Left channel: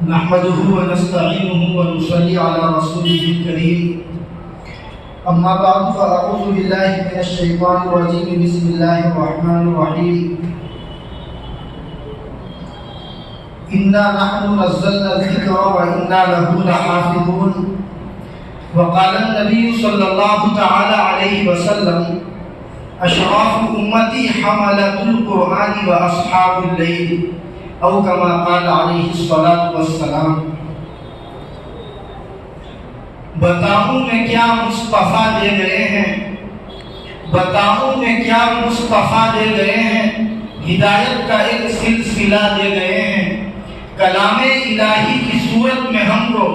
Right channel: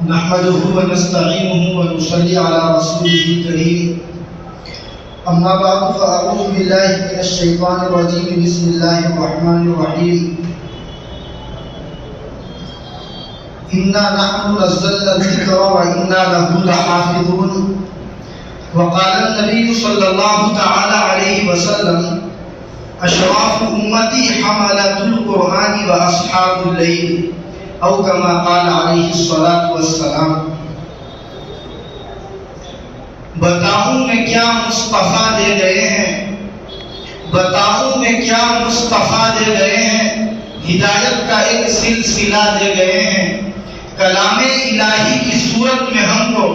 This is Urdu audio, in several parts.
نحمده ونستعينه ونصلي على رسوله الكريم أما بعد فأعوذ بالله من الشيطان الرجيم بسم الله الرحمن الرحيم إنا نحن نزلنا الذكر وإنا له لحافظون وقال النبي صلى الله تعالى عليه وسلم أشراف أمتي حملة القرآن وأصحاب الليل او كما قال علیہ الصلاۃ والسلام۔ بتاؤں میں کیا مصطفیٰ دے گئے ہیں، بتاؤں میں کیا مصطفیٰ دے گئے ہیں، ہدایت کا ایک سلسلہ دے گئے ہیں، کلام الہی کی صورت میں ہم کو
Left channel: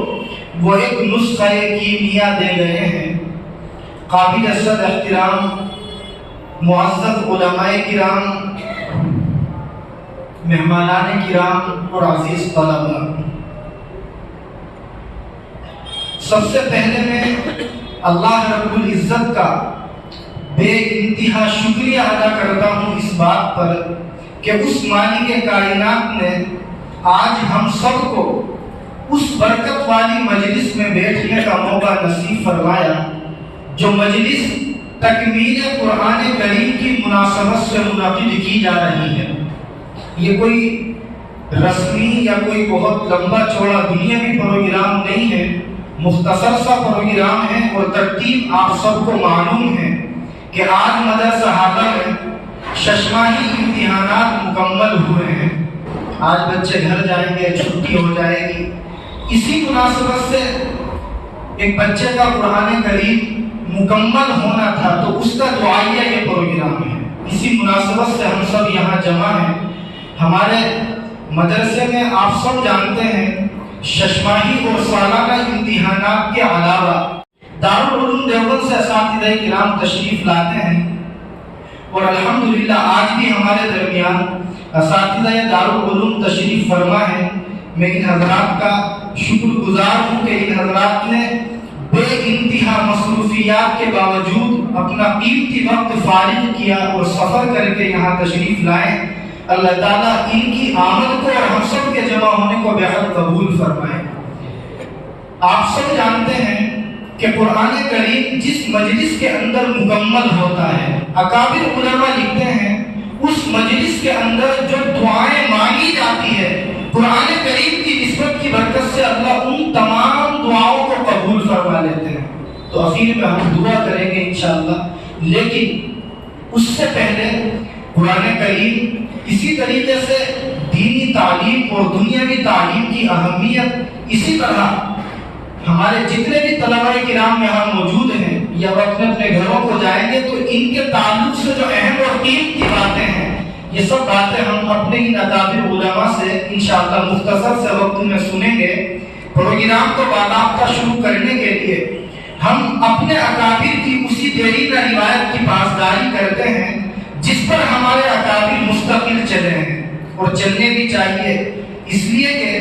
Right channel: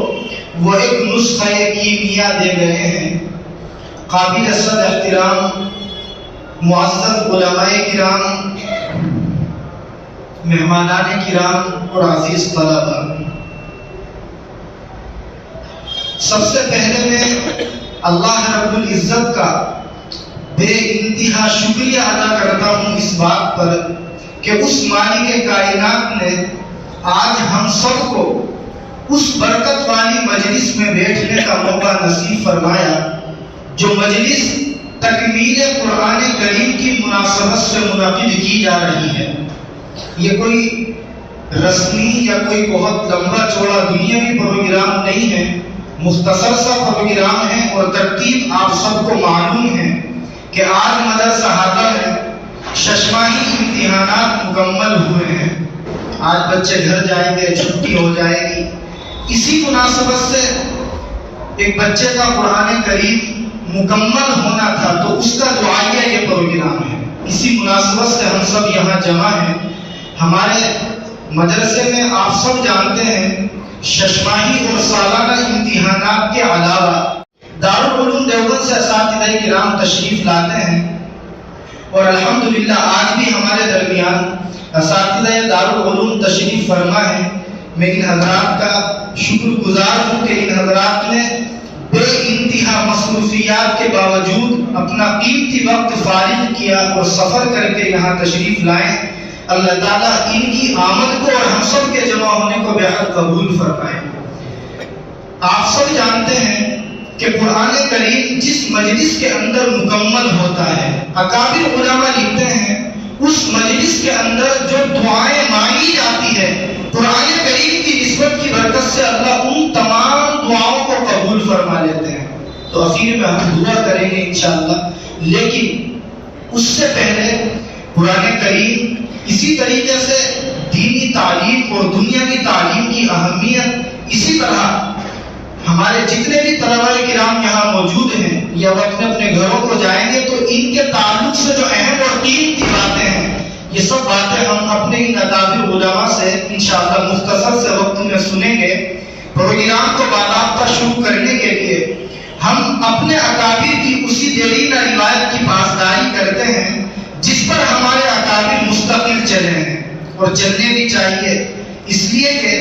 وہ ایک نسخہ کیمیا دے گئے ہیں۔ قابل صد احترام معزز علماء کرام، مہمانان کرام اور عزیز طلباء، سب سے پہلے میں اللہ رب العزت کا بے انتہا شکریہ ادا کرتا ہوں اس بات پر کہ اس مالک کائنات نے آج ہم سب کو اس برکت والی مجلس میں بیٹھنے کا موقع نصیب فرمایا جو مجلس تکمیل قرآن کریم کی مناسبت سے منعقد کی جا رہی ہے۔ یہ کوئی رسمی یا کوئی بہت لمبا چوڑا دنیاوی پروگرام نہیں ہے، مختصر سا پروگرام ہے، اور ترتیب آپ سب کو معلوم ہے کہ آج مدرسہ حاضر ہے، ششماہی امتحانات مکمل ہوئے ہیں، آج بچے گھر جائیں گے، چھٹی ہو جائے گی۔ اسی مناسبت سے ایک بچے کا قرآن کریم مکمل ہونا تھا تو اس کا دعائیہ یہ پروگرام ہے۔ اسی مناسبت سے ہم سب یہاں جمع ہیں۔ ہمارے مدرسے میں آپ سب جانتے ہیں ششماہی اور سالانہ امتحانات کے علاوہ دارالعلوم دیوبند سے اساتذہ کرام تشریف لاتے ہیں، اور الحمدللہ آج بھی ہمارے درمیان اساتذہ دارالعلوم تشریف فرما ہے۔ میں ان حضرات کا شکر گزار ہوں کہ ان حضرات نے بے انتہا مصروفیات کے باوجود اپنا قیمتی وقت فارغ کیا اور سفر کر کے یہاں تشریف لائے۔ اللہ تعالیٰ ان کی آمد کو اور ہم سب کے جمع ہونے کو بہت قبول فرمائے۔ آپ سب جانتے ہیں کہ قرآن کریم جس مجلس کے اندر مکمل ہوتا ہے، اکابر علماء لکھتے ہیں اس مجلس کے اندر جو دعائیں مانگی جاتی ہے قرآن کریم کی نسبت کی برکت سے اللہ ان تمام دعاؤں کو قبول فرما لیتے ہیں۔ تو اخیر میں ہم دعا کریں گے انشاءاللہ، لیکن اس سے پہلے قرآن کریم اسی طریقے سے دینی تعلیم اور دنیاوی تعلیم کی اہمیت، اسی طرح ہمارے جتنے بھی طلباء کرام یہاں موجود ہیں یا وہ اپنے اپنے گھروں کو جائیں گے تو ان کے تعلق سے جو اہم اور قیمتی باتیں ہیں، یہ سب باتیں ہم اپنے ان اکابر علماء سے انشاءاللہ مختصر سے وقت میں سنیں گے۔ پروگرام کو باضابطہ شروع کرنے کے لیے ہم اپنے اکابر کی اسی دیرینہ روایت کی پاسداری کرتے ہیں جس پر ہمارے اکابر مستقل چلے ہیں اور چلنے بھی چاہیے، اس لیے کہ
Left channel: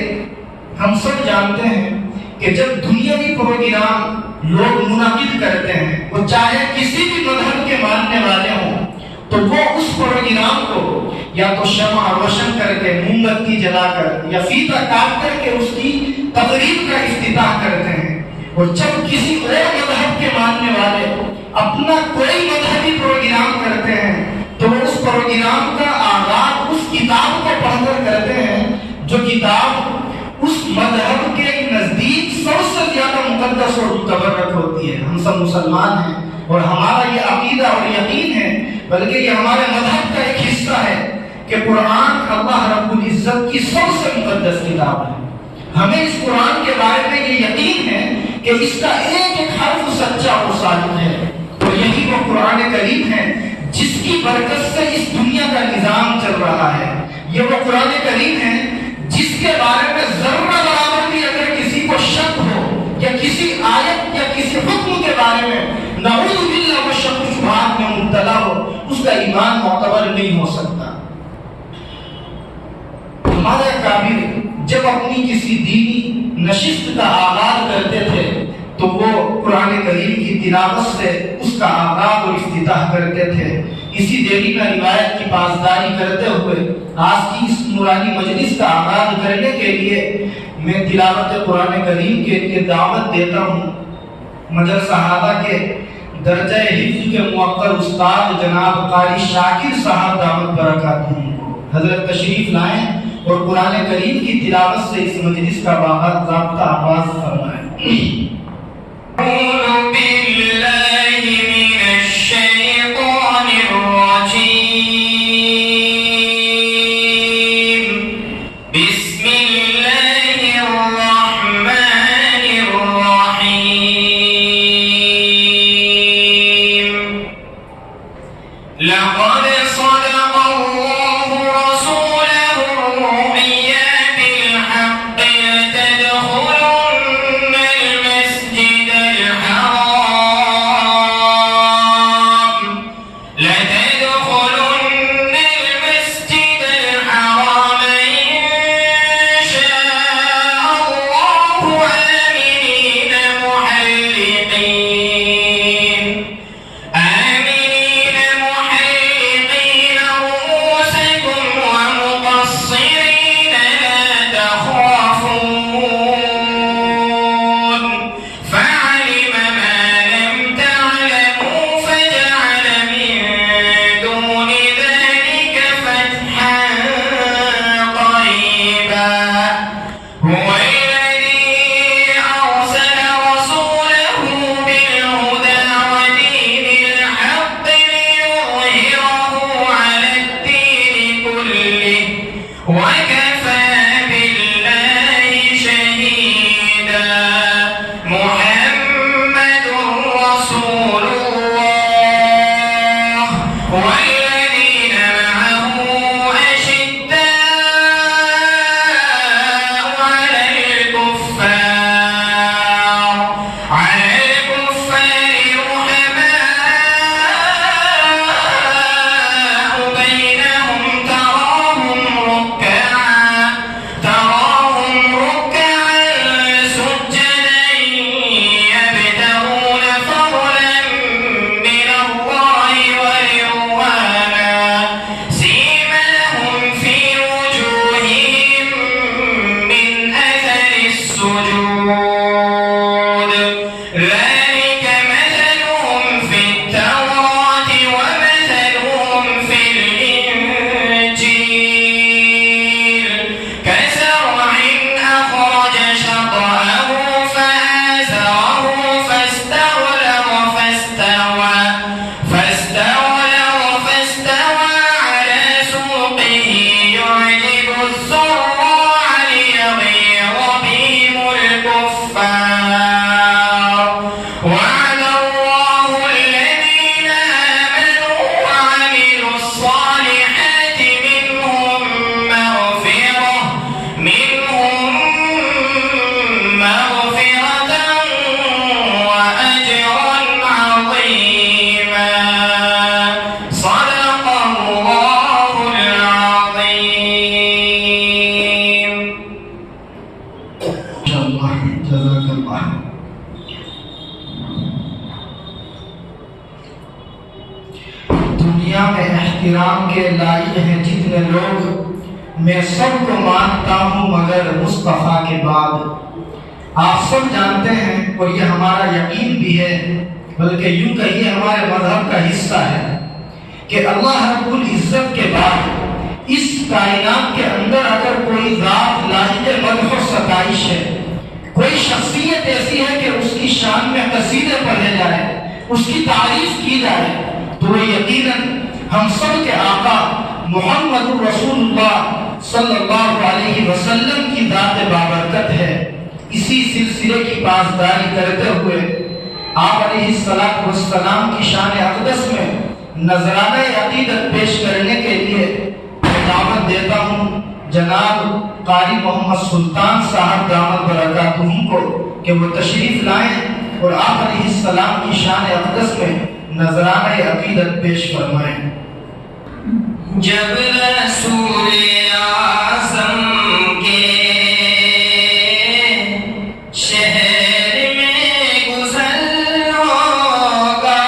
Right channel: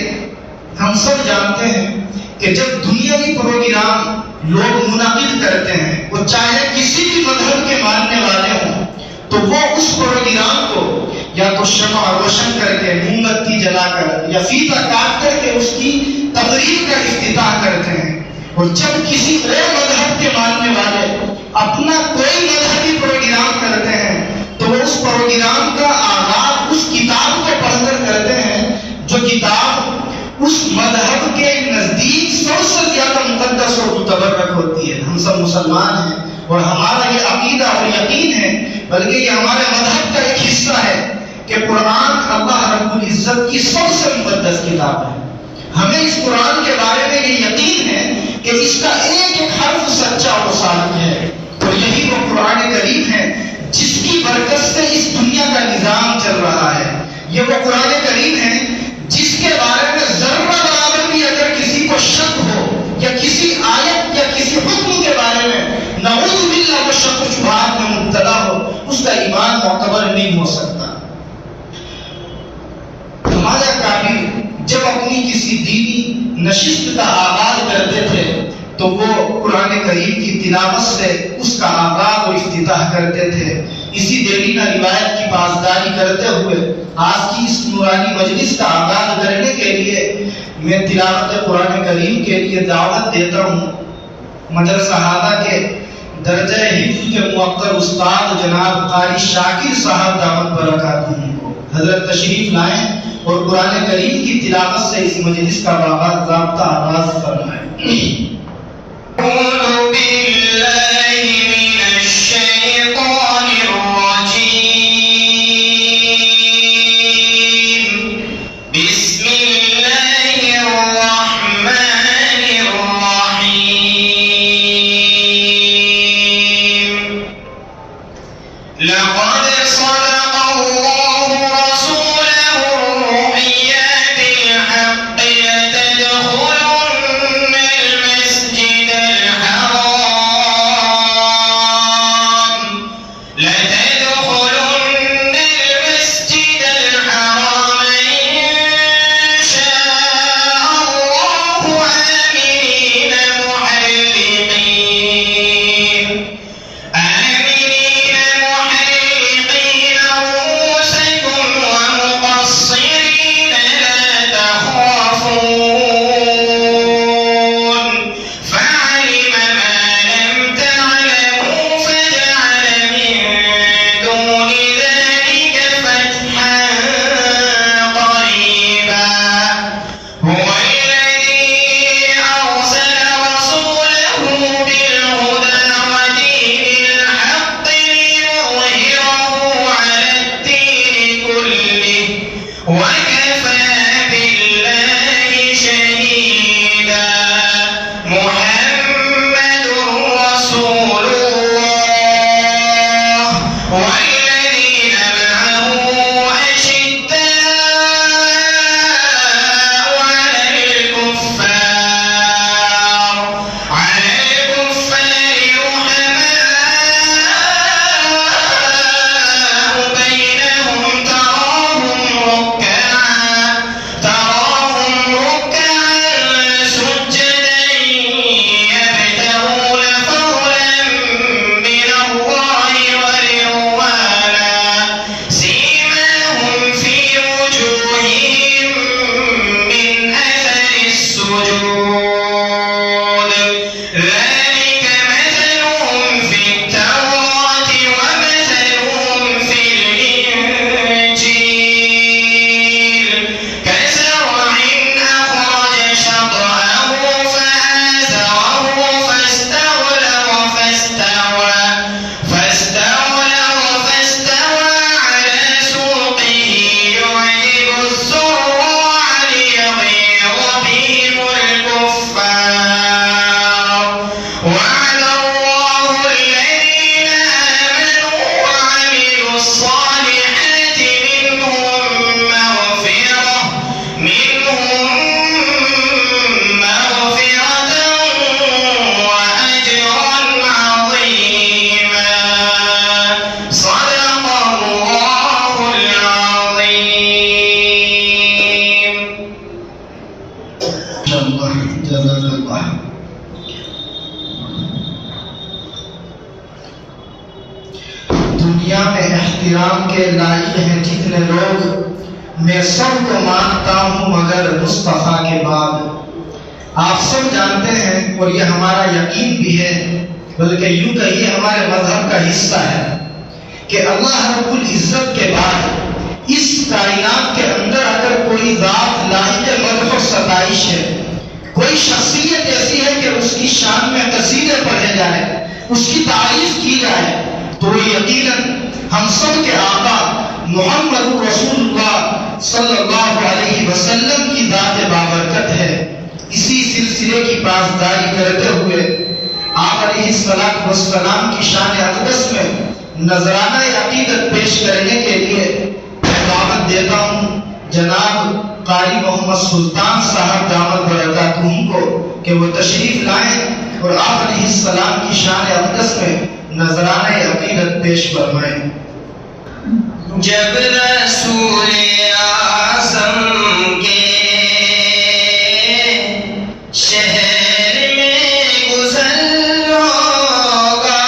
ہم سب جانتے ہیں کہ جب دنیاوی پروگرام لوگ منعقد کرتے ہیں، وہ چاہے کسی بھی مذہب کے ماننے والے ہوں، تو وہ اس پروگرام کو یا تو شمع روشن کر کے، موم بتی جلا کر یا فیتہ کاٹ کر کے اس کی تقریب کا افتتاح کرتے ہیں، اور جب کسی اور مذہب کے ماننے والے اپنا کوئی مذہبی پروگرام کرتے ہیں تو وہ اس پروگرام کا آغاز اس کتاب کو پڑھ کر کرتے ہیں جو کتاب اس مذہب کے نزدیک سب سے زیادہ مقدس اور متبرک ہوتی ہے۔ ہم سب مسلمان ہیں اور ہمارا یہ عقیدہ اور یقین ہے، بلکہ یہ ہمارے مذہب کا ایک حصہ ہے کہ قرآن اللہ رب العزت کی سب سے مقدس کتاب ہے۔ ہمیں اس قرآن کے بارے میں یہ یقین ہے کہ اس کا ایک ایک حرف سچا اور صادق ہے، اور یہی وہ قرآن کریم ہے جس کی برکت سے اس دنیا کا نظام چل رہا ہے۔ یہ وہ قرآن کریم ہے جس کے بارے میں ذرہ برابر بھی اگر کسی کو شک ہو یا کسی آیت یا کسی حکم کے بارے میں نعوذ باللہ وہ شک و شبہات میں مبتلا ہو، اس کا ایمان معتبر نہیں ہو سکتا۔ ہمارے اکابر جب اپنی کسی دینی نشست کا آغاز کرتے تھے تو وہ قرآن کریم کی تلاوت سے اس کا آغاز اور افتتاح کرتے تھے۔ اسی دیرینہ روایت کی پاسداری کرتے ہوئے آج کی اس نورانی مجلس کا آغاز کرنے کے لیے میں تلاوت قرآن کریم کے لیے دعوت دیتا ہوں مدرسہ ہادہ کے درجہ حفظ کے موقر استاد جناب قاری شاکر صاحب دعوت برکاتہم کو حضرت تشریف لائیں اور قرآن کریم کی تلاوت سے اس مجلس کا باضابطہ آغاز فرمائیں۔ اعوذ باللہ من الشیطان الرجیم، بسم اللہ الرحمن الرحیم۔ لقد صدق اللہ رسولہ الرؤیا بالحق لتدخلن المسجد الحرام إن شاء الله آمنين محلقين رؤوسكم ومقصرين لا تخافون فعلم ما لم تعلموا فجعل من دون ذلك فتحا قريبا هو الذي أرسل رسوله بالهدى ودين الحق ليظهره على الدين كله وكفى بالله شهيدا محمد رسول الله والذين معه أشداء على الكفار رحماء بينهم تراهم ركعا سجدا يبتغون فضلا من الله ورضوانا سيماهم في وجوههم من أثر السجود ذلك مثلهم في التوراة ومثلهم في الإنجيل كزرع أخرج شطأه فآزره فاستغلظ على سوقه يعجب الزراع ليغيظ بهم الكفار وعد الله الذين آمنوا وعملوا الصالحات منهم مغفرة وأجرا عظيما صدق الله العظيم۔ جزاك الله۔ دنیا میں احترام کے لائق ہیں جتنے لوگ میں سب کو مانتا ہوں مگر مصطفیٰ کے بعد۔ آپ سب جانتے ہیں اور یہ ہمارا یقین بھی ہے بلکہ یوں کہیے ہمارے مذہب کا حصہ ہے کہ اللہ رب العزت کے بعد اس کائنات کے اندر اگر کوئی ذات لائق مدح و ستائش ہے، کوئی شخصیت ایسی ہے کہ اس کی شان میں قصیدے پڑھے جائے، اس کی تعریف کی جائے، تو وہ یقیناً ہم سب کے آقا محمد رسول اللہ صلی اللہ علیہ وسلم کی ذات بابرکت ہے۔ اسی سلسلے کی پاسداری کرتے ہوئے آپ علیہ السلام کی شان اقدس میں نذرانہ عقیدت پیش کرنے کے لیے دعوت دیتا ہوں جناب قاری محمد سلطان صاحب دامت برکاتہم کو کہ وہ تشریف لائیں اور آپ علیہ السلام کی شان اقدس میں نذرانہ عقیدت پیش فرمائیں۔ جب رسول اعظم کے شہر میں گزر ہوگا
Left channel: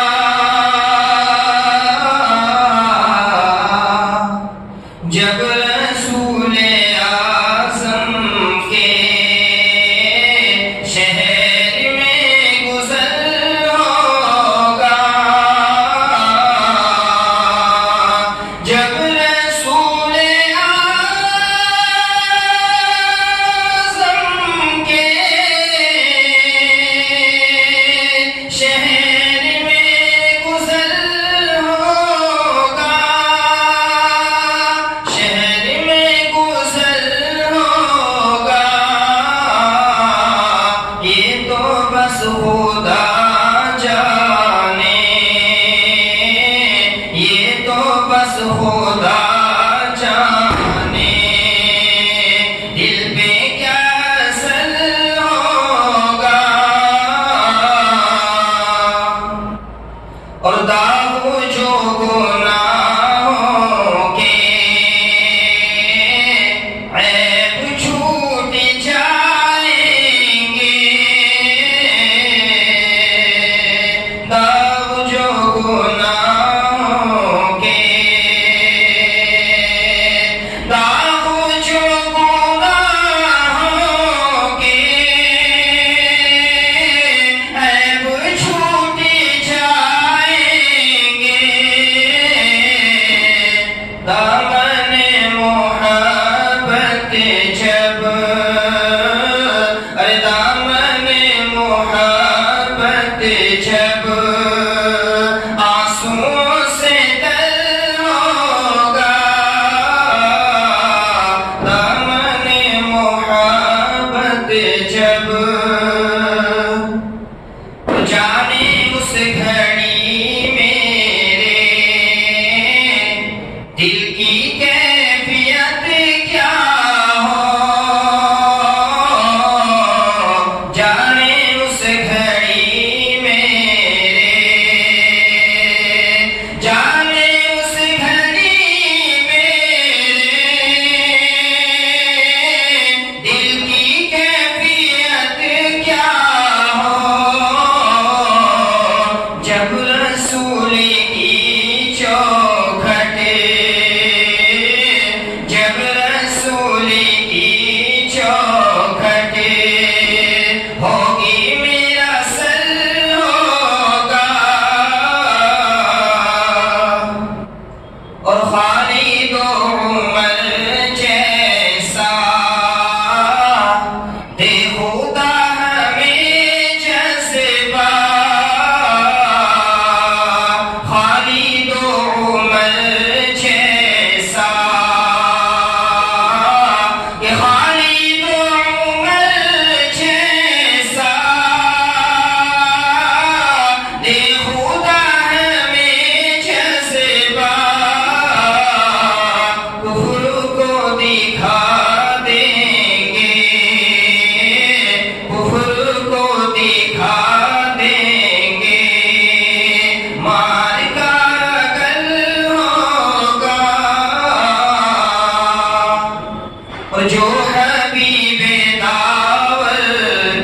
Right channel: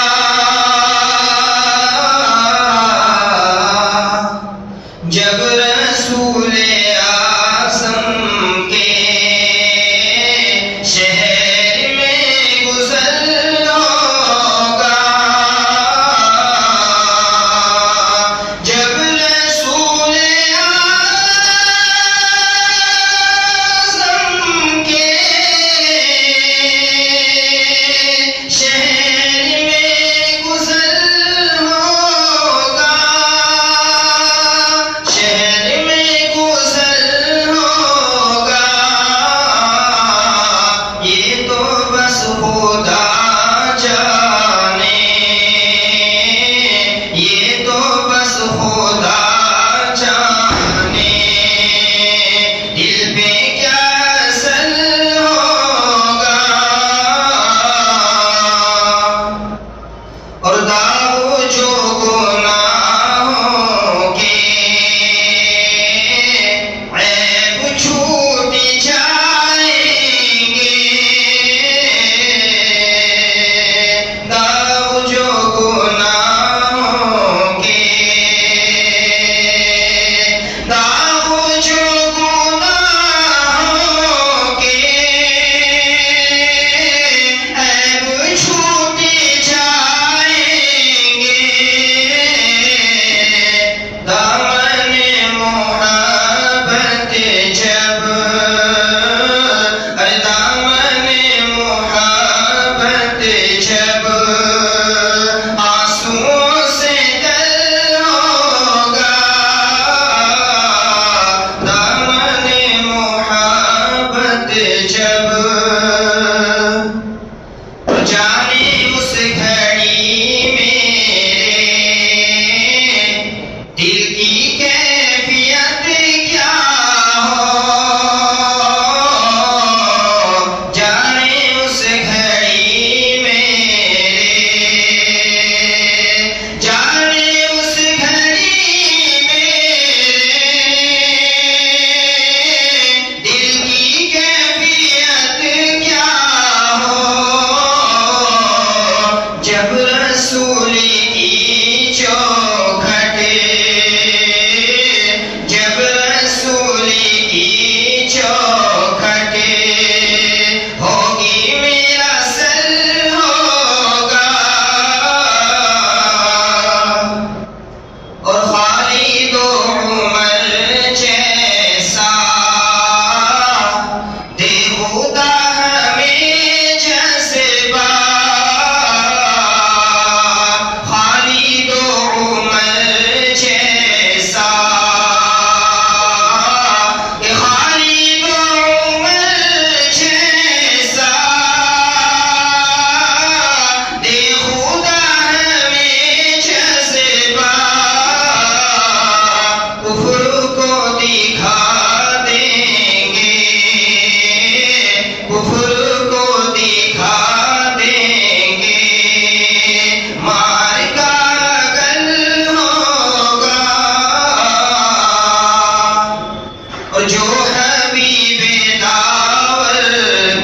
جو حبیب داور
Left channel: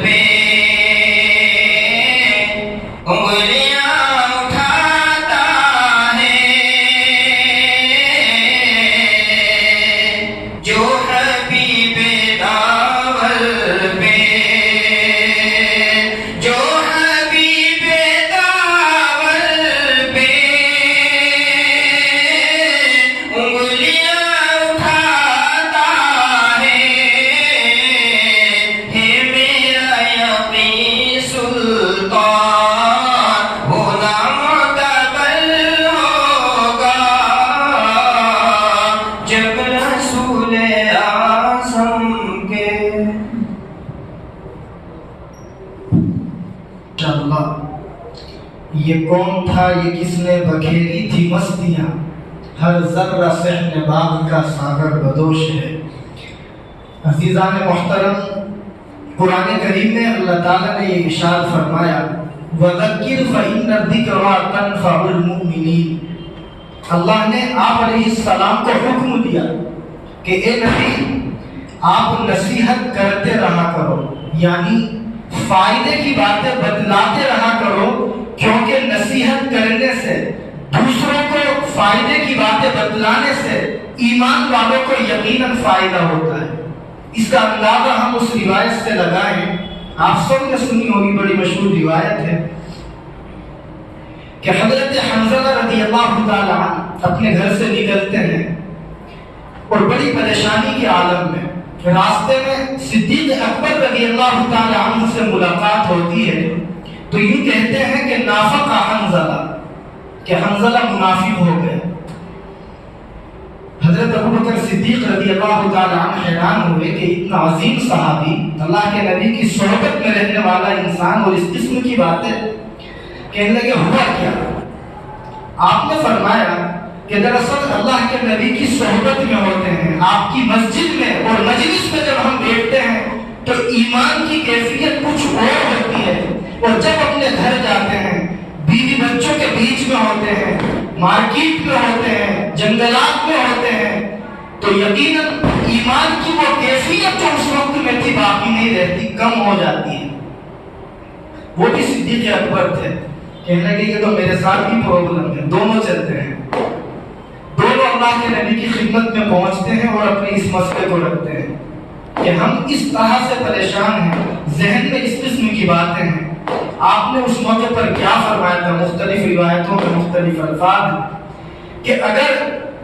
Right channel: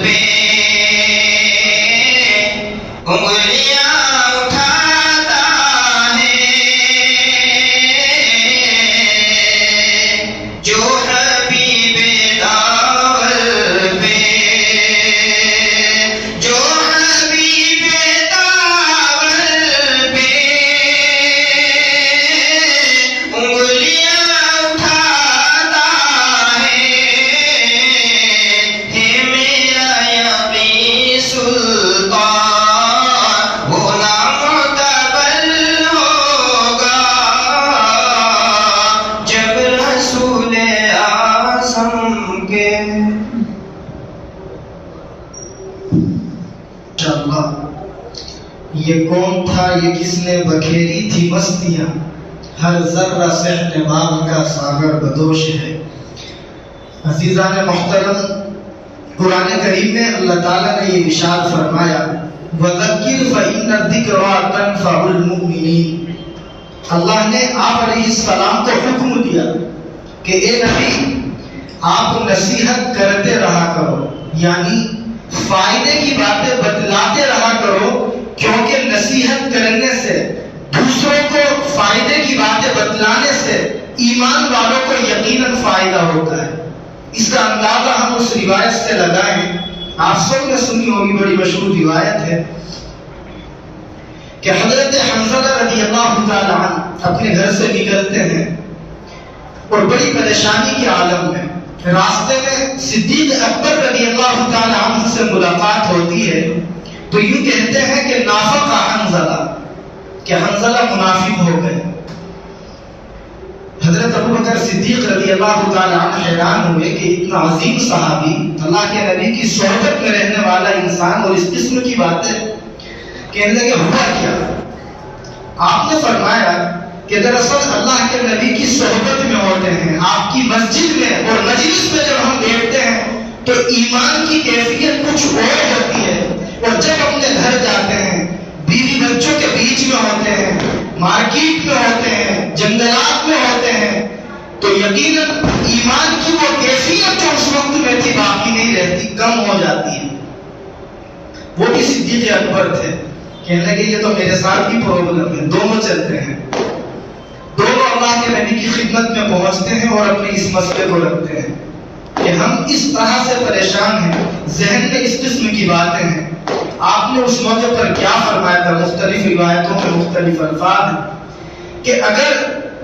پہ انگلیاں اٹھاتا ہے، جو حبیب داور پہ، جو حبیب داور پہ انگلیاں اٹھاتا ہے میرا یقین سلطان وہ نامعتبر ہوگا جب رسول اعظم کے انشاءاللہ یہ کون تھا، یہ کس نے بکھیری تھی مستیاں، ہر ذرہ صحن باغ کا ساغر بدوش ہے۔ عزیزان محترم، قرآن کریم میں اللہ تعالیٰ نے یہ ارشاد فرمایا وَذَكِّرْ فَإِنَّ الذِّكْرَىٰ تَنفَعُ الْمُؤْمِنِينَ۔ اللہ نے آپ علیہ السلام کو حکم دیا کہ اے نبی آپ نصیحت کرتے رہا کرو، یعنی فائدے کی باتیں بتلاتے رہا کرو، کیونکہ نصیحت کرنے سے، دوسروں کو فائدے کی باتیں بتلانے سے ایمان والوں کو یقیناً فائدہ ہوتا ہے۔ اس کا اندازہ ہم اس روایت سے لگائیں، آپ سب نے سنی ہوگی، بڑی مشہور روایت ہے کہ حضرت حنظلہ رضی اللہ تعالیٰ عنہ اپنے گھر سے نکلتے ہیں اور بڑی پریشانی کے عالم میں، راستے میں صدیق اکبر رضی اللہ تعالیٰ عنہ سے ملاقات ہوتی ہے تو یوں کہتے ہیں کہ نافق حنظلہ، کہ حنظلہ منافق ہو گئے۔ حضرت ابوبکر صدیق رضی اللہ تعالیٰ عنہ حیران ہوئے کہ اتنا عظیم صحابی، اللہ کے نبی کی صحبت میں رہنے والا انسان، اور اس قسم کی باتیں کہنے لگے ہوا کیا؟ آپ نے فرمایا کہ دراصل اللہ کے نبی کی صحبت میں ہوتے ہیں، آپ کی مسجد میں اور مجلس میں جب ہم بیٹھتے ہیں تو ایمان کی کیفیت کچھ اور ہوتی ہے، اور جب اپنے گھر جاتے ہیں، بیوی بچوں کے بیچ میں ہوتے ہیں، مارکیٹ میں ہوتے ہیں، جنگلات میں ہوتے ہیں، تو یقیناً ایمان کی وہ کیفیت جو اس وقت میں تھی باقی نہیں رہتی، کم ہو جاتی ہے۔ وہ بھی صدیق اکبر تھے، کہنے لگے یہ تو میرے ساتھ بھی پرابلم ہے، دونوں چلتے ہیں، دونوں اللہ کے نبی کی خدمت میں پہنچتے ہیں اور اپنے اس مسئلے کو رکھتے ہیں کہ ہم اس طرح سے پریشان ہیں، ذہن میں اس قسم کی باتیں ہیں۔ آپ نے اس موقع پر کیا فرمایا تھا؟ مختلف روایتوں میں مختلف الفاظ ہیں کہ اگر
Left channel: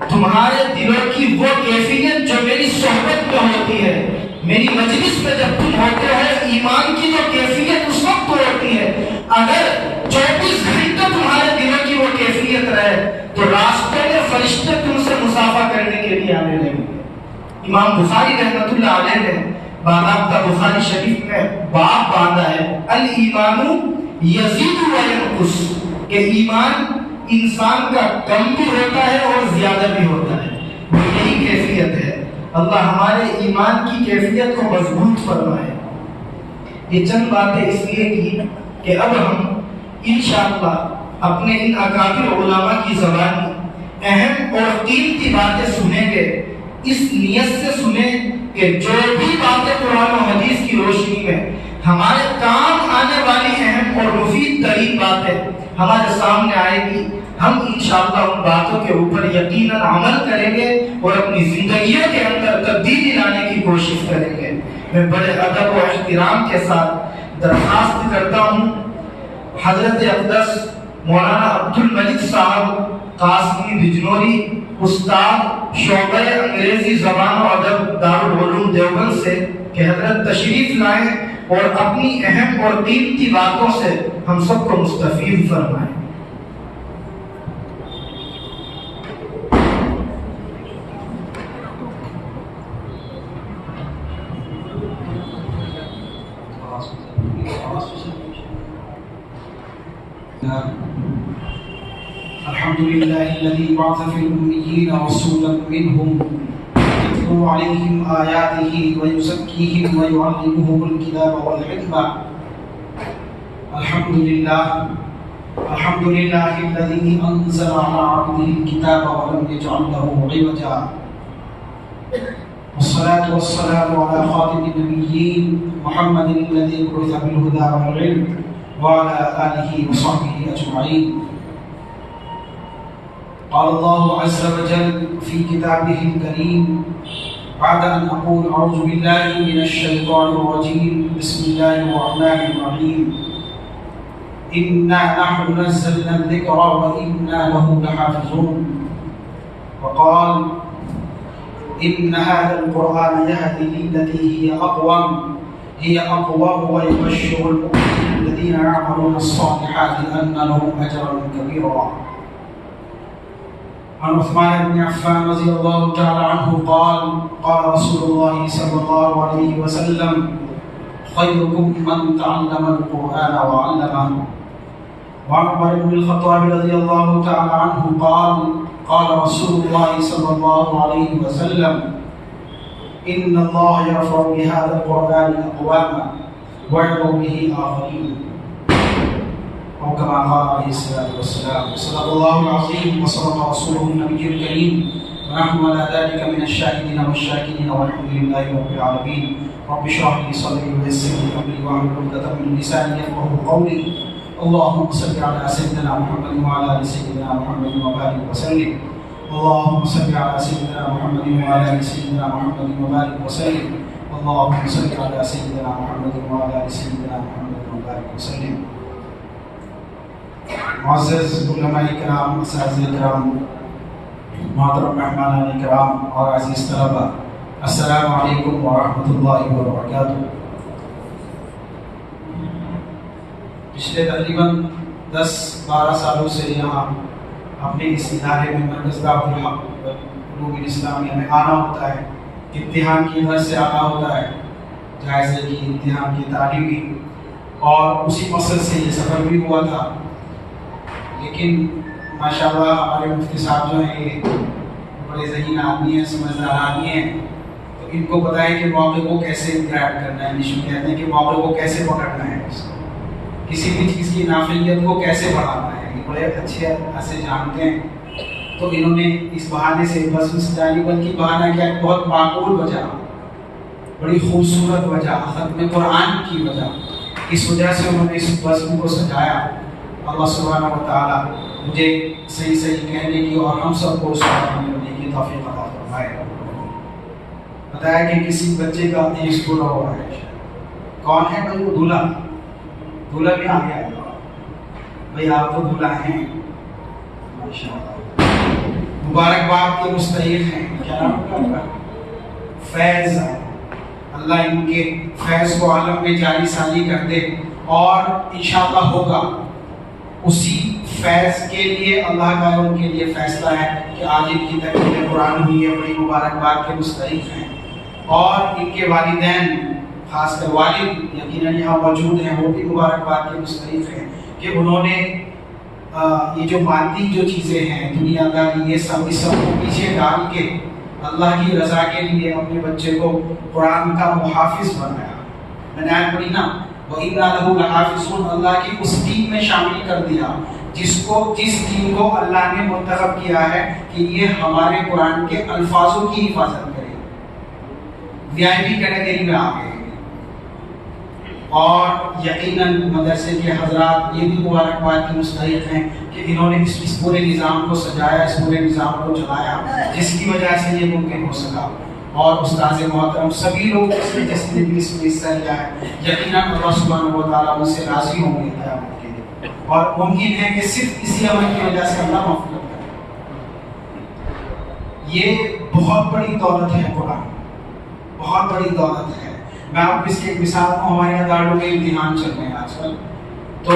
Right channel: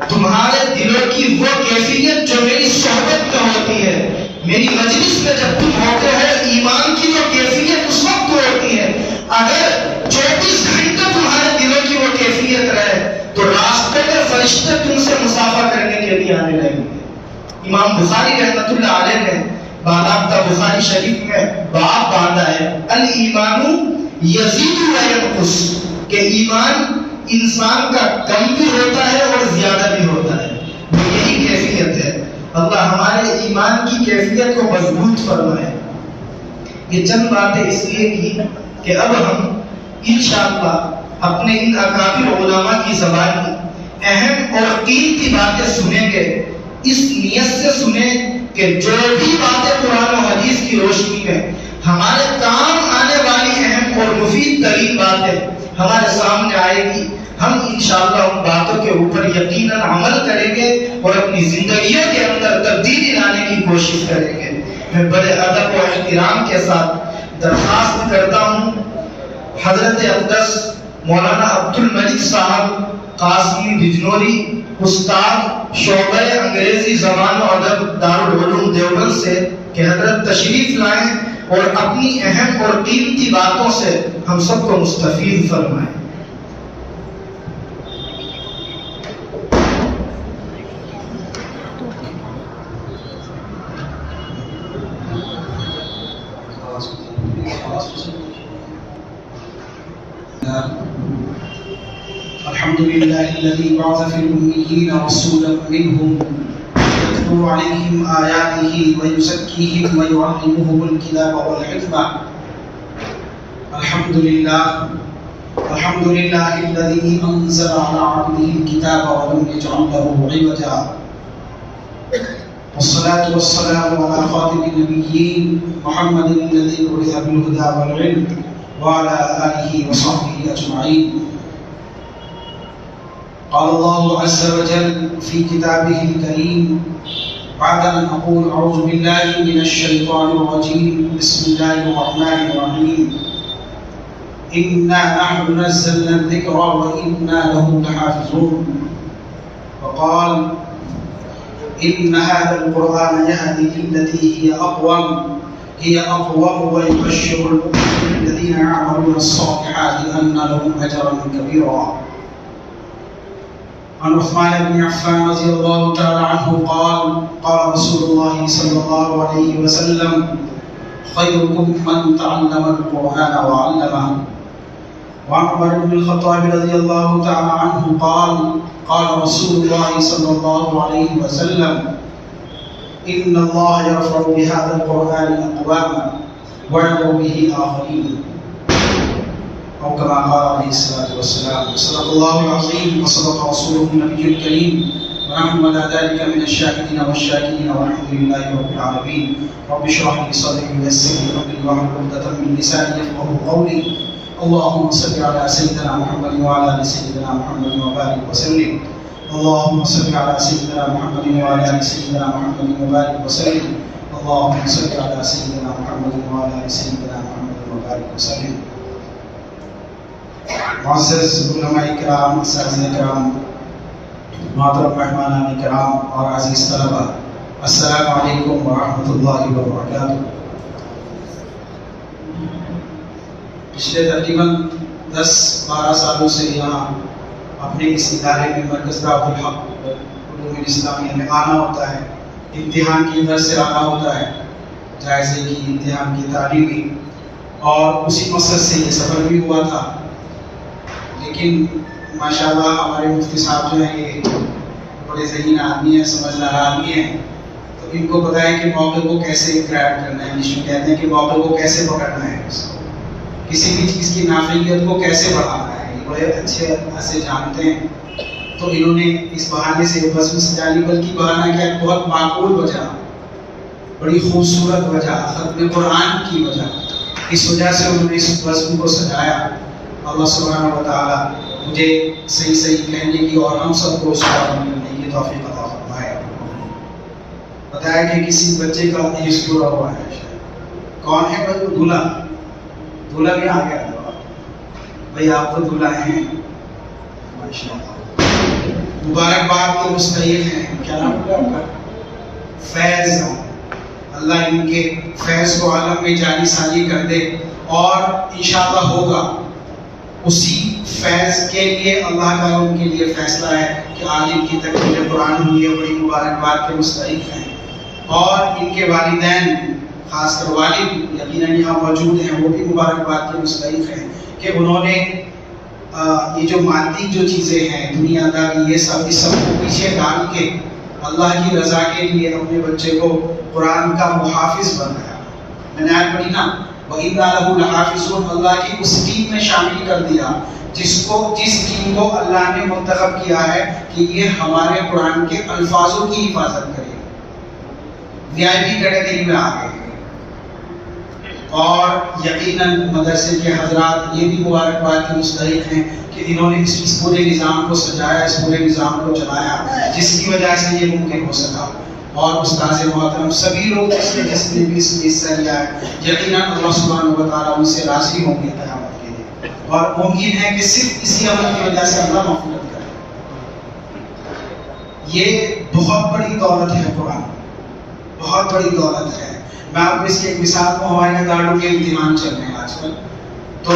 تمہارے دلوں کی وہ کیفیت جو میری صحبت میں ہوتی ہے، میری مجلس میں جب تم ہوتے ہو، ایمان کی وہ کیفیت اس وقت ہوتی ہے، اگر 24 گھنٹے تمہارے دلوں کی وہ کیفیت رہے تو راستے میں فرشتے تم سے مسافہ کرنے کے لیے آنے لگیں گے۔ امام بخاری رحمۃ اللہ علیہ نے باضابطہ بخاری شریف میں باب باندھا ہے الایمان یزید و ینقص، کہ ایمان انسان کا کم بھی ہوتا ہے اور زیادہ بھی ہوتا ہے، وہ یہی کیفیت ہے۔ اللہ ہمارے ایمان کی کیفیت کو مضبوط فرمائے۔ یہ چند باتیں اس لیے کی کہ اب ہم انشاءاللہ اپنے ان اکابر علماء کی زبانی اہم اور قیمتی باتیں سنیں گے، اس نیت سے سنیں کہ جو بھی باتیں قرآن و حدیث کی روشنی میں ہمارے کام آنے والی اہم اور مفید ترین باتیں ہمارے سامنے آئے گی، ہم انشاءاللہ ان باتوں کے اوپر یقیناً عمل کریں گے اور اپنی زندگیوں کے اندر تبدیلی لانے کی کوشش کریں گے۔ میں بڑے ادب و احترام کے ساتھ درخواست کرتا ہوں حضرت اقدس مولانا عبدالملک صاحب قاسمی بجنوری، استاد شعبہ انگریزی زبان و ادب دارالعلوم دیوبند سے، کہ حضرت تشریف لائیں اور اپنی اہم اور قیمتی باتوں سے ہم سب کو مستفید فرمائیں۔ الحمد لله الذي بعث في الأميين رسولا منهم يتلو عليهم آياته ويزكيهم ويعلمهم الكتاب والحكمة. الحمد لله الذي أنزل على عبده الكتاب ولم يجعل له عوجا. والصلاة والسلام على خاتم النبيين محمد الذي بعث بالهدى والعلم وعلى آله وصحبه أجمعين. قال الله عز وجل في كتابه الكريم بعد أن أقول أعوذ بالله من الشيطان الرجيم بسم الله الرحمن الرحيم إنا نحن نزلنا الذكر وإنا له لحافظون. وقال إن هذا القرآن يهدي للتي هي أقوم ويبشر المؤمنين الذين يعملون الصالحات أن لهم أجرا كبيرا. عن عثمان بن عفان رضي الله تعالى عنه قال قال رسول الله صلى الله عليه وسلم خيركم من تعلم القرآن وعلمه. وعن عمر بن الخطاب رضي الله تعالى عنه قال قال رسول الله صلى الله عليه وسلم إن الله يرفع بهذا القرآن أقواما ويضع به آخرين، أو كما قال عليه الصلاة والسلام. صدق الله العظيم وصدق رسوله النبي الكريم ونحن على ذلك من الشاهدين والشاكرين والحمد لله رب العالمين. رب اشرح لي صدري ويسر لي أمري واحلل عقدة من لساني يفقهوا قولي. اللهم صل على سيدنا محمد وعلى آل سيدنا محمد وبارك وسلم. اللهم صل على سيدنا محمد وعلى آل سيدنا محمد وبارك وسلم. اللهم صل على سيدنا محمد وعلى آل سيدنا محمد وبارك وسلم. معزز علماء کرام، اساتذہ کرام، محترم مہمانان کرام اور عزیز طلبہ، السلام علیکم ورحمۃ اللہ وبرکاتہ. پچھلے تقریباً 10-12 سالوں سے یہاں اپنے اس ادارے میں مرکز دعوت الحق علوم الاسلامیہ میں آنا ہوتا ہے. امتحان کی غرض سے آنا ہوتا ہے، جائزے کی، امتحان کی تعلیمی، اور اسی مقصد سے یہ سفر بھی ہوا تھا. لیکن ماشاءاللہ ہمارے مفتی صاحب جو ہیں یہ بڑے ذہین آدمی ہیں، سمجھدار آدمی ہیں، تو ان کو پتہ ہے کہ موقع کو کیسے گریب کرنا ہے. انگلش میں کہتے ہیں کہ موقع کو کیسے پکڑنا ہے، کسی بھی چیز کی نافعیت کو کیسے بڑھانا ہے، یہ بڑے اچھے ایسے جانتے ہیں. تو انہوں نے اس بہانے سے بس میں سجا لی، بلکہ بہانہ کیا بہت معقول وجہ، بڑی خوبصورت وجہ، ختم قرآن کی وجہ، اس وجہ سے انہوں نے اس بزم کو سجایا. اللہ سبحانہ و تعالیٰ مجھے صحیح صحیح کہنے کی اور ہم سب کو اس کو عمل کرنے کی توفیق عطا فرمائے. بتایا کہ کسی بچے کا ایج پورا ہوا ہے. کون ہے بھائی؟ وہ دولہا. دولہا بھی آ گیا بھائی، آپ تو دولہا ہیں ماشاءاللہ، مبارکباد کے مستحق ہیں. کیا نام ہے آپ کا؟ فیض. اللہ ان کے فیض کو عالم میں جاری ثانی کر دے، اور انشاءاللہ ہوگا. اسی فیض کے لیے اللہ کا ان کے لیے فیصلہ ہے کہ آج ان کی تکمیل قرآن ہوئی ہے، بڑی مبارکباد کے مستحق ہیں. اور ان کے والدین، خاص کر والد یقیناً یہاں موجود ہیں، وہ بھی مبارکباد کے مستحق ہیں کہ انہوں نے یہ جو مادی جو چیزیں ہیں، دنیا داری، یہ سب کو پیچھے ڈال کے اللہ کی رضا کے لیے اپنے بچے کو قرآن کا محافظ بنایا. میں نے آیت پڑھی نا، وَإِنَّا لَهُ لَحَافِظُونَ، اللہ کی اس ٹیم میں شامل کر دیا جس ٹیم کو اللہ نے منتخب کیا ہے کہ یہ ہمارے قرآن کے الفاظوں کی حفاظت کرے. VIP کیٹیگری میں آ گئے. اور یقیناً مدرسے کے حضرات یہ بھی مبارکباد کے مستحق ہیں کہ انہوں نے اس پورے نظام کو سجایا، اس پورے نظام کو چلایا، جس کی وجہ سے یہ ممکن ہو سکا. اور استاذ محترم سبھی لوگ جس نے بھی اس میں حصہ لیا ہے، یقیناً اللہ سبحانہ و تعالیٰ ان سے راضی ہوں گے قیامت کے لیے، اور ممکن ہے کہ صرف اسی عمل کی وجہ سے اللہ مغفرت کرے. یہ بہت بڑی دولت ہے، قرآن بہت بڑی دولت ہے. میں آپ کو اس کی ایک مثال کو، ہمارے دارالعلوم کے امتحان چل رہے ہیں آج کل. تو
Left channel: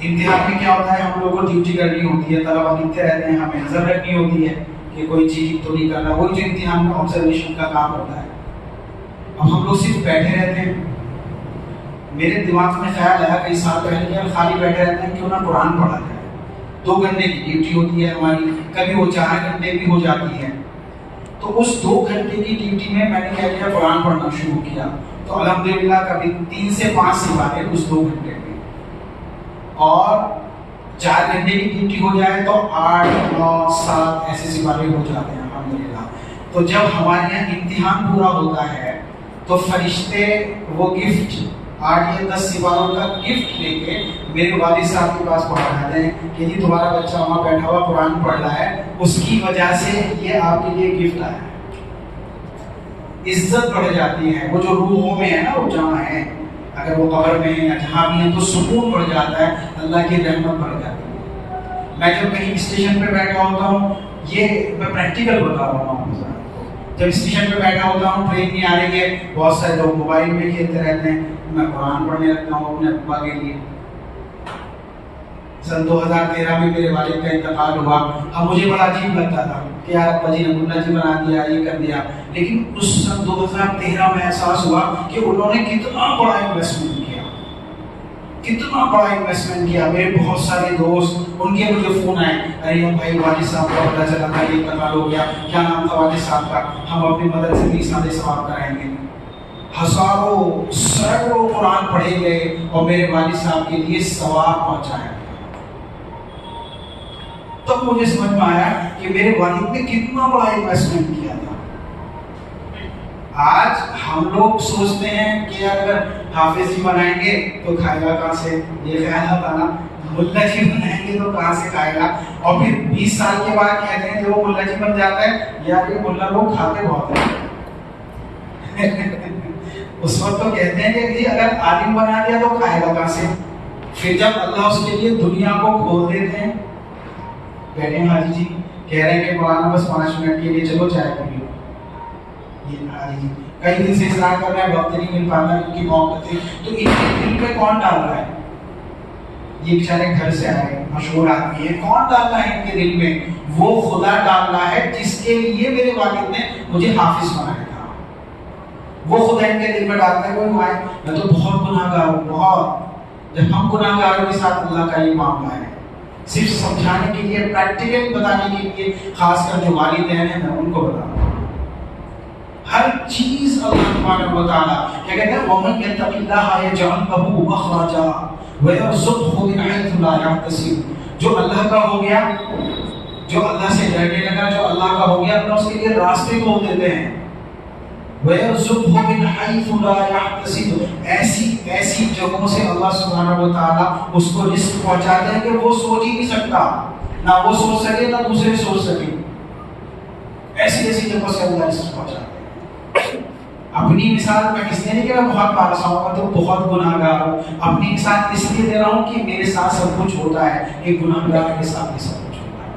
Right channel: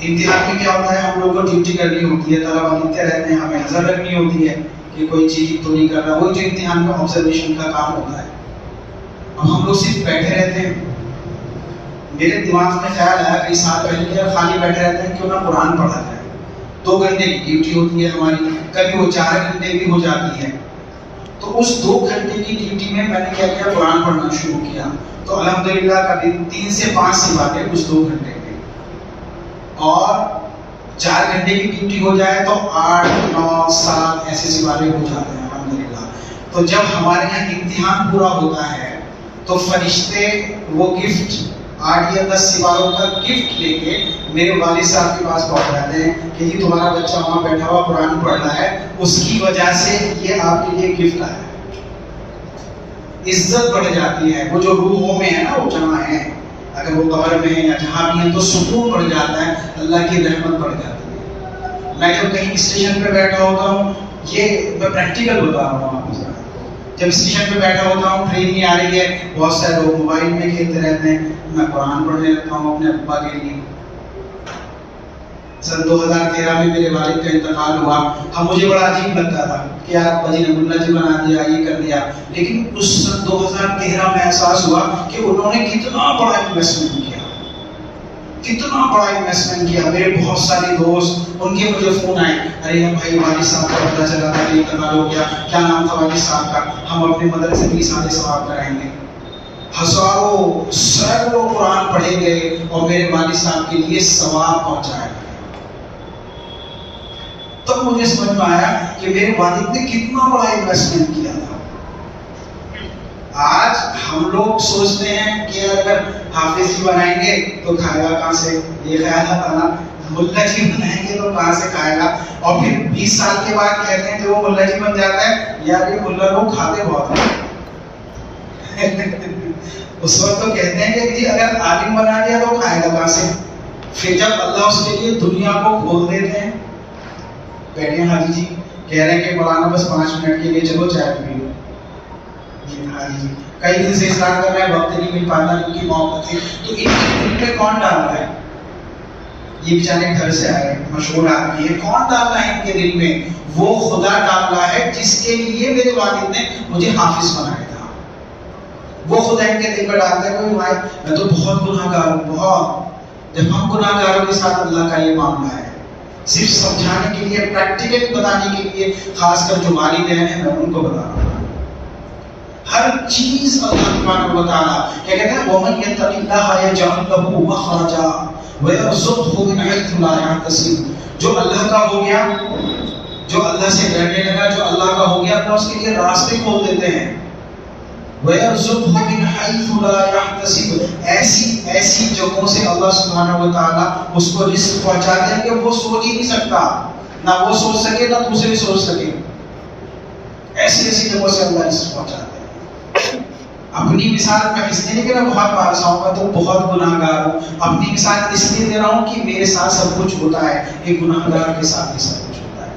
امتحان میں کیا ہوتا ہے، ہم لوگ کو ڈیوٹی کرنی ہوتی ہے، طلبہ لکھتے رہتے ہیں، ہمیں نظر رکھنی ہوتی ہے کہ کوئی چیز تو نہیں کر رہا. وہی جو امتحان میں آبزرویشن کا کام ہوتا ہے. اب ہم لوگ صرف بیٹھے رہتے ہیں. میرے دماغ میں خیال آیا کئی سال پہلے کہ خالی بیٹھے رہتے ہیں، کیوں نہ قرآن پڑھا جائے. 2 گھنٹے کی ڈیوٹی ہوتی ہے ہماری، کبھی وہ 4 گھنٹے بھی ہو جاتی ہے. تو اس 2 گھنٹے کی ڈیوٹی میں نے کیا کیا، قرآن پڑھنا شروع کیا. تو الحمدللہ کبھی 3 سے 5 سپارے اس 2 گھنٹے میں، اور 4 گھنٹے کی ڈیوٹی ہو جائے تو 8 9 7 ایسے سپارے ہو جاتے ہیں الحمدللہ. تو تو جب ہمارے یہاں امتحان پورا ہوتا ہے تو فرشتے وہ گفٹ 8 یا 10 سوالوں کا گفٹ لے کے میرے والد صاحب کے پاس پہنچ جاتے ہیں کہ جی تمہارا بچہ وہاں بیٹھا ہوا قرآن پڑھ رہا ہے، اس کی وجہ سے یہ آپ کے لیے گفٹ آیا ہے۔ عزت بڑھ جاتی ہے، وہ جو روحوں میں ہے نا، وہ جہاں ہے، اگر وہ قبر میں یا جہاں بھی ہیں تو سکون بڑھ جاتا ہے، اللہ کی رحمت بڑھ جاتی ہے۔ میں جب کہیں اسٹیشن پہ بیٹھا ہوتا ہوں، یہ میں پریکٹیکل بتا رہا ہوں آپ کو، جب اسٹیشن پہ بیٹھا ہوتا ہوں، ٹرین نہیں آ رہی ہے، بہت سارے لوگ موبائل میں کھیلتے رہتے ہیں، میں قرآن پڑھنے لگتا ہوں اپنے ابا کے لیے۔ سن 2013 میں میرے والد کا انتقال ہوا، اب مجھے بڑا عجیب لگتا تھا کہ یار ابا جی نے ملا جی بنا دیا، یہ کر دیا، لیکن اس سن 2013 میں احساس ہوا کہ انہوں نے کتنا بڑا انویسٹمنٹ کیا، کتنا بڑا انویسٹمنٹ کیا۔ میرے بہت سارے دوست، ان کے مجھے فون آئے، ارے بھائی والد صاحب کا پتہ چلا تھا کہ انتقال ہو گیا، کیا نام تھا والد صاحب کا، ہم اپنے مدرسے کی سارے ثواب کرائیں گے۔ ہزاروں سینکڑوں قرآن پڑھے گئے اور میرے والد صاحب کے لیے ثواب پہنچائے گئے۔ تب مجھے سمجھ میں آیا کہ میرے والد نے کتنا بڑا انویسٹمنٹ کیا تھا۔ آج ہم لوگ سوچتے ہیں کہ اگر حافظ جی بنائیں گے تو کھائے گا کہاں سے، یہ خیال آتا نا، ملا جی بنائیں گے تو کہاں سے کھائے گا، اور پھر 20 سال کے بعد کہتے ہیں کہ وہ ملا جی بن جاتا ہے، یار یہ ملا لوگ کھاتے بہت ہیں۔ اس وقت تو کہتے ہیں کہ جی اگر عالم بنا دیا تو کھائے گا کہاں سے، پھر جب اللہ اس کے لیے دنیا کو کھول دیتے ہیں، بیٹھے ہیں حاجی جی کہہ رہے ہیں کہ مولانا بس 5 منٹ کے لیے چلو چائے پی لو، یہ حاجی جی کئی دن سے اصرار کر رہے ہیں، وقت نہیں مل پاتا، ان کی موت تھی، تو ان کے دل پہ کون ڈال رہا ہے؟ یہ بیچارے گھر سے آئے مشہور آدمی ہے، کون ڈال رہا ہے ان کے دل میں؟ وہ خدا ڈال رہا ہے جس کے لیے میرے والد نے مجھے حافظ بنایا تھا، وہ خدا ان کے دل پہ ڈالتا ہے۔ کوئی بھائی میں تو بہت گناہ گار ہوں، بہت، جب ہم گناہ گاروں کے ساتھ اللہ کا یہ معاملہ ہے، صرف سمجھانے کے لیے، پریکٹیکل بتانے کے لیے، خاص کر جو والدین ہیں میں ان کو بتا رہا ہوں۔ ہر چیز اللہ تبارک و تعالیٰ کیا کہتے ہیں، وَمَن يَتَّقِ اللَّهَ يَجْعَلْ لَهُ مَخْرَجًا وَيَرْزُقْهُ مِنْ حَيْثُ لَا يَحْتَسِبُ۔ جو اللہ کا ہو گیا، جو اللہ سے ڈرنے لگا، جو اللہ کا ہو گیا، اللہ اس کے لیے راستے کھول دیتے ہیں۔ وَيَرْزُقْهُ مِنْ حَيْثُ لَا يَحْتَسِبُ، ایسی جگہوں سے اللہ سبحانہ و تعالیٰ اس کو رزق پہنچاتے ہیں کہ وہ سوچ ہی نہیں سکتا، نہ وہ سوچ سکے نہ دوسرے سوچ سکے، ایسی جگہوں سے اللہ رزق پہنچاتے ہیں۔ اپنی مثال میں اس لیے نہیں کہ میں بہت پارسا ہوں، میں تو بہت گناہ گار ہوں، اپنی مثال اس لیے دے رہا ہوں کہ میرے ساتھ سب کچھ ہوتا ہے، ایک گناہ گار کے ساتھ بھی سب کچھ ہوتا ہے۔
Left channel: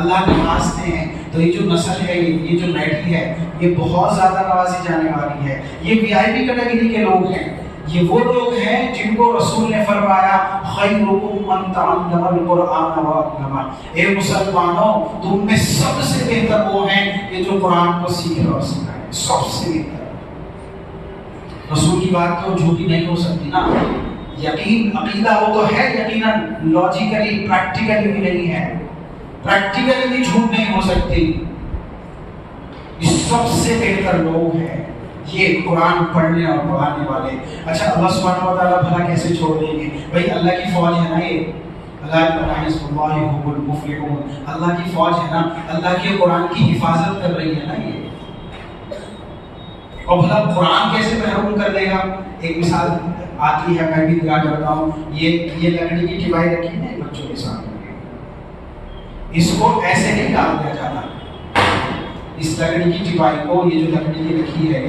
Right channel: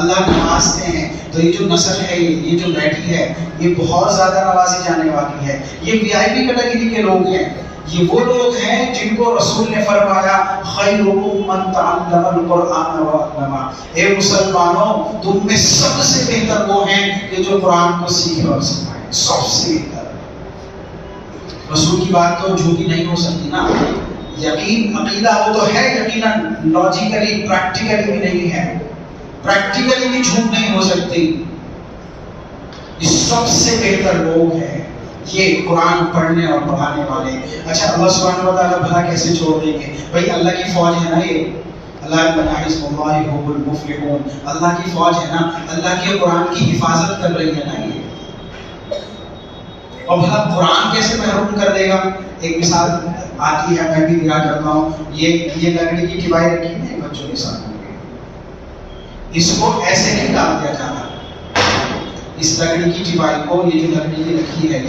اللہ نوازتے ہیں، تو یہ جو نسل ہے، یہ جو بیٹی ہے، یہ بہت زیادہ نوازی جانے والی ہے۔ یہ VIP کیٹیگری کے لوگ ہیں، یہ وہ لوگ ہیں جن کو رسول نے فرمایا خیرکم من تعلم القرآن وعلمہ، اے مسلمانوں تم میں سب سے بہتر وہ ہیں کہ جو قرآن کو سیکھے اور سکھائے، سب سے بہتر۔ رسول کی بات تو جھوٹی نہیں ہو سکتی نا، یقین عقیدہ وہ تو ہے یقیناً، لاجیکلی پریکٹیکلی بھی نہیں ہے، پریکٹیکلی بھی جھوٹ نہیں ہو سکتی۔ یہ سب سے بہتر لوگ ہیں یہ قرآن پڑھنے اور پڑھانے والے۔ اچھا اللہ سبحانہ و تعالیٰ بھلا کیسے چھوڑ دیں گے؟ بھائی اللہ کی فوج ہے نا، یہ اللہ حزب اللہ هم المفلحون، اللہ کی فوج ہے نا، اللہ کے قرآن کی حفاظت کر رہی ہے نا یہ، اور بھلا قرآن کیسے محروم کر دے گا؟ ایک مثال آتی ہے، میں بھی دیا کرتا ہوں، یہ لکڑی کی ٹپائی رکھی ہے بچوں کے سامنے، اس کو ایسے نہیں ڈال دیا جاتا، اس لکڑی کی ٹپائی کو، یہ جو لکڑی کی رکھی ہے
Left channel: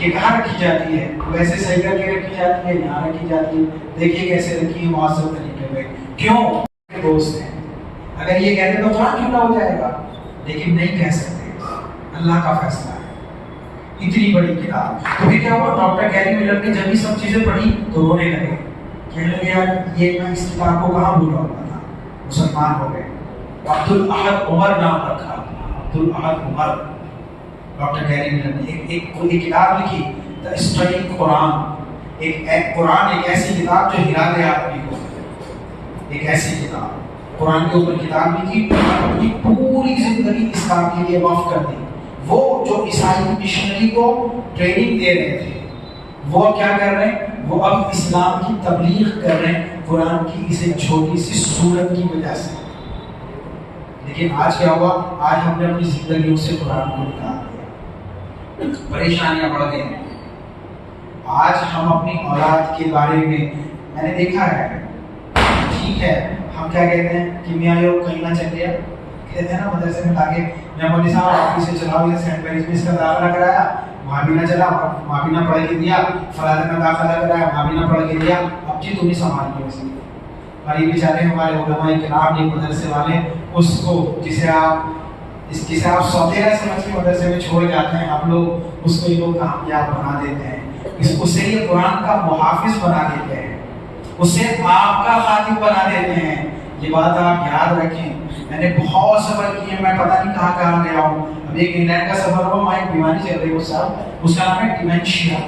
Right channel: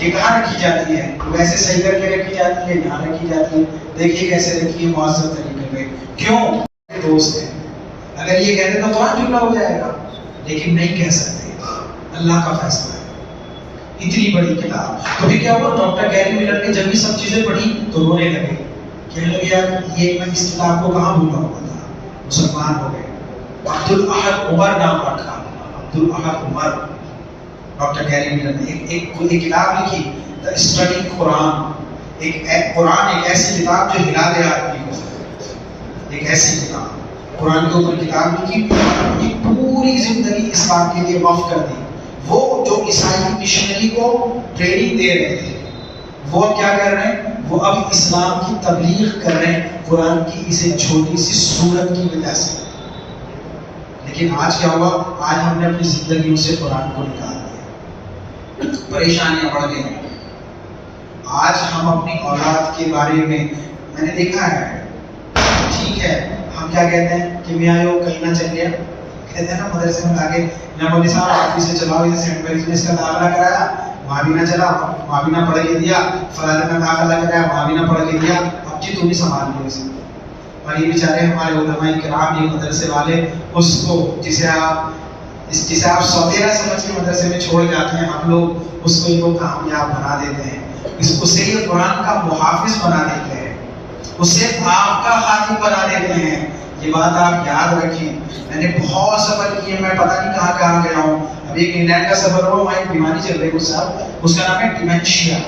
یہ کہاں رکھی جاتی ہے؟ ویسے صحیح کر کے رکھی جاتی ہے، یہاں رکھی جاتی ہے، دیکھیے کیسے رکھی ہے معذر طریقے پہ۔ کیوں؟ دوست ہیں، اگر یہ کہتے تو تھوڑا ٹھیک ہو جائے گا، لیکن نہیں کہہ سکتے، اللہ کا فیصلہ ہے۔ اتنی بڑی کتاب، تو پھر کیا ہوا، ڈاکٹر گیری ملر نے جب یہ سب چیزیں پڑھی تو رونے لگے، کہنے لگے یار یہ میں اس کتاب کو کہاں بھولا ہوا تھا، مسلمان ہو گئے۔ عبدالاحد عمر نام رکھا، عبدالاحد عمر، ڈاکٹر گیری ملر نے ایک کتاب لکھی، دا اسٹڈی قرآن، قرآن ایک ایسی کتاب جو ہلا دے آدمی کو، ایک ایسی کتاب، قرآن کے اوپر کتاب لکھی، اپنی پوری زندگی اسلام کے لیے وقف کر دی۔ وہ جو عیسائی مشنری کو ٹریننگ دے رہے تھے، وہ کیا کر رہے ہیں، وہ اب اسلام کی تبلیغ کر رہے ہیں قرآن کی اس ایک چھوٹی سی سورت کی وجہ سے۔ لیکن آج کیا ہوا، آج ہم نے اپنی زندگیوں سے قرآن کو نکال دیا، پریشانیاں بڑھ گئی ہیں. آج ہم اپنی اولاد کے بارے میں نے دیکھا ہے، ٹھیک ہے ہم کیا کہتے ہیں کہ میاں یہ کہیں نہ چل گیا، کہتے ہیں نا مدرسے میں لا کے میں مولوی صاحب آپ سے چلاؤ یہ سینٹ میریز میں اس کا داخلہ کرایا، وہاں بھی نہ چلا، وہاں بھی نہ پڑھ کے دیا، فلاں میں داخلہ کرایا، وہاں بھی نہ پڑھ کے دیا، اب جی تو نہیں سنبھال لیا اسی کو. اور یہ بیچارے ہمارے علماء کرام یہ مدرسے والے اس کو جسے آپ سوتیرا سمجھ کے مدرسے میں چھوڑ جاتے ہیں، آپ لوگ اس کو یہ لوگ کامیاب بنا دیتے ہیں، اس سے یہ قرآن کا محافظ بنا دیتے ہیں، اسے آپ کا خادم بنا دیتے ہیں. یہ بات آپ یاد رکھیں. میں نے بہت سفر کیے، میں پتہ نہیں کہاں کہاں گیا ہوں. ابھی ایک انگلینڈ کا سفر ہوا، وہاں ایک بیماری چل رہی ہے صاحب، اس کا نام ہے ڈیمنشیا.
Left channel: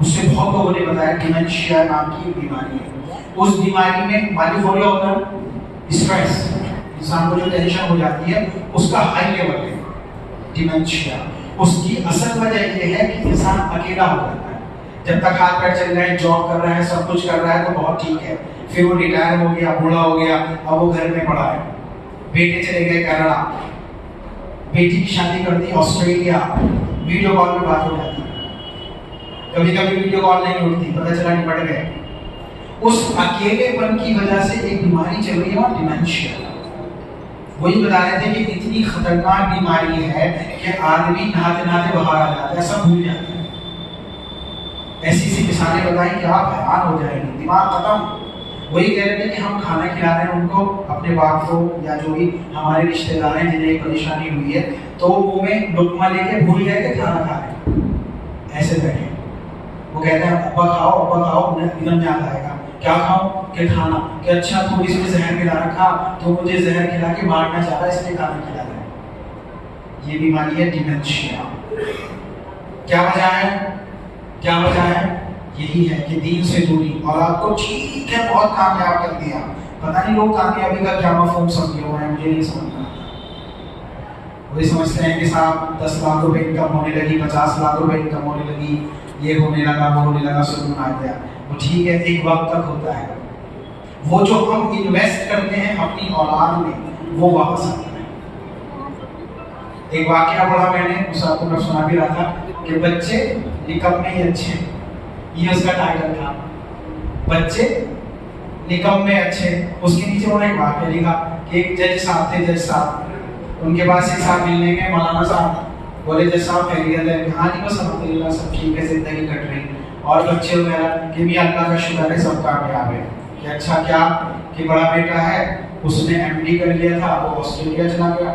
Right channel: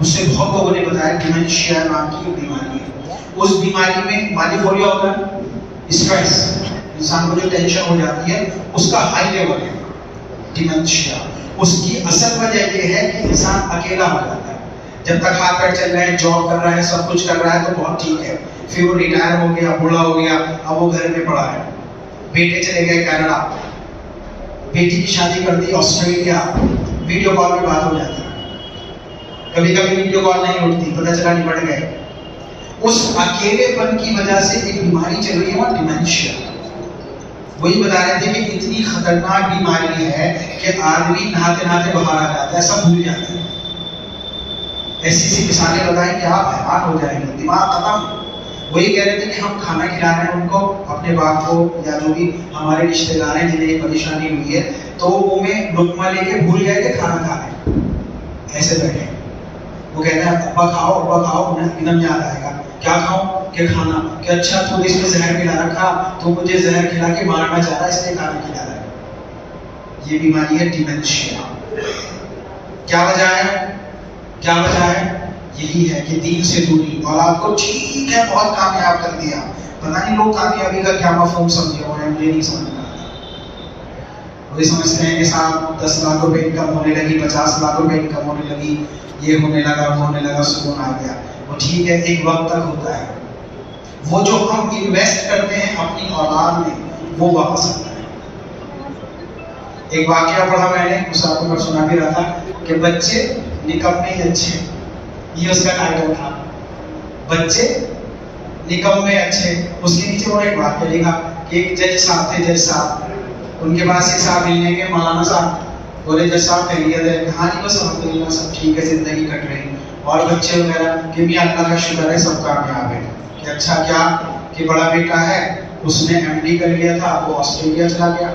اس سے بہت لوگوں نے بتایا ڈیمنشیا نام کی ایک بیماری ہے. اس بیماری میں مالی فوریا ہوتا ہے، اسٹریس، انسان کو جو ٹینشن ہو جاتی ہے اس کا ہائی لیول ہے ڈیمنشیا. اس کی اصل وجہ یہ ہے کہ انسان اکیلا ہو جاتا ہے. جب تک ہاتھ پیر چل رہے ہیں، جاب کر رہا ہے، سب کچھ کر رہا ہے تو بہت ٹھیک ہے. پھر وہ ریٹائر ہو گیا، بوڑھا ہو گیا، اب وہ گھر میں پڑا ہے. بیٹے چلے گئے کینیڈا، بیٹی کی شادی کر دی آسٹریلیا، ویڈیو کال پہ بات ہو جاتی ہے، کبھی کبھی ویڈیو کال نہیں اٹھتی، پتہ چلا نمٹ گئے. اس اکیلے پن کی وجہ سے ایک بیماری چل رہی ہے ڈیمنشیا. وہی بتا رہے تھے کہ اتنی خطرناک بیماری ہے کہ آدمی نہاتے نہاتے باہر آ جاتا ہے، سب بھول جاتا ہے. ایسی سی مثالیں بتائیں کہ آپ حیران ہو جائیں گے، دماغ ختم. وہی کہہ رہے تھے کہ ہم کھانا کھلا رہے ہیں ان کو، اپنے باپ کو یا جو بھی ہمارے رشتے دار ہیں جنہیں یہ پریشانی ہوئی ہے، تو وہ میں لقمہ لے کے بھول گئے کہ کھانا کھا رہے ہیں، ایسے بیٹھے. وہ کہتے ہیں ابا کھاؤ، انہیں ایک دم یاد آئے گا کیا کھاؤں کہ کھانا، کہ اچھا تو اس میں زہر کھلا رکھا، تو مجھے زہر کھلا کے مارنا چاہ رہا ہے اس لیے کھانا کھلا رہا ہے. یہ بیماری ہے ڈیمنشیا. کیا وجہ ہے؟ یہی ہے کہ دین سے دوری. اولاد کو ٹھیک ہے بہت کامیاب کر دیا، پتہ نہیں لوگ کامیابی کا کیا مفہوم سمجھے ہوئے ہیں، مجھے نہیں سمجھ میں آتا. وہی سمجھتے ہیں کہ صاحب 10 لاکھ روپے انکم ہونے لگی، 50 لاکھ روپے انکم ہونے لگی، یہ ہونے لگا وہ ہونے لگا، سکون آ گیا. وہ ٹھیک ہے ایک وقت تک ہوتا ہے. وہ جو ہم انویسٹ کرتے ہیں اپنی اولاد میں وہ واپس آتا ہے. ایک واقعہ پڑھا میں نے، اس آپ کو سنا بھی رہا تھا کہ بچے نکمے ہی اچھے، یہ اس کا ٹائٹل تھا، بچے نکمے اچھے. اس کے نیچے وہ ایک واقعہ لکھا کہ ایک جج صاحب تھے، جج صاحب ان کے پاس ایک صاحب ملنے کے، مولانا صاحب بولے جج صاحب خیریت ہے؟ ہاں جی بس الحمدللہ سب ٹھیک ہے، زندگی کٹ رہی اور بچے وغیرہ کہ بھی اللہ کا شکر ہے سب کامیاب ہے. کہ اچھا کیا کہ بڑا بیٹا ہے اس نے ایم ڈی کر لیا تھا، وہ آسٹریلیا چلا گیا.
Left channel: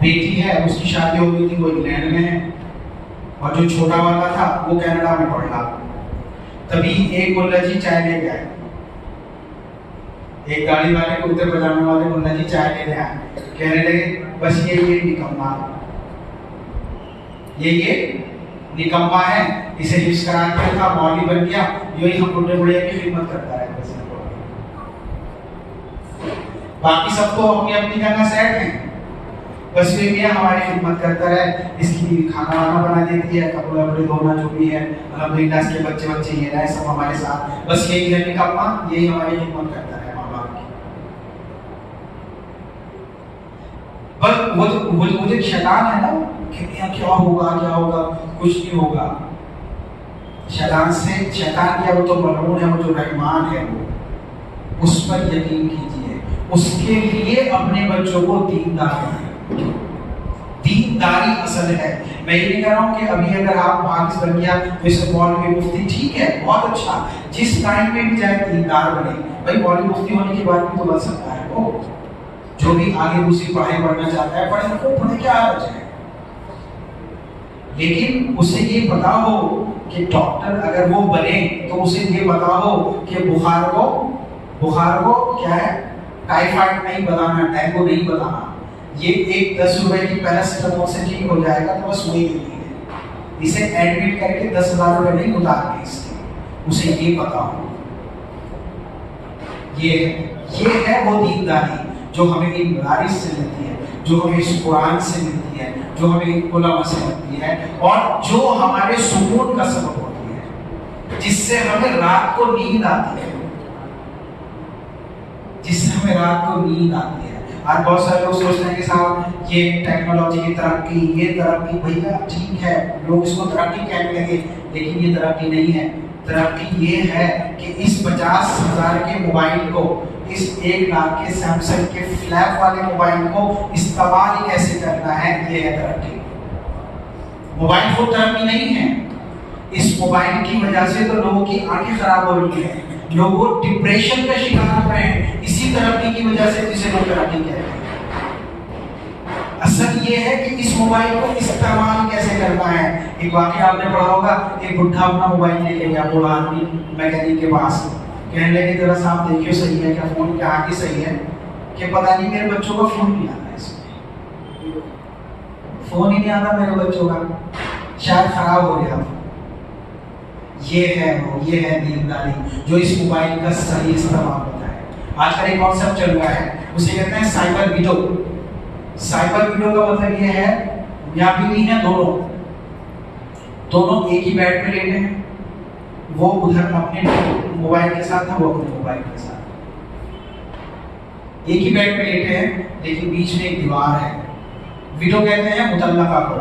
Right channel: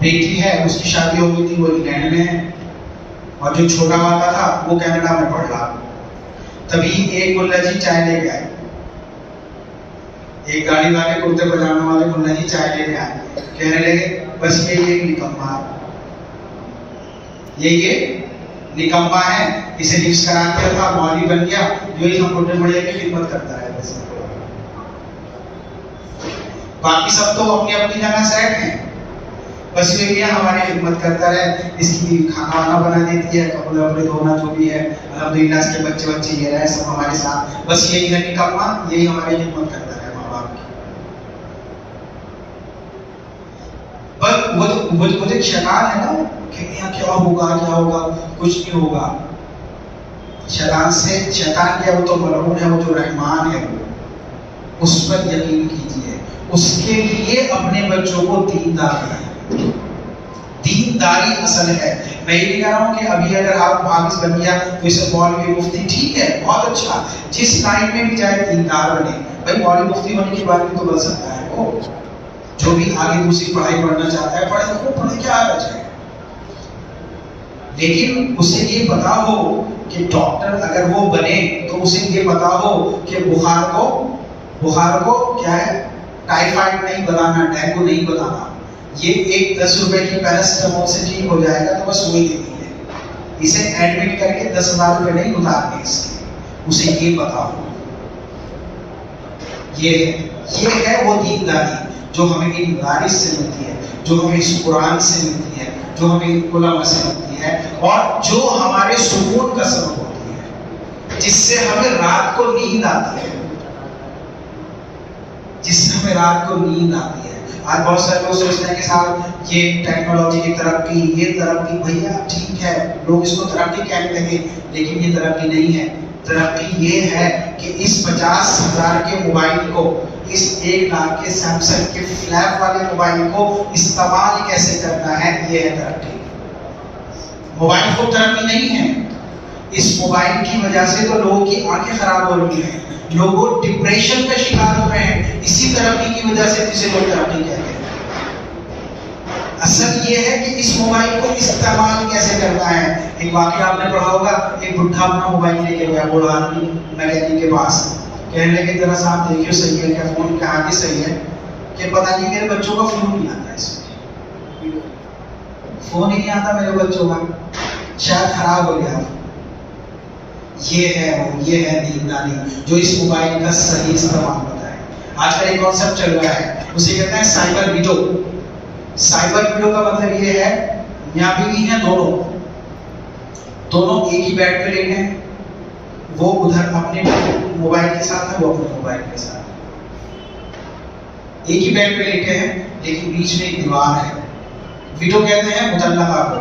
بیٹی ہے اس کی شادی ہو گئی تھی، وہ انگلینڈ میں ہے، اور جو چھوٹا والا تھا وہ کینیڈا میں پڑھ رہا. تبھی ایک ملا جی چائے لے کے آئے، ایک گاڑی والے کرتے پجامے والے ملا جی چائے لے کے آئے، کہنے لگے بس یہ نکما ہے، یہ نکما ہے، اسے حفظ کرا دیا تھا، مولوی بن گیا، جو ہی ہم بڑھے بڑھے کی خدمت کرتا ہے. بس باقی سب تو اپنی اپنی جگہ سیٹ ہیں، بس یہ کیا ہماری خدمت کرتا رہے، اس کی کھانا وانا بنا دیتی ہے، کپڑے وپڑے دھونا جو بھی ہے، الحمدللہ اس کے بچے یہ رہے سب ہمارے ساتھ. بس یہی ہے نکما، یہی ہماری خدمت کرتا ہے ماں باپ کی. پر وہ جو شیطان ہے نا کہ کیا ہوگا، کچھ نہیں ہوگا. شیطان کیا، وہ تو ملعون ہے، وہ جو رحمان ہے اس پر یقین کیجیے. اس کے لیے اپنے بچوں کو دیندار بنائیں. دینداری اصل ہے. میں یہ نہیں کہہ رہا ہوں کہ ابھی اگر آپ حافظ بن گیا تو اسے مولوی مفتی، ٹھیک ہے بہت اچھا، جس لائن میں بھی جائے دیندار بنے. بھائی مولوی مفتی ہونے کے بعد بھی تو بن سکتا ہے، وہ جو بھی آگے دوسری پڑھائی پڑھنا چاہتا ہے پڑھے کیا حرج ہے. لیکن اسے یہ پتا ہو کہ ڈاکٹر اگر وہ بنے تو اسے یہ پتا ہو کہ بخار کو کیا ہے، ٹائیفائڈ نہیں بتانا، ڈینگو نہیں بتانا. یہ ایک 10 روپے کی پیراسٹامول سے ٹھیک ہو جائے گا تو بس وہی دینی ہے. اسے ایڈمٹ کر کے 10,000 روپے نہیں اتارنے اس کے، اسے یہ پتا ہو. یہ ہے وہ دینداری جو ہمیں ان مدارس سے ملتی ہے، جو ہمیں اس قرآن سے ملتی ہے، جو ہمیں علماء سے ملتی ہے، اور جو ہمارے سکون کا سبب ہوتی ہے، جس سے ہمیں رات کو نیند آتی ہے. آج بہت سارے لوگ سوچتے ہیں کہ صاحب یہ ٹیکنالوجی کی ترقی، یہ ترقی، بھیا ٹھیک ہے لوگ اس کو ترقی کہنے لگے، لیکن یہ ترقی نہیں ہے. ترقی یہ ہے کہ اس 50,000 کے موبائل کو، اس 1 لاکھ کے سیمسنگ کے فلیپ والے موبائل کو استعمال کیسے کرنا ہے، یہ ہے ترقی. موبائل کو ترقی نہیں ہے. اس موبائل کی وجہ سے تو لوگوں کی آنکھیں خراب ہو رہی ہیں، لوگ ڈپریشن کا شکار ہو رہے ہیں، اسی ترقی کی وجہ سے جسے لوگ ترقی کہتے ہیں. اصل یہ ہے کہ اس موبائل کو استعمال کیسے کرنا ہے. ایک واقعہ آپ نے پڑھا ہوگا، ایک بڈھا اپنا موبائل لے کے گیا بوڑھا آدمی میکینک کے پاس، کہنے لگے ذرا صاحب دیکھیے صحیح ہے کیا فون، کہا کہ صحیح ہے، کہ پتہ نہیں میرے بچوں کا فون نہیں آتا، اس میں فون ہی نہیں آتا میرے بچوں کا، شاید خراب ہو گیا. یہ ہے دینداری جو اس موبائل کا صحیح استعمال ہوتا ہے. آج کل ایک کانسیپٹ چل رہا ہے، اسے کہتے ہیں سائبر ویڈو. سائبر ویڈو کا مطلب یہ ہے میاں بیوی ہیں دونوں ایک ہی بیڈ پہ لیٹے ہیں، وہ ادھر اپنے موبائل کے ساتھ ہے، وہ اپنے موبائل کے ساتھ ایک ہی بیڈ پہ لیٹے ہیں، لیکن بیچ میں ایک دیوار ہے. ویڈو کہتے ہیں مطلقہ کو.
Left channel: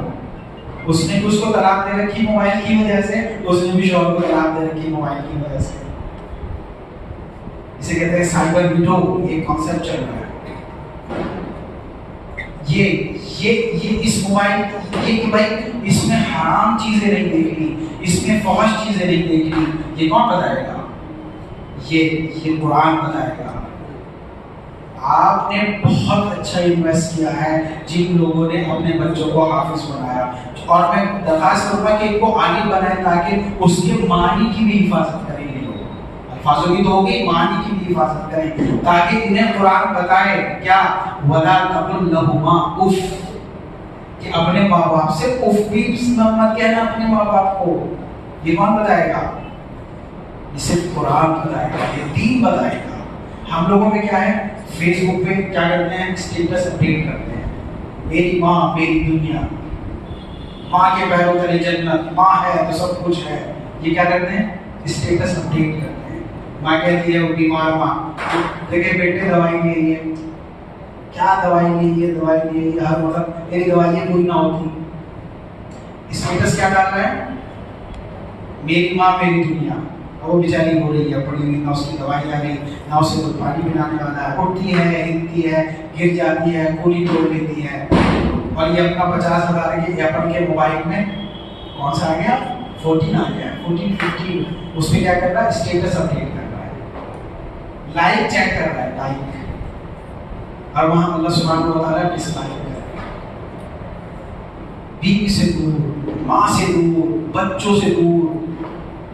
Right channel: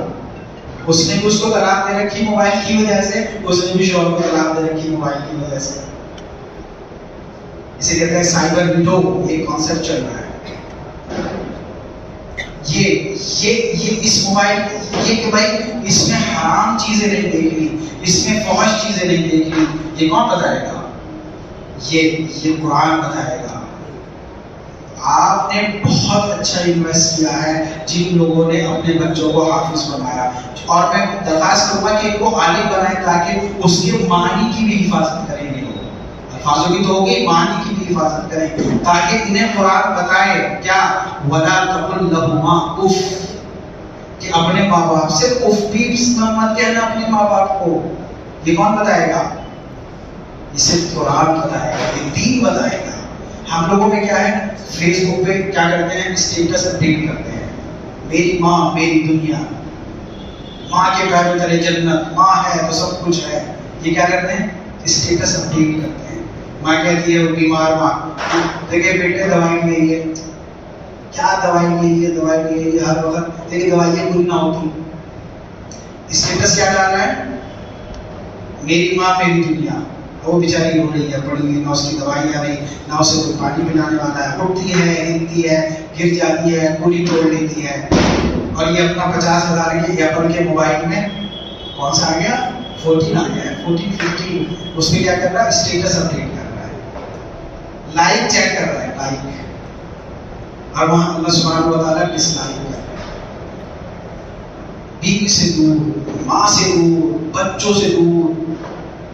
اس نے بھی اس کو طلاق دے رکھی موبائل کی وجہ سے، اس نے بھی شوہر کو طلاق دے رکھی موبائل کی وجہ سے. اسے کہتے ہیں سائبر ویڈو. ایک کانسیپٹ چل رہا ہے. یہ اس موبائل یہ کہ بھائی اس میں حرام چیزیں نہیں دیکھنی، اس میں فحش چیزیں نہیں دیکھنی. یہ کون بتائے گا؟ یہ قرآن بتائے گا. آپ نے بہت اچھا انویسٹ کیا ہے جن لوگوں نے اپنے بچوں کو حافظ بنایا، اور میں درخواست کروں گا کہ ان کو عالم بنائیں تاکہ اس کے معنی کی بھی حفاظت کریں. یہ لوگ الفاظوں کی تو ہوگی، معنی کی بھی حفاظت کریں تاکہ انہیں قرآن بتائے کیا وَلَا تَقُلْ لَهُمَا اُفْ، کہ اپنے ماں باپ سے اف بھی مت کہنا اپنے ماں باپ کو. یہ کون بتائے گا؟ یہ صرف قرآن بتائے گا، یہ دین بتائے گا. ہم لوگوں میں کیا ہے، فیس بک پہ کیا کرتے ہیں، اسٹیٹس اپڈیٹ کرتے ہیں، میری ماں میری دنیا، ماں کے پیروں تلے جنت، ماں ہے تو سب کچھ ہے. یہ کیا کرتے ہیں، اسٹیٹس اپڈیٹ کرتے ہیں. ماں کہتی ہے وہ بیمار ماں، دیکھے بیٹے دوائی لے، کیا دوائی لے ہر وقت تیری دوائیاں پوری نہ ہوتی. اسٹیٹس کیا ڈال رہا ہے، میری ماں میری دنیا. وہ بیچاری ہو رہی ہے، پڑی ہوئی، نہ اس کی دوائی آ رہی، نہ اسے کوئی پانی پلانے والا ہے. اٹھتی ہے، ہلتی ہے، گر جاتی ہے، گولی توڑ لیتی ہے. اور یہ اپنا 50,000 کے ایپل کے موبائل میں کون سا آ گیا، 14 آ گیا ہے، 14 15. اس میں کیا کر رہا ہے، اسٹیٹس اپڈیٹ کر رہا ہے، لائک چیک کر رہا ہے، لائک. اور وہاں اللہ سبحانہ و تعالیٰ ڈس لائک کر رہا ہے. بیوی سے دور، ماں سے دور، بچوں سے دور،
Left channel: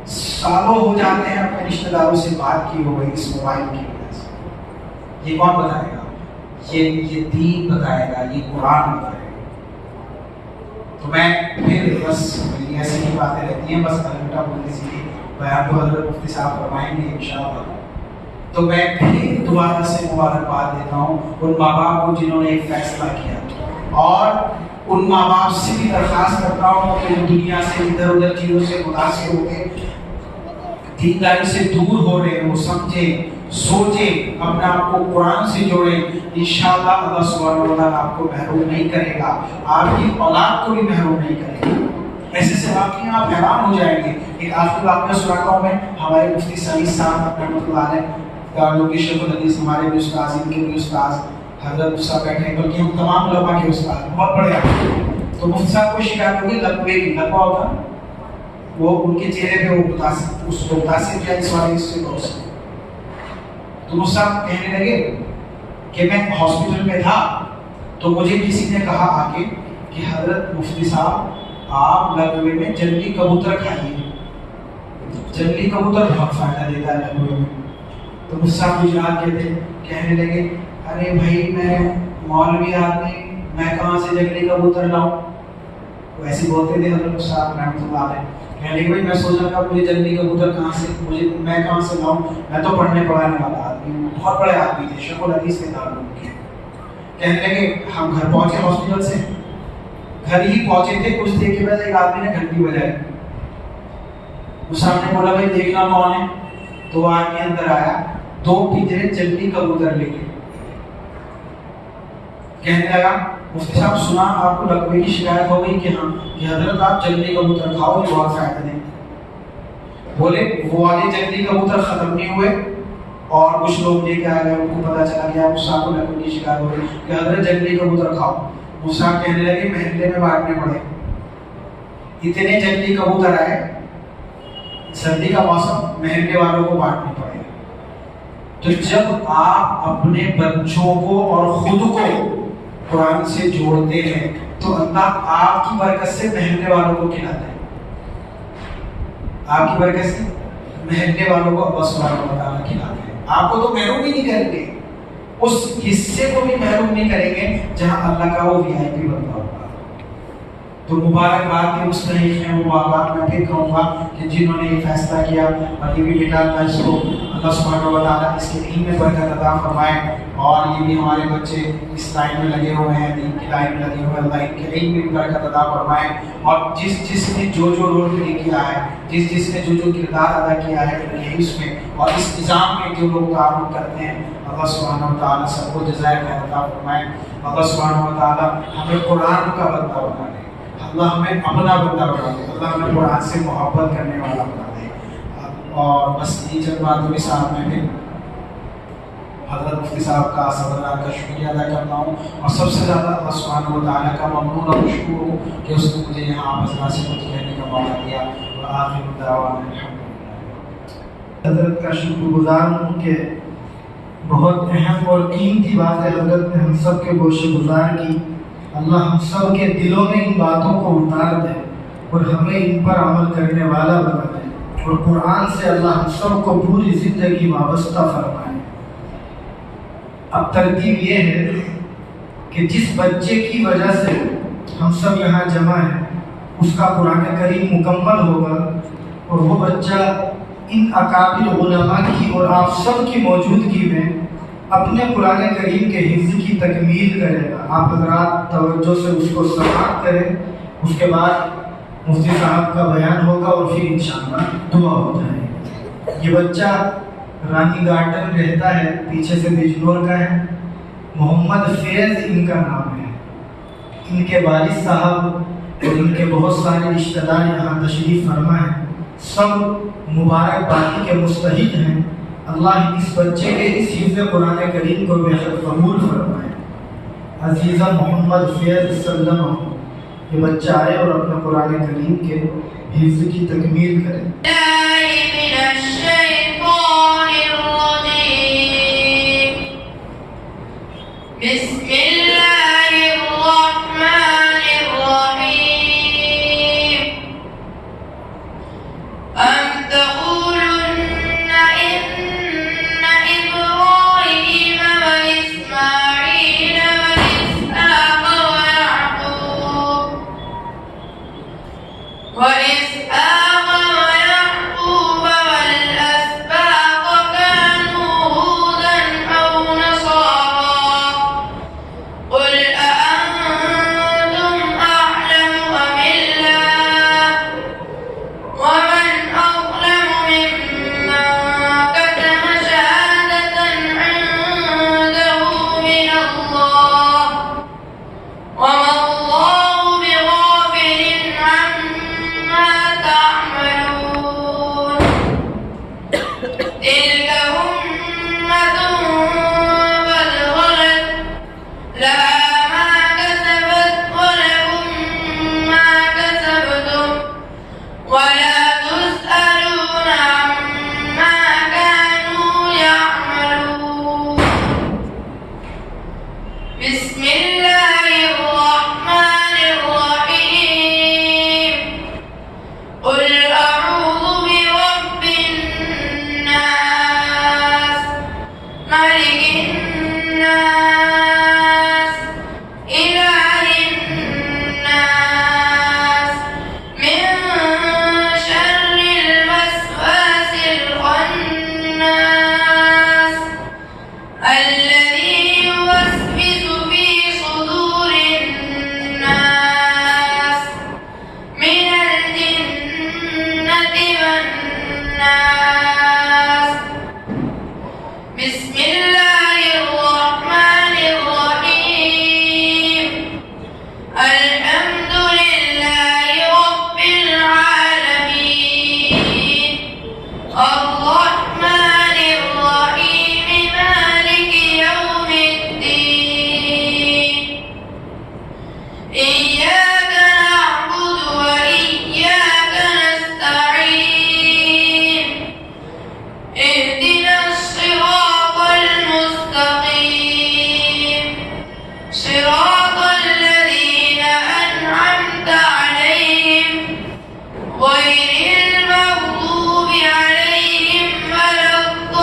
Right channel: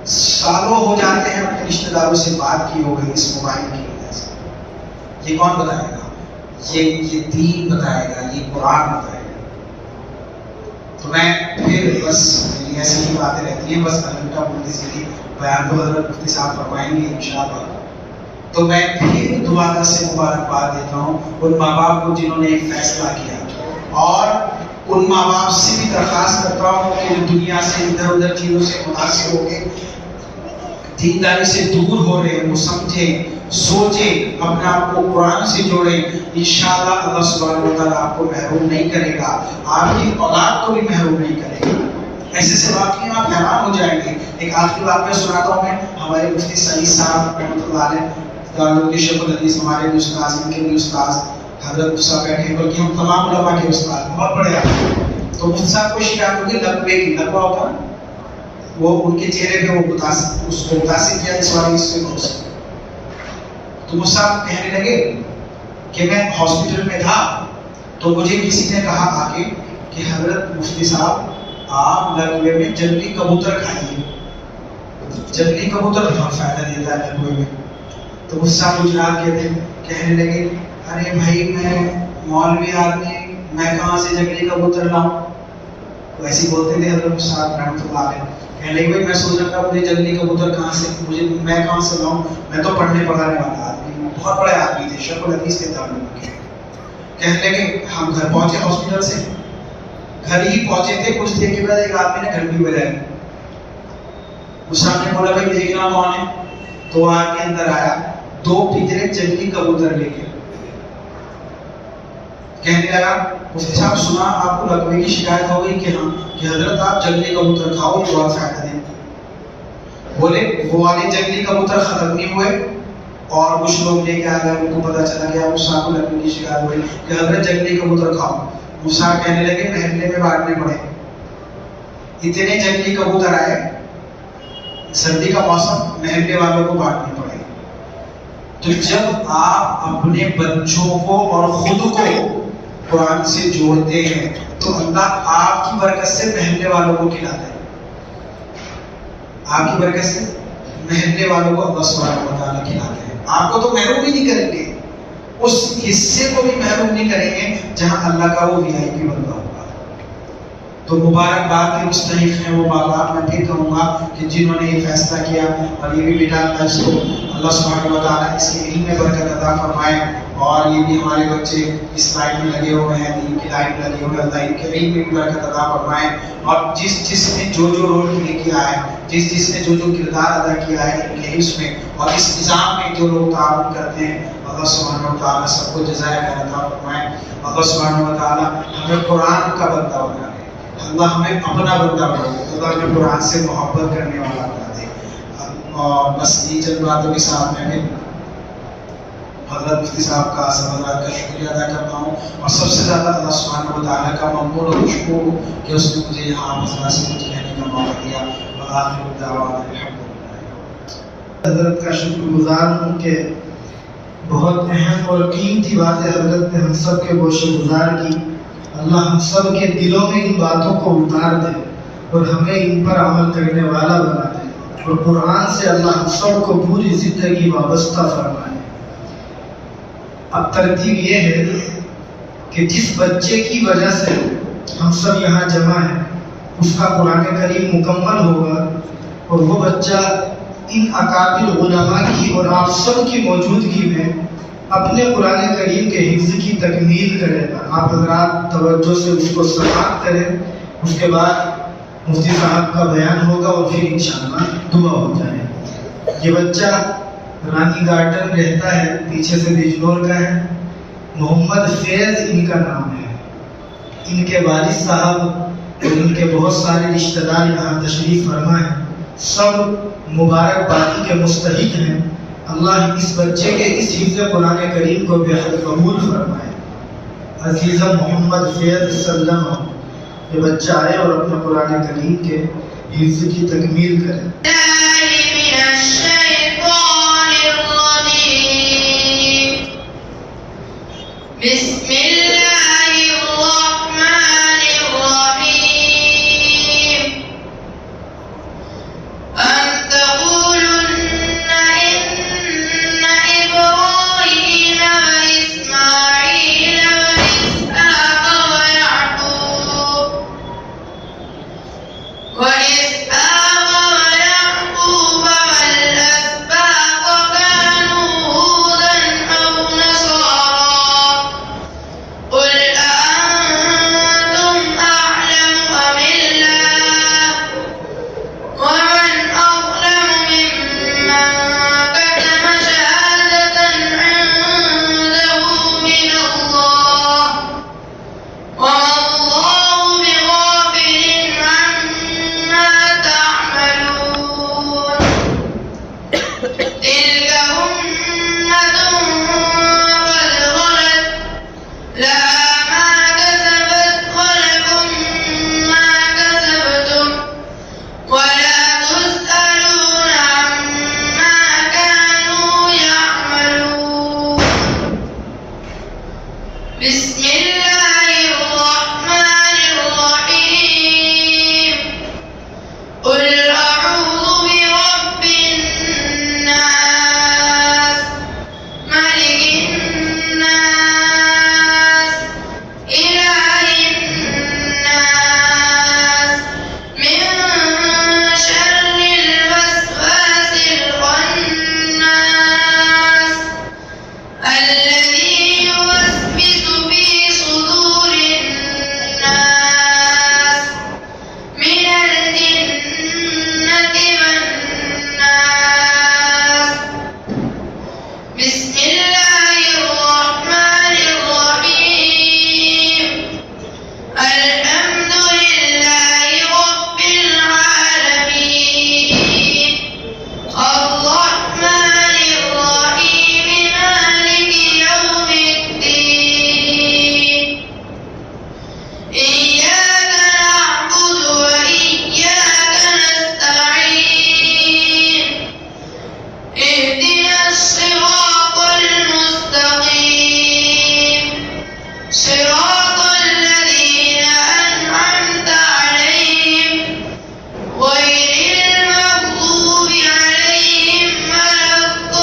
سالوں ہو جاتے ہیں اپنے رشتہ داروں سے بات کی ہو گئی اس موبائل کی وجہ سے. یہ کون بتائے گا؟ یہ دین بتائے گا، یہ قرآن بتائے گا. تو میں پھر بس ایسی ہی باتیں رہتی ہیں، بس الٹا بولتی سیدھی بیان تو حضرت مفتی صاحب فرمائیں گے انشاءاللہ. تو میں پھر دوبارہ سے مبارکباد دیتا ہوں ان ماں باپ کو جنہوں نے ایک فیصلہ کیا، اور ان ماں باپ سے بھی درخواست کرتا ہوں کہ جو دنیا سے ادھر ادھر چیزوں سے متاثر ہو کے دینداری سے دور ہو رہے ہیں، وہ سمجھیں، سوچیں، اپنے آپ کو قرآن سے جوڑیں. انشاءاللہ اللہ سبحانہ و تعالیٰ آپ کو محروم نہیں کرے گا، آپ کی اولاد کو بھی محروم نہیں کرے گا. ایسے سے واقعی آپ حیران ہو جائیں گے. ایک آخری واقعہ سناتا ہوں میں. ہمارے مفتی سعید صاحب رحمۃ اللہ علیہ دارالعلوم کے شیخ الحدیث، ہمارے بھی استاذ، ان کے بھی استاذ حضرت صاحب بیٹھے، بلکہ ہم تمام علماء کے استاد، بہت بڑے ہیں. تو مفتی صاحب کو شکایت ہوگی لقوے کی، لقوہ ہوتا وہ ان کے چہرے پہ وہ اس کو متاثر کیا اس والے حصے کو. تو مفتی صاحب کہنے لگے کہ میں ہاسپٹل میں تھا تو مجھے کسی نے کہا آ کے کہ حضرت مفتی صاحب آپ لقوے میں جنگلی کبوتر کھائیے، جنگلی کبوتر بہت فائدہ دیتا ہے لقوے میں. تو مفتی صاحب گجرات کے تھے، کہنے لگے ارے بھائی میں مولوی آدمی، میں کہاں سے جنگلی کبوتر لاؤں. تو ایسے بولتے تھے حضرت صاحب رحمۃ اللہ علیہ. کہنے لگے بھائی میں سوچ رہا تھا مجھے جنگلی کبوتر کہاں سے، میں کہاں سے لاؤں، میں تو پڑھنے پڑھانے والا آدمی ہوں. بہت بڑے آدمی تھے، شیخ الحدیث کے دارالعلوم کے. کہنے لگے ہم گھر پہنچے ہاسپٹل سے، گھر ہی پہنچے تھے کچھ دیر کے بعد ایک آدمی نے گھنٹی بجائی. اس صاحب نے بولا بھائی دیکھنا کون ہے. تو وہ آدمی اندر آیا، 2 پنجرے جنگلی کبوتر لے کے. کہنے لگا مفتی صاحب سنا آپ کو لقوے کی شکایت ہو گئی کہ ہاں کہ حضرت آپ جنگلی کبوتر کھاؤ یہ بہت فائدہ دیں. بولے وہ والے جنگلی کبوتر ختم نہیں ہوئے اور کچھ لوگ لے کے آ گئے, ان کو پتا چلا گیا موسیٰ کو لقوے کی شکایت ہو گئی کہ حضرت جنگلی کبوتر کھاؤ. موسیٰ کہنے لگے محلے میں بانٹنے پڑے. اتنے جنگلی کبوتر آئے, سردی کا موسم, محلے والوں کو بانٹنے پڑے. تو جب آپ اپنے بچوں کو اور خود کو قرآن سے جوڑتے ہیں تو اللہ آپ کی برکت سے محلے والوں کو کھلاتا ہے. آپ کی برکت سے محلے والوں کو اللہ سبحانہ و تعالیٰ کھلاتے ہیں. آپ کو تو محروم ہی نہیں کریں گے, اس حصے کو بھی محروم نہیں کریں گے جہاں اللہ کا وہ VIP بندہ ہوگا. تو مبارکباد کے مستحق ہیں وہ ماں باپ. میں پھر کہوں گا کہ جنہوں نے یہ فیصلہ کیا اور یہ بھی بیٹا اللہ اس کو اللہ سبحانہ و تعالیٰ اس کے علم میں برکت عطا فرمائے, اور یہ بھی ہمارے بچے اس لائن میں لگے ہوئے ہیں, دین کی لائن میں لگے ہوئے ہیں, اللہ ان کے علم میں بھی برکت عطا فرمائے. اور جس نے جو رول پلے کیا ہے, جس نے جو کردار ادا کیا ہے ان کے اس میں اور اس نظام میں جو لوگ تعاون کرتے ہیں, اللہ سبحانہ و تعالیٰ سب کو جزائے خیر عطا فرمائے. اللہ سبحانہ و تعالیٰ ہمیں قرآن کا بندہ بنا دے, اللہ ہمیں اپنا بندہ بنا دے, اللہ ہمیں قرآن سے محبت کرنے والا بنا دے. اور بس یہ چند باتوں کے ساتھ میں حضرت مفتی صاحب کا, سب حضرات کا شکریہ ادا کرتا ہوں, اور سب سے زیادہ اللہ سبحانہ و تعالیٰ کا ممنون اور مشکور ہوں کہ اس نے مجھے یہاں آپ حضرات سے کچھ کہنے کا موقع دیا. وآخر دعوانا الحمدللہ. حضرت کا شکر گزار ہوں کہ بہت اہم اور قیمتی باتیں حضرت نے ہم سب کے گوشے گزار کی. اللہ ہم سب کے دلوں میں ان باتوں کو اتار دے اور ہمیں ان پر عمل کرنے والا بنا دے, اور قرآن سے اللہ ہم سب کو پوری زندگی وابستہ فرمائے. اب ترتیب یہ ہے کہ جس بچے کی وجہ سے ہم سب یہاں جمع ہیں اس کا قرآن کریم مکمل ہوگا, اور وہ بچہ ان اکابر علماء کی اور آپ سب کی موجودگی میں اپنے قرآن کریم کے حفظ کی تکمیل کرے گا. آپ حضرات توجہ سے اس کو سماعت کریں, اس کے بعد مفتی صاحب کا بیان ہوگا اور پھر انشاءاللہ دعا ہو جائے گی. یہ بچہ رانی گارڈن رہتا ہے, پیچھے سے بجنور کا ہے. محمد فیض ان کا نام ہے. ان کے والد صاحب اور ان کے بہت سارے رشتہ دار یہاں تشریف فرما ہیں, سب مبارکبادی کے مستحق ہیں. اللہ اس بچے کے اس حفظ قرآن کریم کو بے حد قبول فرمائے. عزیزہ محمد فیض سلم, یہ بچہ آئے اور اپنے قرآن کریم کے حفظ کی تکمیل کرے. بسم اللہ الرحمن الرحیم. أم تقولن إن إبراهيم وإسماعيل وإسحاق ويعقوب الرحمن الرحيم مالك يوم الدين إياك نعبد وإياك نستعين اهدنا الصراط المستقيم صراط الذين أنعمت عليهم غير المغضوب عليهم ولا الضالين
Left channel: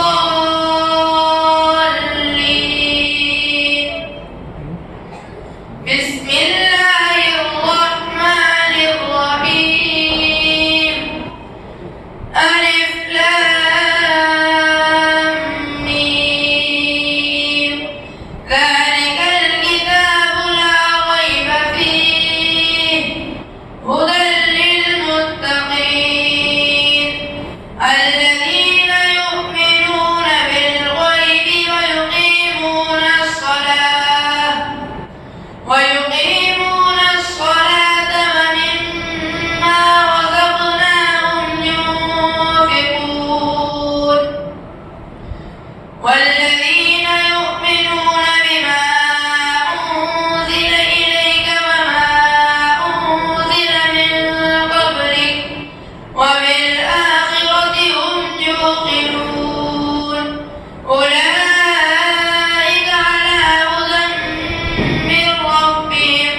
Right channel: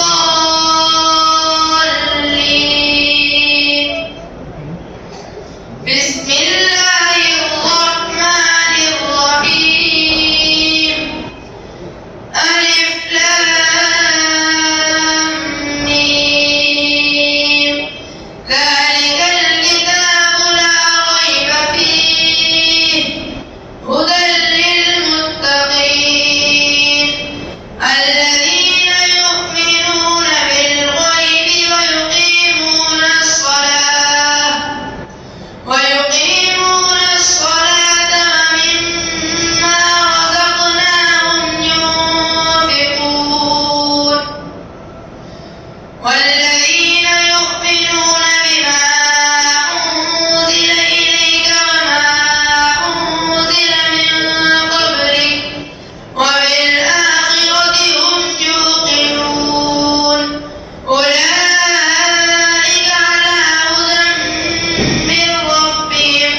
بسم الله الرحمن الرحيم ألف لام ميم ذلك الكتاب لا ريب فيه هدى للمتقين الذين يؤمنون بالغيب ويقيمون الصلاة ومما رزقناهم ينفقون والذين يؤمنون بما أنزل إليك وما أنزل من قبلك وبالآخرة هم يوقنون أولئك على هدى من ربهم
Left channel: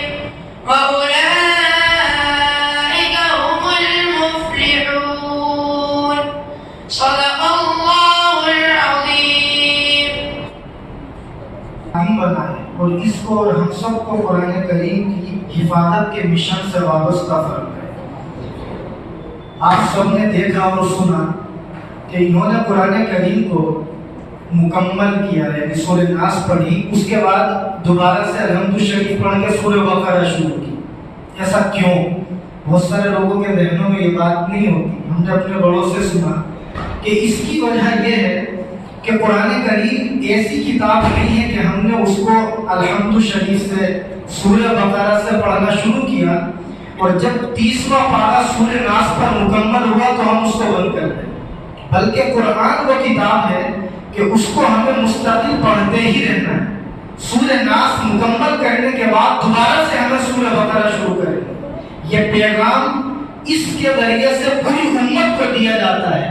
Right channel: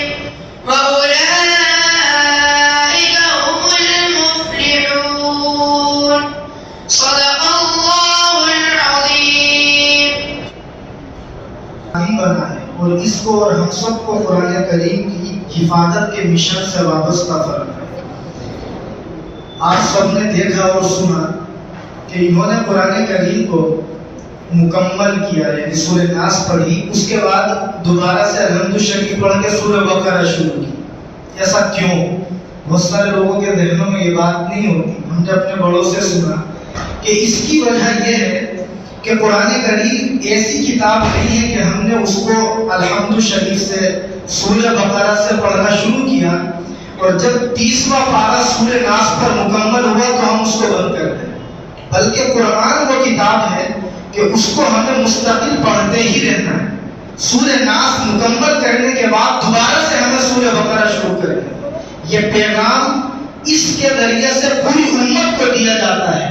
وأولئك هم المفلحون صدق الله العظيم بنا ہے اور اس کو اور ہم سب کو قرآن کریم کی حفاظت کے مشن سے وابستہ فرق ہے۔ آپ سب نے دیکھا اور سنا کہ انہوں نے قرآن کریم کو مکمل کیا ہے، سورہ ناس پڑھی، اس کے بعد دوبارہ سے الحمد شریف پڑھ کے سورہ بقرہ شروع کی۔ ایسا کیوں؟ بہت سارے لوگوں کے ذہنوں میں یہ بات نہیں ہوتی، ہم نے اپنے بڑوں سے سنا کہ اس کی وجہ یہ ہے کہ قرآن کریم ایسی کتاب نہیں ہے کہ ہم نے اس کو الحمد شریف سے سورہ بقرہ سے پڑھنا شروع کیا اور جب 30واں پارہ سورہ ناس پر مکمل ہوا تو ہم اس کو بند کر دیں، بلکہ قرآن وہ کتاب ہے کہ اس کو ہمیں مستقل پڑھتے ہی رہنا ہے۔ سورہ ناس مکمل کرنے کے بعد دوبارہ سے ہمیں سورہ بقرہ شروع کریں۔ یہ پیغام اس کے ذریعے سے پوری امت کو دیا جاتا ہے،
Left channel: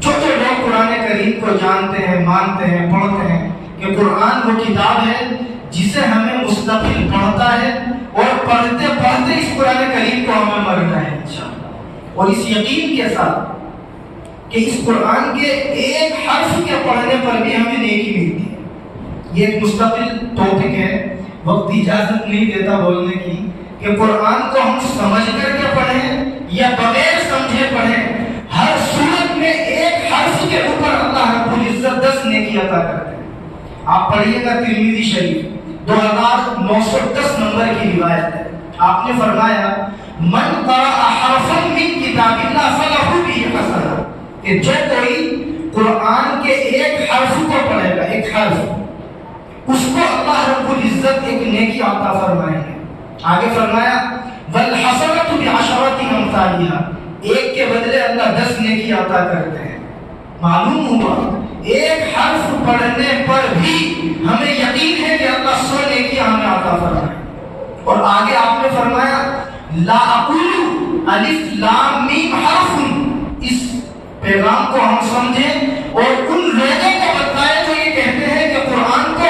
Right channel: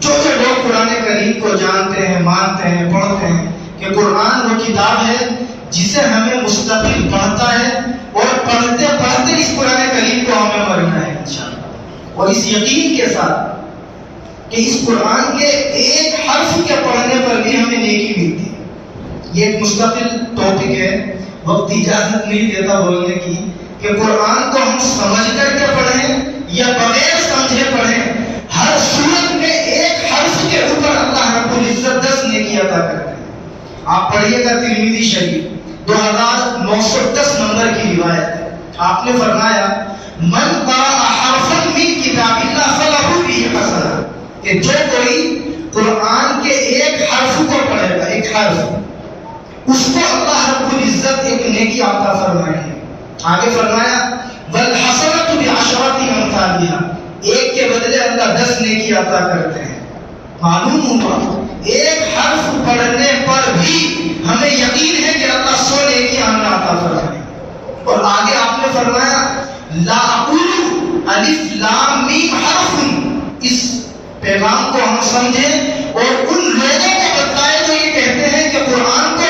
جو لوگ قرآن کریم کو جانتے ہیں، مانتے ہیں، پڑھتے ہیں کہ قرآن وہ کتاب ہے جسے ہمیں مستقل پڑھتا ہے اور پڑھتے پڑھتے اس قرآن کریم کو ہمیں مرنا ہے انشاءاللہ، اور اس یقین کے ساتھ کہ اس قرآن کے ایک حرف کے پڑھنے پر بھی ہمیں نیکی ملتی ہے۔ یہ ایک مستقل ٹاپک ہے، وقت اجازت نہیں دیتا بولنے کی کہ قرآن کو ہم سمجھ کر کے پڑھیں یا بغیر سمجھے پڑھیں، ہر صورت میں ایک حرف کے اوپر اللہ رب العزت 10 نیکی عطا کرتے ہیں۔ آپ پڑھیے گا ترمذی شریف 2910 نمبر کی روایت ہے، آپ نے فرمایا من قرأ حرفا من کتاب اللہ فلہ بہ حسنہ، کہ جو کوئی قرآن کے ایک حرف کو پڑھے گا، ایک حرف، اس کو اللہ رب العزت ایک نیکی عطا فرمائیں گے۔ آگے فرمایا والحسنۃ بعشرۃ امثالها، ایک کے بدلے اللہ 10 نیکی عطا کرتے ہیں۔ معلوم ہوا ایک حرف پڑھنے پر بھی ہمیں یقین ہے کہ اللہ 100 نیکی ہمیں عطا فرمائے۔ اور آگے آپ نے فرمایا لا اقول الف لام میم حرف، اس پیغام کو ہم سمجھیں اور ان لوگوں کو بتائیں جو یہ کہتے ہیں کہ قرآن کو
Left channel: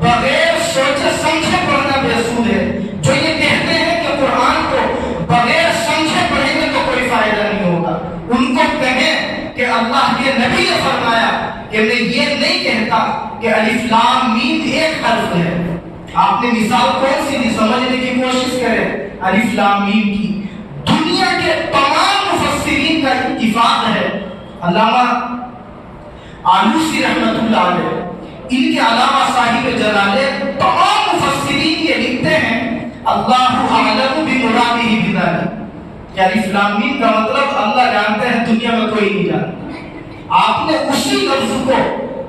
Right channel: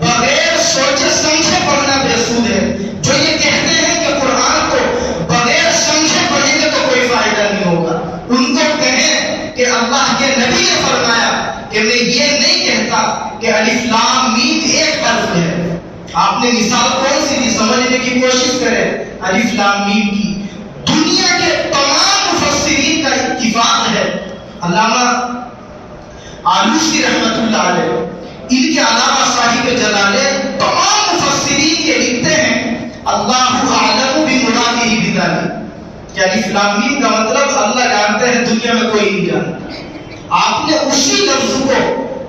بغیر سوچے سمجھے پڑھنا بے سود ہے، جو یہ کہتے ہیں کہ قرآن کو بغیر سمجھے پڑھیں گے تو کوئی فائدہ نہیں ہوگا۔ ان کو کہیں کہ اللہ کے نبی نے فرمایا کہ میں یہ نہیں کہتا کہ الف لام میم ایک حرف ہے۔ آپ نے مثال کون سی دی؟ سمجھنے کی کوشش کریں الف لام میم کی۔ دنیا کے تمام مفسرین کا اتفاق ہے، علامہ آلوسی رحمت اللہ علیہ، ان کے علاوہ صاحب جلالہ، تمام مفسرین یہ لکھتے ہیں اللہ اعلم بمرادہ بذلک، کہ الف لام میم کا مطلب اللہ جانتے ہیں، دنیا میں کوئی نہیں جانتا۔ آپ نے اسی لفظ کو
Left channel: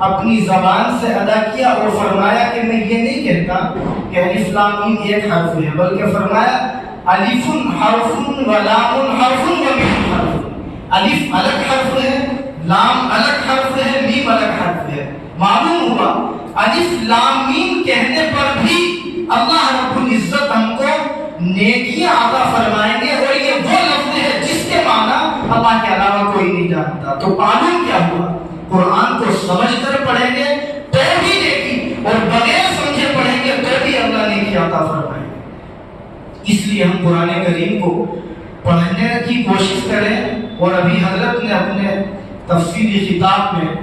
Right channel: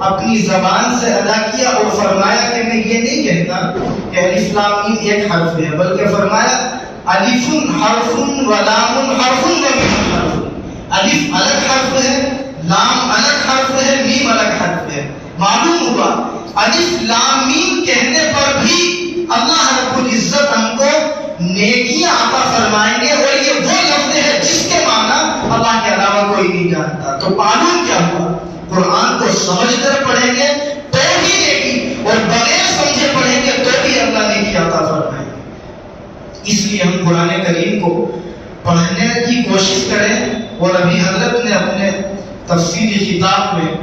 اپنی زبان سے ادا کیا اور فرمایا کہ میں یہ نہیں کہتا کہ الف لام میم ایک حرف ہے، بلکہ فرمایا الف حرف و لام حرف و میم حرف۔ الف الگ حرف ہے، لام الگ حرف ہے، میم الگ حرف ہے. معلوم ہوا الف لام میم کہنے پر بھی اللہ رب العزت ہم کو نیکیاں عطا فرمائیں گے، اور یہ وہ لفظ ہے جس کے معنی اللہ کے علاوہ کوئی نہیں جانتا. تو معلوم کیا ہوا؟ قرآن کو سمجھ کر پڑھیں گے تو بھی نیکی، اور بغیر سمجھے پڑھیں گے تو بھی اللہ نیکی عطا فرمائیں گے. اس لیے ہم قرآن کریم کو پڑھنے کی کوشش کریں. اور ابھی حضرت نے اپنے تفسیری خطاب میں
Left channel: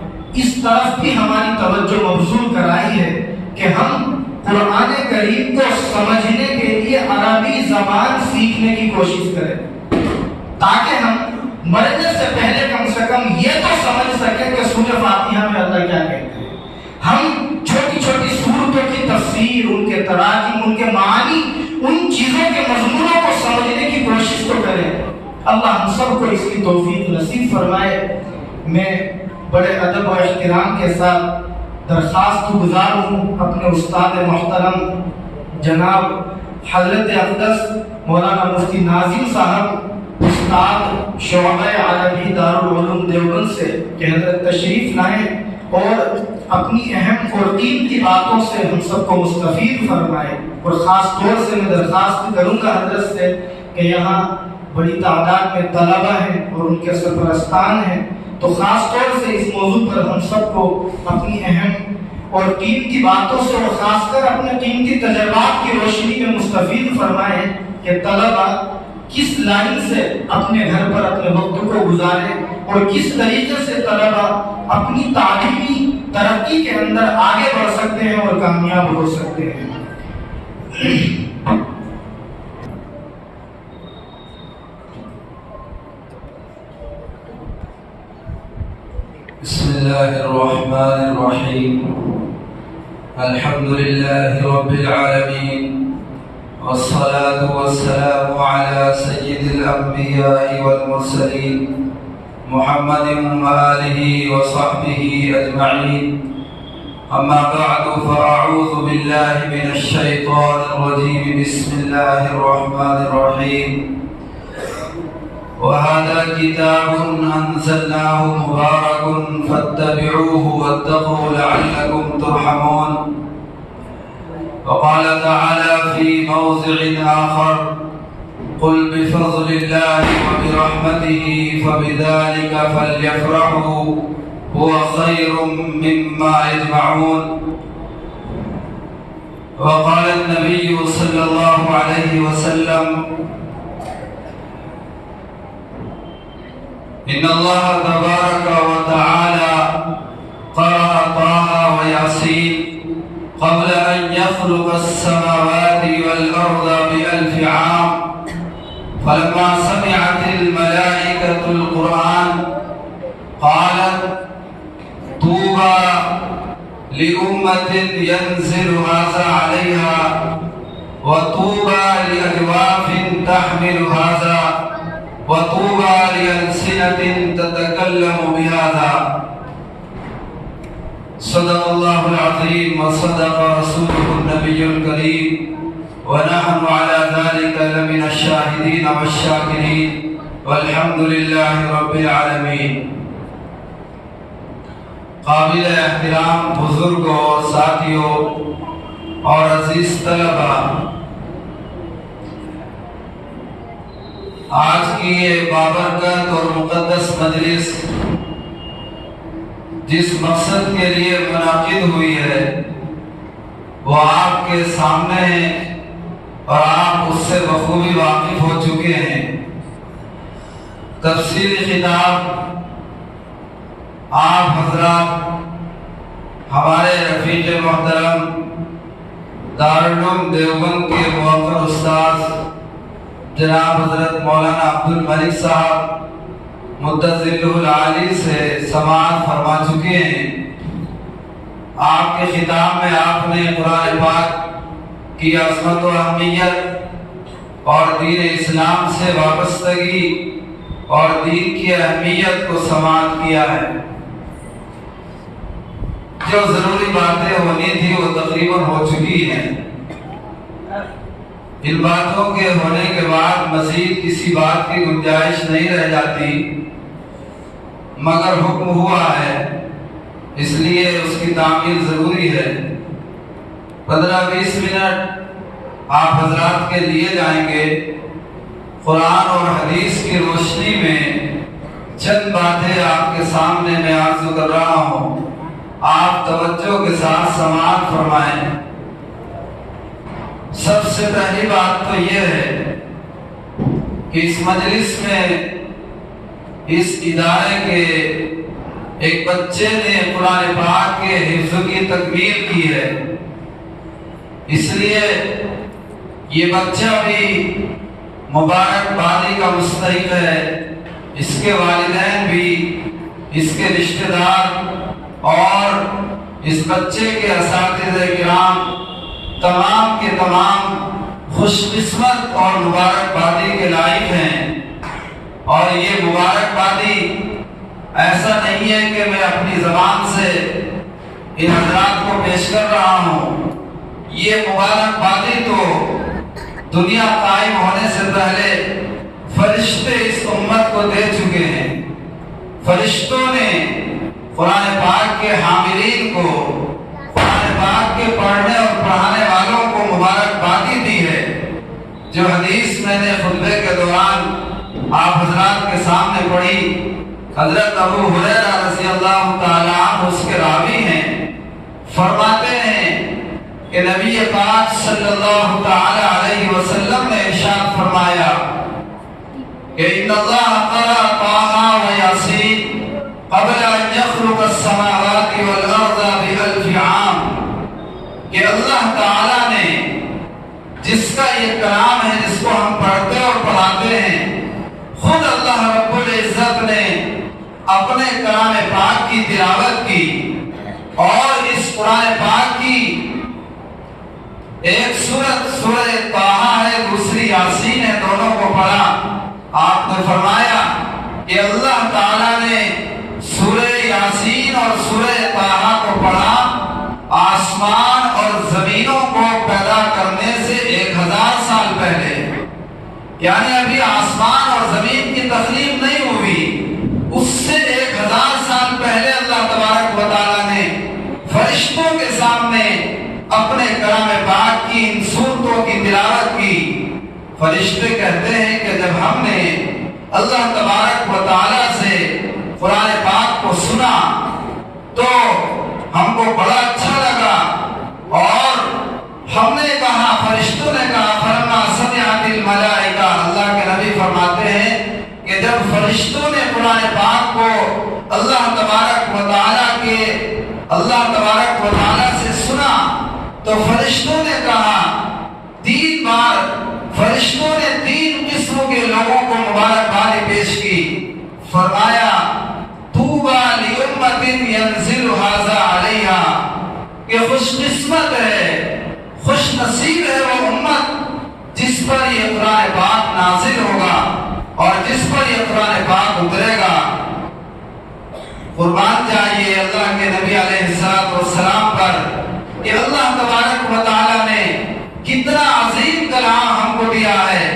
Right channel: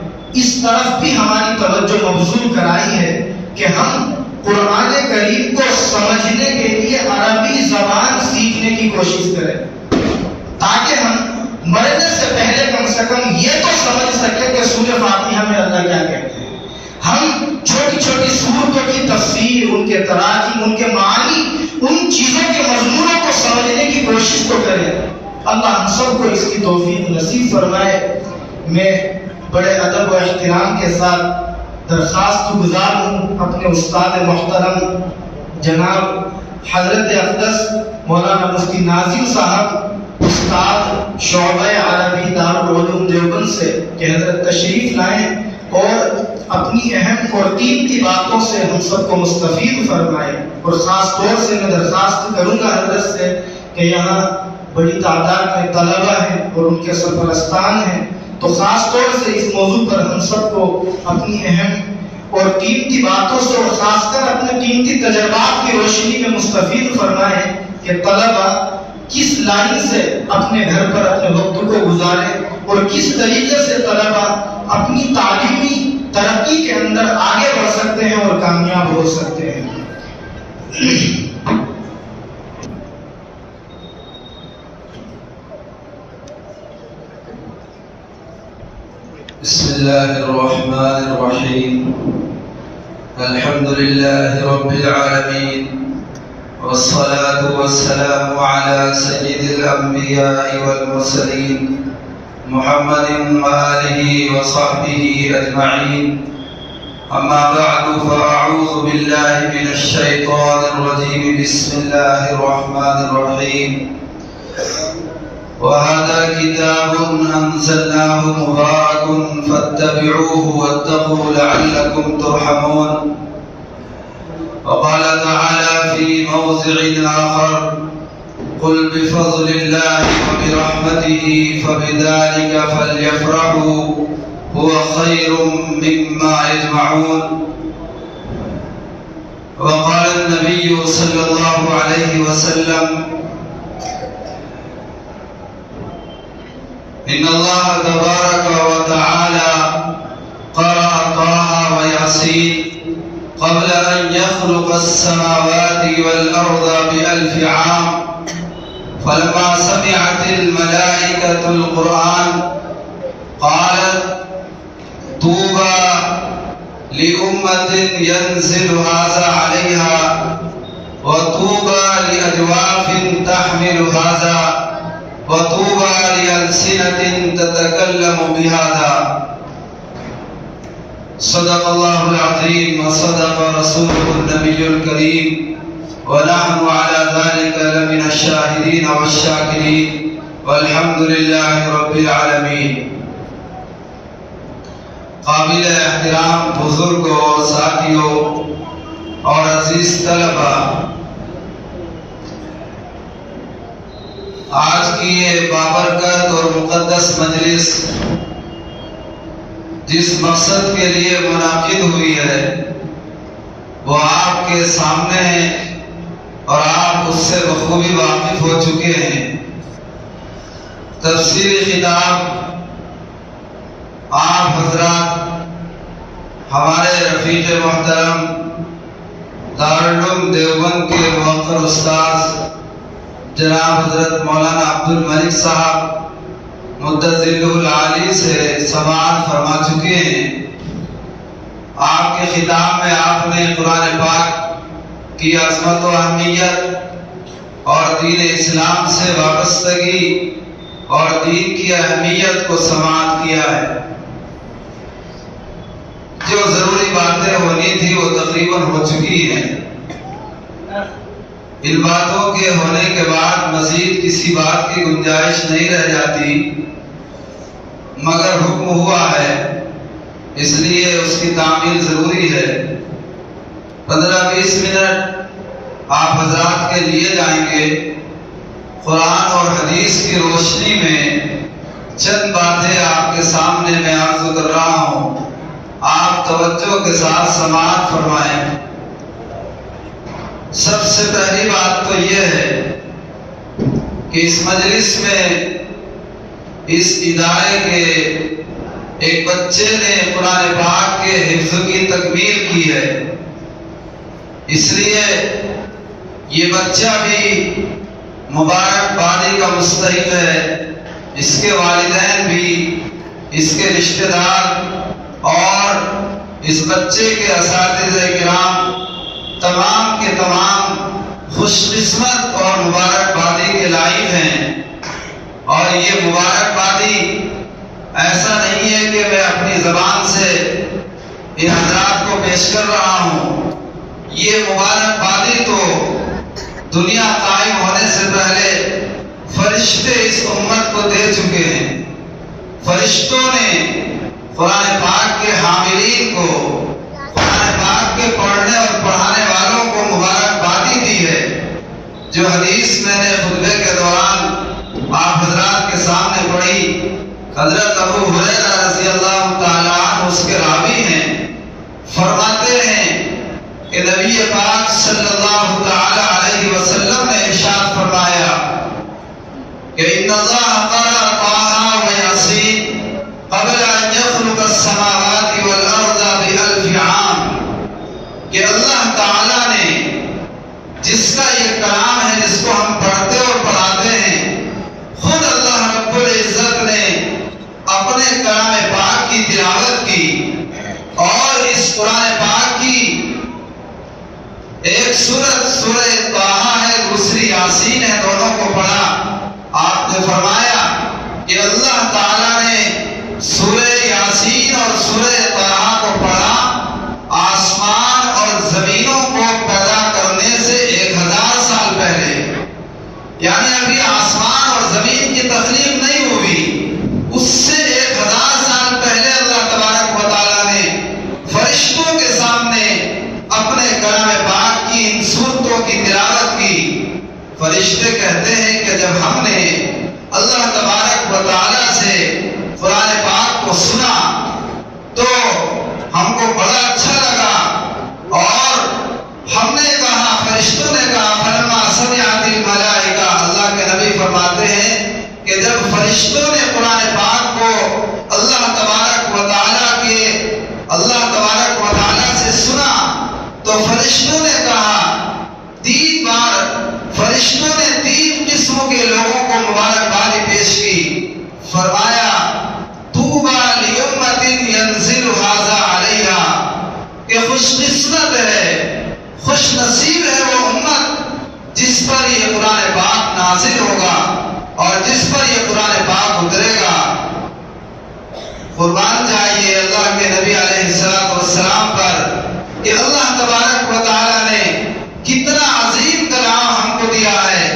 اس طرف بھی ہماری توجہ مبذول کرائی ہے کہ ہم قرآن کریم کو سمجھنے کے لیے عربی زبان سیکھنے کی کوشش کریں، تاکہ ہم مرنے سے کم یہ تو سمجھ سکیں کہ سورہ فاتحہ میں اللہ کیا کہتے ہیں. ہم چھوٹی چھوٹی سورتوں کی تفسیر، ان کے تراجم، ان کے معانی، ان چیزوں کے مضمونوں کو سمجھنے کی کوشش تو کریں. اللہ ہم سب کو اس کی توفیق نصیب فرمائے. میں بڑے ادب و احترام کے ساتھ درخواست گزار ہوں اپنے استاد محترم جناب حضرت اقدس مولانا مفتی ناظم صاحب، استاد شعبہ عربی دارالعلوم دیوبند سے، کہ حضرت تشریف لائیں اور اپنی اہم اور قیمتی باتوں سے ہم سب کو مستفید فرمائیں. اور خاص طور سے میں درخواست کروں گا حضرت سے کہ یہاں بڑی تعداد میں طلبہ ہیں اور ان کے سرپرستان ہیں، تو خاص طور سے اس موضوع پر ہم سب کو اپنی اہم اور قیمتی باتوں سے، اور خاص کر اپنے قیمتی تجربات کی روشنی میں مستفید فرمائیں کہ طلبہ کس لائن سے اپنے گھر پر اپنے وقت کو گزاریں، اور کس طریقے سے طلبہ اپنی تعلیمی ترقی کے اندر آگے بڑھ سکتے ہیں اور کامیاب ہو سکتے ہیں. بسم الله الرحمن الرحيم. الحمد لله رب العالمين، والصلاة والسلام على سيد الأنبياء والمرسلين محمد وآله وصحبه أجمعين. أما بعد، فأعوذ بالله من الشيطان الرجيم. بسم الله الرحمن الرحيم. وهذا كتاب أنزلناه مبارك فاتبعوه واتقوا لعلكم ترحمون. وقال تعالى في موضع آخر: قل بفضل الله وبرحمته فبذلك فليفرحوا هو خير مما يجمعون. وقال النبي صلى الله عليه وسلم: إن الله تبارك وتعالى قرأ طه وياسين قبل أن يخلق السماوات والأرض ب1000 عام. فلما سمعت الملائكة القرآن قالت: طوبى لأمة ينزل هذا عليها، وطوبى لأجواف تحمل هذا، وطوبى لألسنة تتكلم بهذا. صدق الله العظيم وصدق رسوله النبي الكريم، ونحن على ذلك لمن الشاهدين والشاكرين، والحمد لله رب العالمين. قابل احترام بزرگوں، ساتھیوں اور عزیز طلبہ، آج کی یہ بابرکت اور مقدس مجلس جس مقصد کے لیے منعقد ہوئی ہے وہ آپ کے سامنے ہے اور آپ اس سے بخوبی واقف ہو چکے ہیں. تفسیری خطاب آپ حضرات ہمارے رفیق محترم دارالعلوم دیوبند کے موقر استاذ جناب حضرت مولانا عبد الملک صاحب مدظلہ العالی سے سماعت فرما چکے ہیں. آپ کے خطاب میں آپ نے قرآن پاک کی عظمت و اہمیت اور دین اسلام سے وابستگی اور دین کی اہمیت کو سماعت کیا ہے. جو ضروری باتیں ہونی تھی وہ تقریباً ہو چکی ہیں. ان باتوں کے ہونے کے بعد مزید کسی بات کی گنجائش نہیں رہ جاتی. مگر حکم ہوا ہے، اس لیے اس کی تعمیل ضروری ہے۔ 15-20 منٹ آپ حضرات کے لیے جائیں گے۔ قرآن اور حدیث کی روشنی میں چند باتیں آپ کے سامنے میں عرض کر رہا ہوں، آپ توجہ کے ساتھ سماعت فرمائیں۔ سب سے پہلی بات تو یہ ہے کہ اس مجلس میں اس ادارے کے ایک بچے نے قرآن پاک کے حفظ کی تکمیل کی ہے، اس لیے یہ بچہ بھی مبارک بادی کا مستحق ہے، اس کے والدین بھی، اس کے رشتہ دار اور اس بچے کے اساتذہ کرام تمام کے تمام خوش قسمت اور مبارک بادی کے لائق ہیں۔ اور یہ مبارک بادی ایسا نہیں ہے کہ میں اپنی زبان سے ان حضرات کو پیش کر رہا ہوں، یہ مبارک بادی تو دنیا قائم ہونے سے پہلے فرشتے اس امت کو دے چکے ہیں۔ فرشتوں نے قرآن پاک کے حاملین کو، قرآن پاک کے پڑھنے اور پڑھانے والوں کو مبارک بادی دی ہے۔ جو حدیث میں نے خطبے کے دوران آپ حضرات کے سامنے پڑھی، حضرت ابو ہریرہ رضی اللہ تعالیٰ عنہ اس کے راوی ہیں، فرماتے ہیں کہ نبی پاک صلی اللہ تعالیٰ علیہ وسلم نے ارشاد فرمایا کہ ان اللہ قرأ طٰہٰ و یاسین قبل ان یخلق السماوات والارض ب1000 عام، کہ اللہ تعالیٰ نے جس کا یہ کلام ہے، جس کو ہم پڑھتے اور پڑھاتے ہیں، خود اللہ رب العزت نے اپنے کلام پاک کی تلاوت کی، اور اس قرآن پاک کی ایک سورہ طٰہٰ ہے، دوسری یاسین ہے، دونوں کو پڑھا۔ آپ نے فرمایا کہ اللہ تعالیٰ نے سورہ یاسین اور سورہ طٰہٰ کو پڑھا آسمان اور زمینوں کو پیدا کرنے سے 1000 سال پہلے، یعنی ابھی آسمان اور زمین کی تخلیق نہیں ہوئی، اس سے 1000 سال پہلے اللہ تبارک و تعالیٰ نے فرشتوں کے سامنے اپنے کلام پاک کی ان صورتوں کی تلاوت کی۔ فرشتے کہتے ہیں کہ جب ہم نے اللہ تبارک و تعالیٰ سے قرآن پاک کو سنا تو ہم کو بڑا اچھا لگا، اور ہم نے کہا، فرشتوں نے کہا، فلما سمعت الملائکہ، اللہ کے نبی فرماتے ہیں کہ جب فرشتوں نے قرآن پاک کو اللہ تبارک و تعالیٰ سے سنا تو فرشتوں نے کہا، 3 بار فرشتوں نے 3 قسموں کے لوگوں کو مبارکباد پیش کی۔ فرمایا طوبیٰ لأمۃ ینزل ھذا علیہا، کہ خوش قسمت ہے، خوش نصیب ہے وہ امت جس پر یہ قرآن پاک نازل ہوگا اور جس پر یہ قرآن پاک اترے گا۔ قربان جائیے اللہ کے نبی علیہ السلام پر کہ اللہ تبارک و تعالیٰ نے کتنا عظیم کلام ہم کو دیا ہے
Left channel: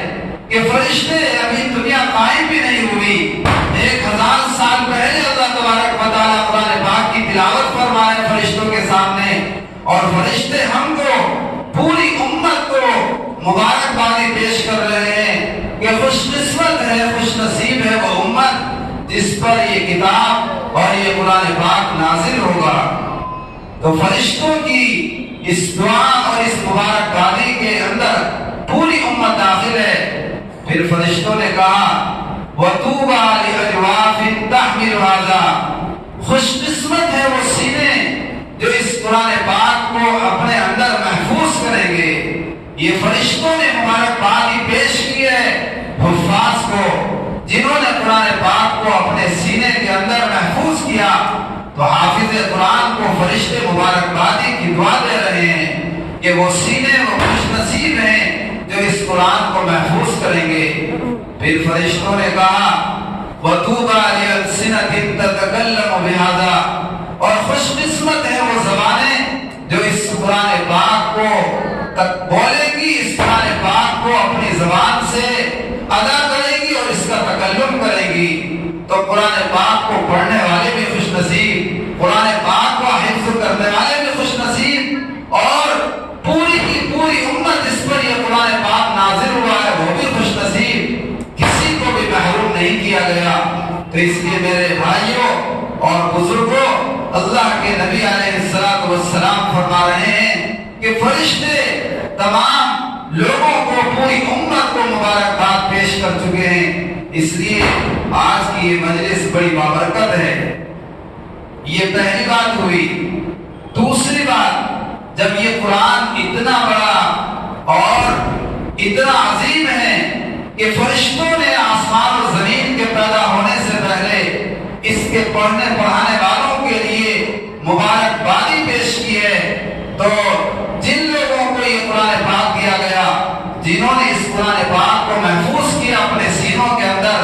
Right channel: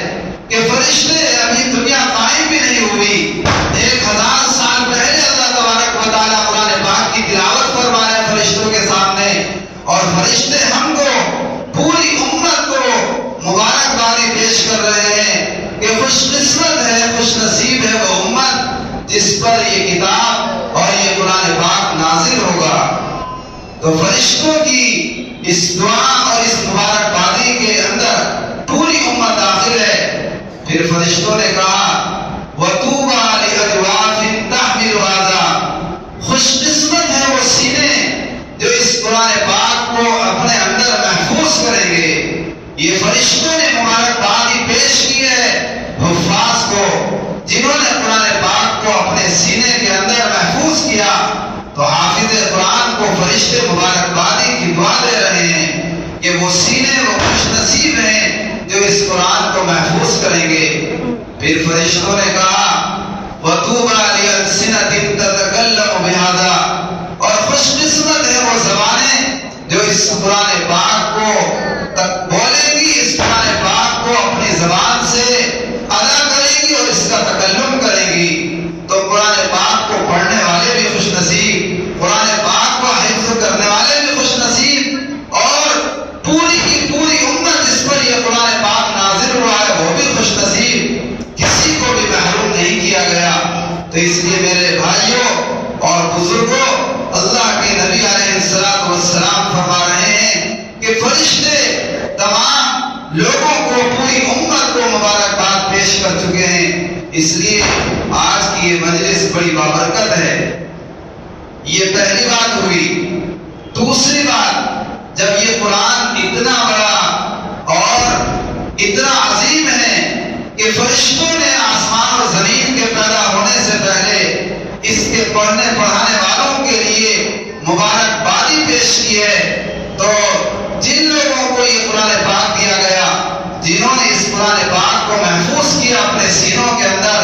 کہ فرشتے ابھی دنیا قائم بھی نہیں ہوئی، 1000 سال پہلے اللہ تبارک و تعالیٰ قرآن پاک کی تلاوت فرما رہے فرشتوں کے سامنے، اور فرشتے ہم کو، پوری امت کو مبارکبادی پیش کر رہے ہیں کہ خوش قسمت ہے، خوش نصیب ہے وہ امت جس پر یہ کتاب اور یہ قرآن پاک نازل ہوگا۔ تو فرشتوں کی اس دعا اور اس مبارکبادی کے اندر پوری امت داخل ہے۔ پھر فرشتوں نے کہا وَطُوبَى لِأَجْوَافٍ تَحْمِلُ هَذَا، خوش قسمت ہے وہ سینے جو اس قرآن پاک کو اپنے اندر محفوظ کریں گے۔ یہ فرشتوں نے مبارکبادی پیش کی ہے حفاظ کو، جنہوں نے قرآن پاک کو اپنے سینے کے اندر محفوظ کیا۔ تو حافظ قرآن کو فرشتے مبارکبادی کی دعا دے رہے ہیں کہ وہ سینے وہ خوش نصیب ہیں جو اس قرآن کو محفوظ کریں گے۔ پھر فرشتوں نے کہا وَطُوبَى لِأَلْسِنَةٍ تَتَكَلَّمُ بِهَذَا، اور خوش قسمت ہے وہ زبانیں جو اس قرآن پاک کو بولیں گی، اس قرآن پاک کو اپنی زبان سے ادا کریں گی اور اس کا تکلم کریں گی۔ تو قرآن پاک کو پڑھنے بزرگوں، اللہ کے نبی علیہ السلام فرما رہے ہیں کہ فرشتے تمام لوگوں کو، پوری امت کو مبارکباد پیش کر چکے ہیں۔ اس لیے آج کی یہ مجلس بڑی بابرکت ہے۔ یہ پہلی بات ہوئی۔ دوسری بات، جب یہ قرآن اتنا بڑا اور اتنا عظیم ہے کہ فرشتوں نے آسمان و زمین کے پیدا ہونے سے پہلے اس کے پڑھنے پڑھانے والوں کے لیے مبارکبادی پیش کی ہے، تو جن لوگوں کو یہ قرآن پاک دیا گیا، جنہوں نے اس قرآن پاک کو محفوظ کیا اپنے سینوں کے اندر،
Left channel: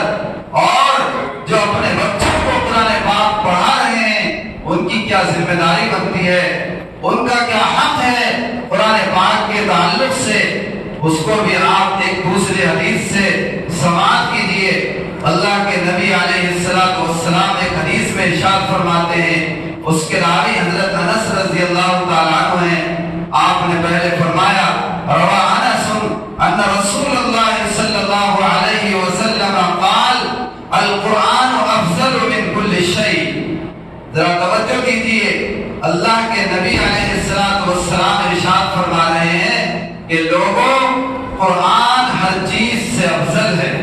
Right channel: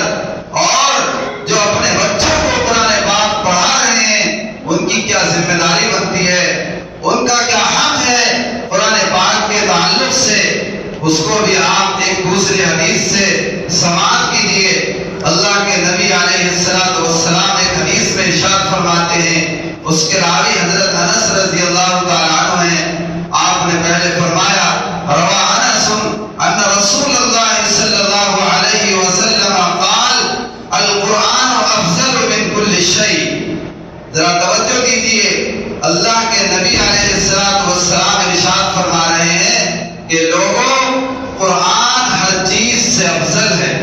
اور جو اپنے بچوں کو قرآن پاک پڑھا رہے ہیں، ان کی کیا ذمہ داری بنتی ہے، ان کا کیا حق ہے قرآن پاک کے تعلق سے، اس کو بھی آپ ایک دوسرے حدیث سے سماعت کیجئے۔ اللہ کے نبی علیہ السلام ایک حدیث میں ارشاد فرماتے ہیں، اس کے راوی حضرت انس رضی اللہ تعالیٰ عنہ ہیں، آپ نے پہلے فرمایا روا انس ان رسول اللہ صلی اللہ علیہ وسلم قال القرآن افضل من کل شیء۔ ذرا توجہ دیجئے، اللہ کے نبی علیہ السلام ارشاد فرما رہے ہیں کہ لوگوں، قرآن ہر چیز سے افضل ہے،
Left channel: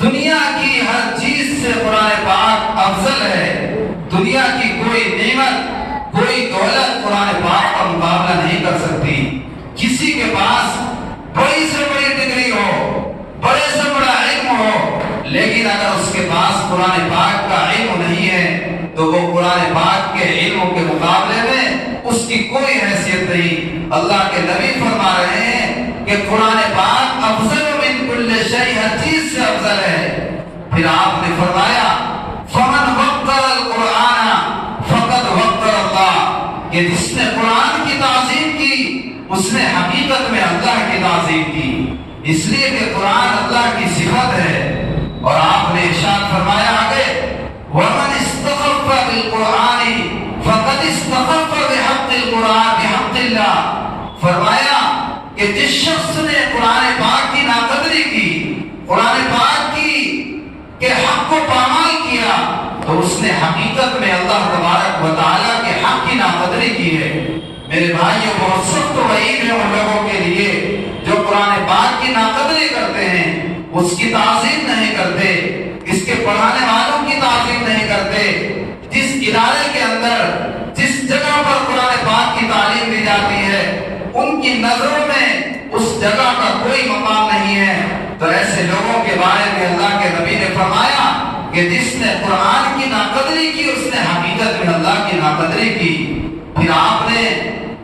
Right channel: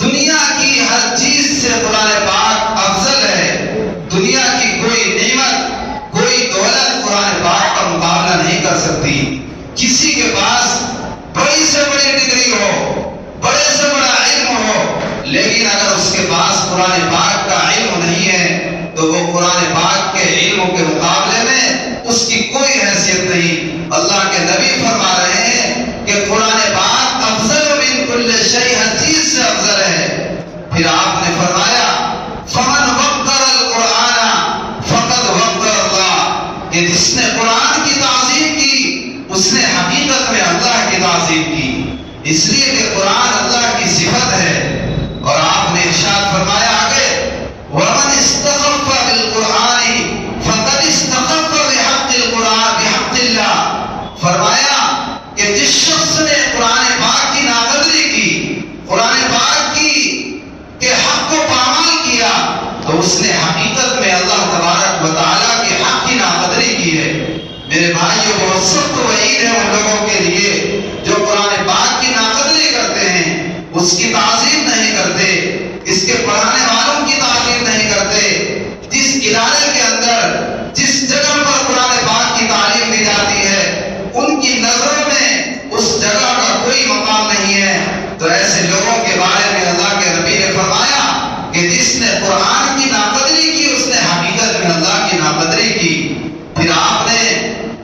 دنیا کی ہر چیز سے قرآن پاک افضل ہے۔ دنیا کی کوئی نعمت، کوئی دولت قرآن پاک کا مقابلہ نہیں کر سکتی۔ کسی کے پاس بڑی سے بڑی ڈگری ہو، بڑے سے بڑا علم ہو، لیکن اگر اس کے پاس قرآن پاک کا علم نہیں ہے تو وہ قرآن پاک کے علم کے مقابلے میں اس کی کوئی حیثیت نہیں۔ اللہ کے نبی فرما رہے ہیں کہ قرآن پاک افضل من کل شیء، ہر چیز سے افضل ہے۔ پھر آپ نے فرمایا فمن وقر القرآن فقد وقر اللہ، کہ جس نے قرآن کی تعظیم کی اس نے حقیقت میں اللہ کی تعظیم کی، اس لیے کہ قرآن اللہ کی صفت ہے۔ اور آپ نے ارشاد فرمایا آگے ومن استخف بالقرآن فقد استخف بحق القرآن بحق اللہ، فرمایا کہ جس شخص نے قرآن پاک کی ناقدری کی، قرآن پاک کی کے حق کو پامال کیا، تو اس نے حقیقت میں اللہ تبارک و تعالیٰ کے حق کی ناقدری کی ہے۔ میرے بھائیو، بہت سخت وعید ہے ان لوگوں کے لیے جو قرآن پاک کی ناقدری کرتے ہیں، اس کی تعظیم نہیں کرتے، اس کے پڑھانے والوں کی تعظیم نہیں کرتے۔ جس ادارے کے اندر، جس جگہ پر قرآن پاک کی تعلیم دی جاتی ہے، ان کی نظروں میں اس جگہ کا کوئی مقام نہیں ہے، تو ایسے لوگوں کے بارے میں اللہ کے نبی نے فرمایا کہ جس نے قرآن کی ناقدری کی اس نے حقیقت میں اللہ کی ناقدری کی۔ پھر آپ نے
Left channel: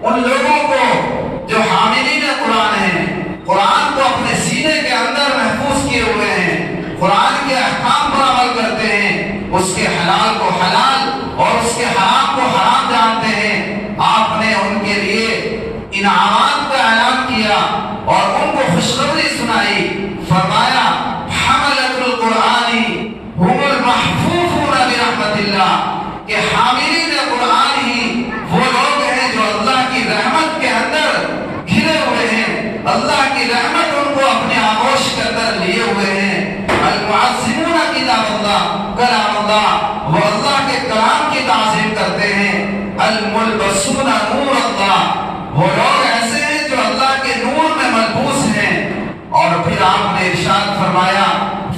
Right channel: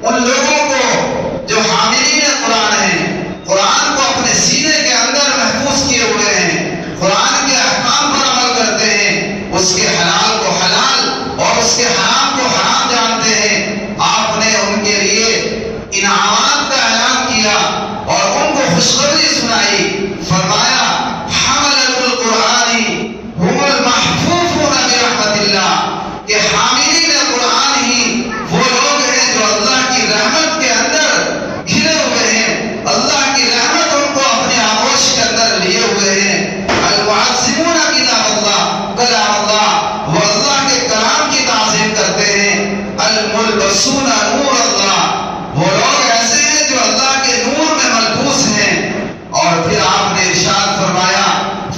ان لوگوں کو جو حاملین قرآن ہیں، قرآن کو اپنے سینے کے اندر محفوظ کیے ہوئے ہیں، قرآن کے احکام پر عمل کرتے ہیں، اس کے حلال کو حلال اور اس کے حرام کو حرام جانتے ہیں، آپ نے ان کے لیے انعامات کا اعلان کیا اور ان کو خوشخبری سنائی۔ فرمایا حملۃ القرآن هم المحفوظون برحمت اللہ، کہ حاملین قرآن ہی وہ لوگ ہیں جو اللہ کی رحمت کے اندر گھرے ہوئے ہیں، اللہ کی رحمت ان کو اپنے آغوش کے اندر لیے ہوئے ہیں۔ المعظمون کتاب اللہ کلام اللہ، وہ اللہ کے کلام کی تعظیم کرتے ہیں۔ الملبسون نور اللہ، وہ لوگ ایسے ہیں جو اللہ کے نور میں ملبوس ہیں۔ اور پھر آپ نے ارشاد فرمایا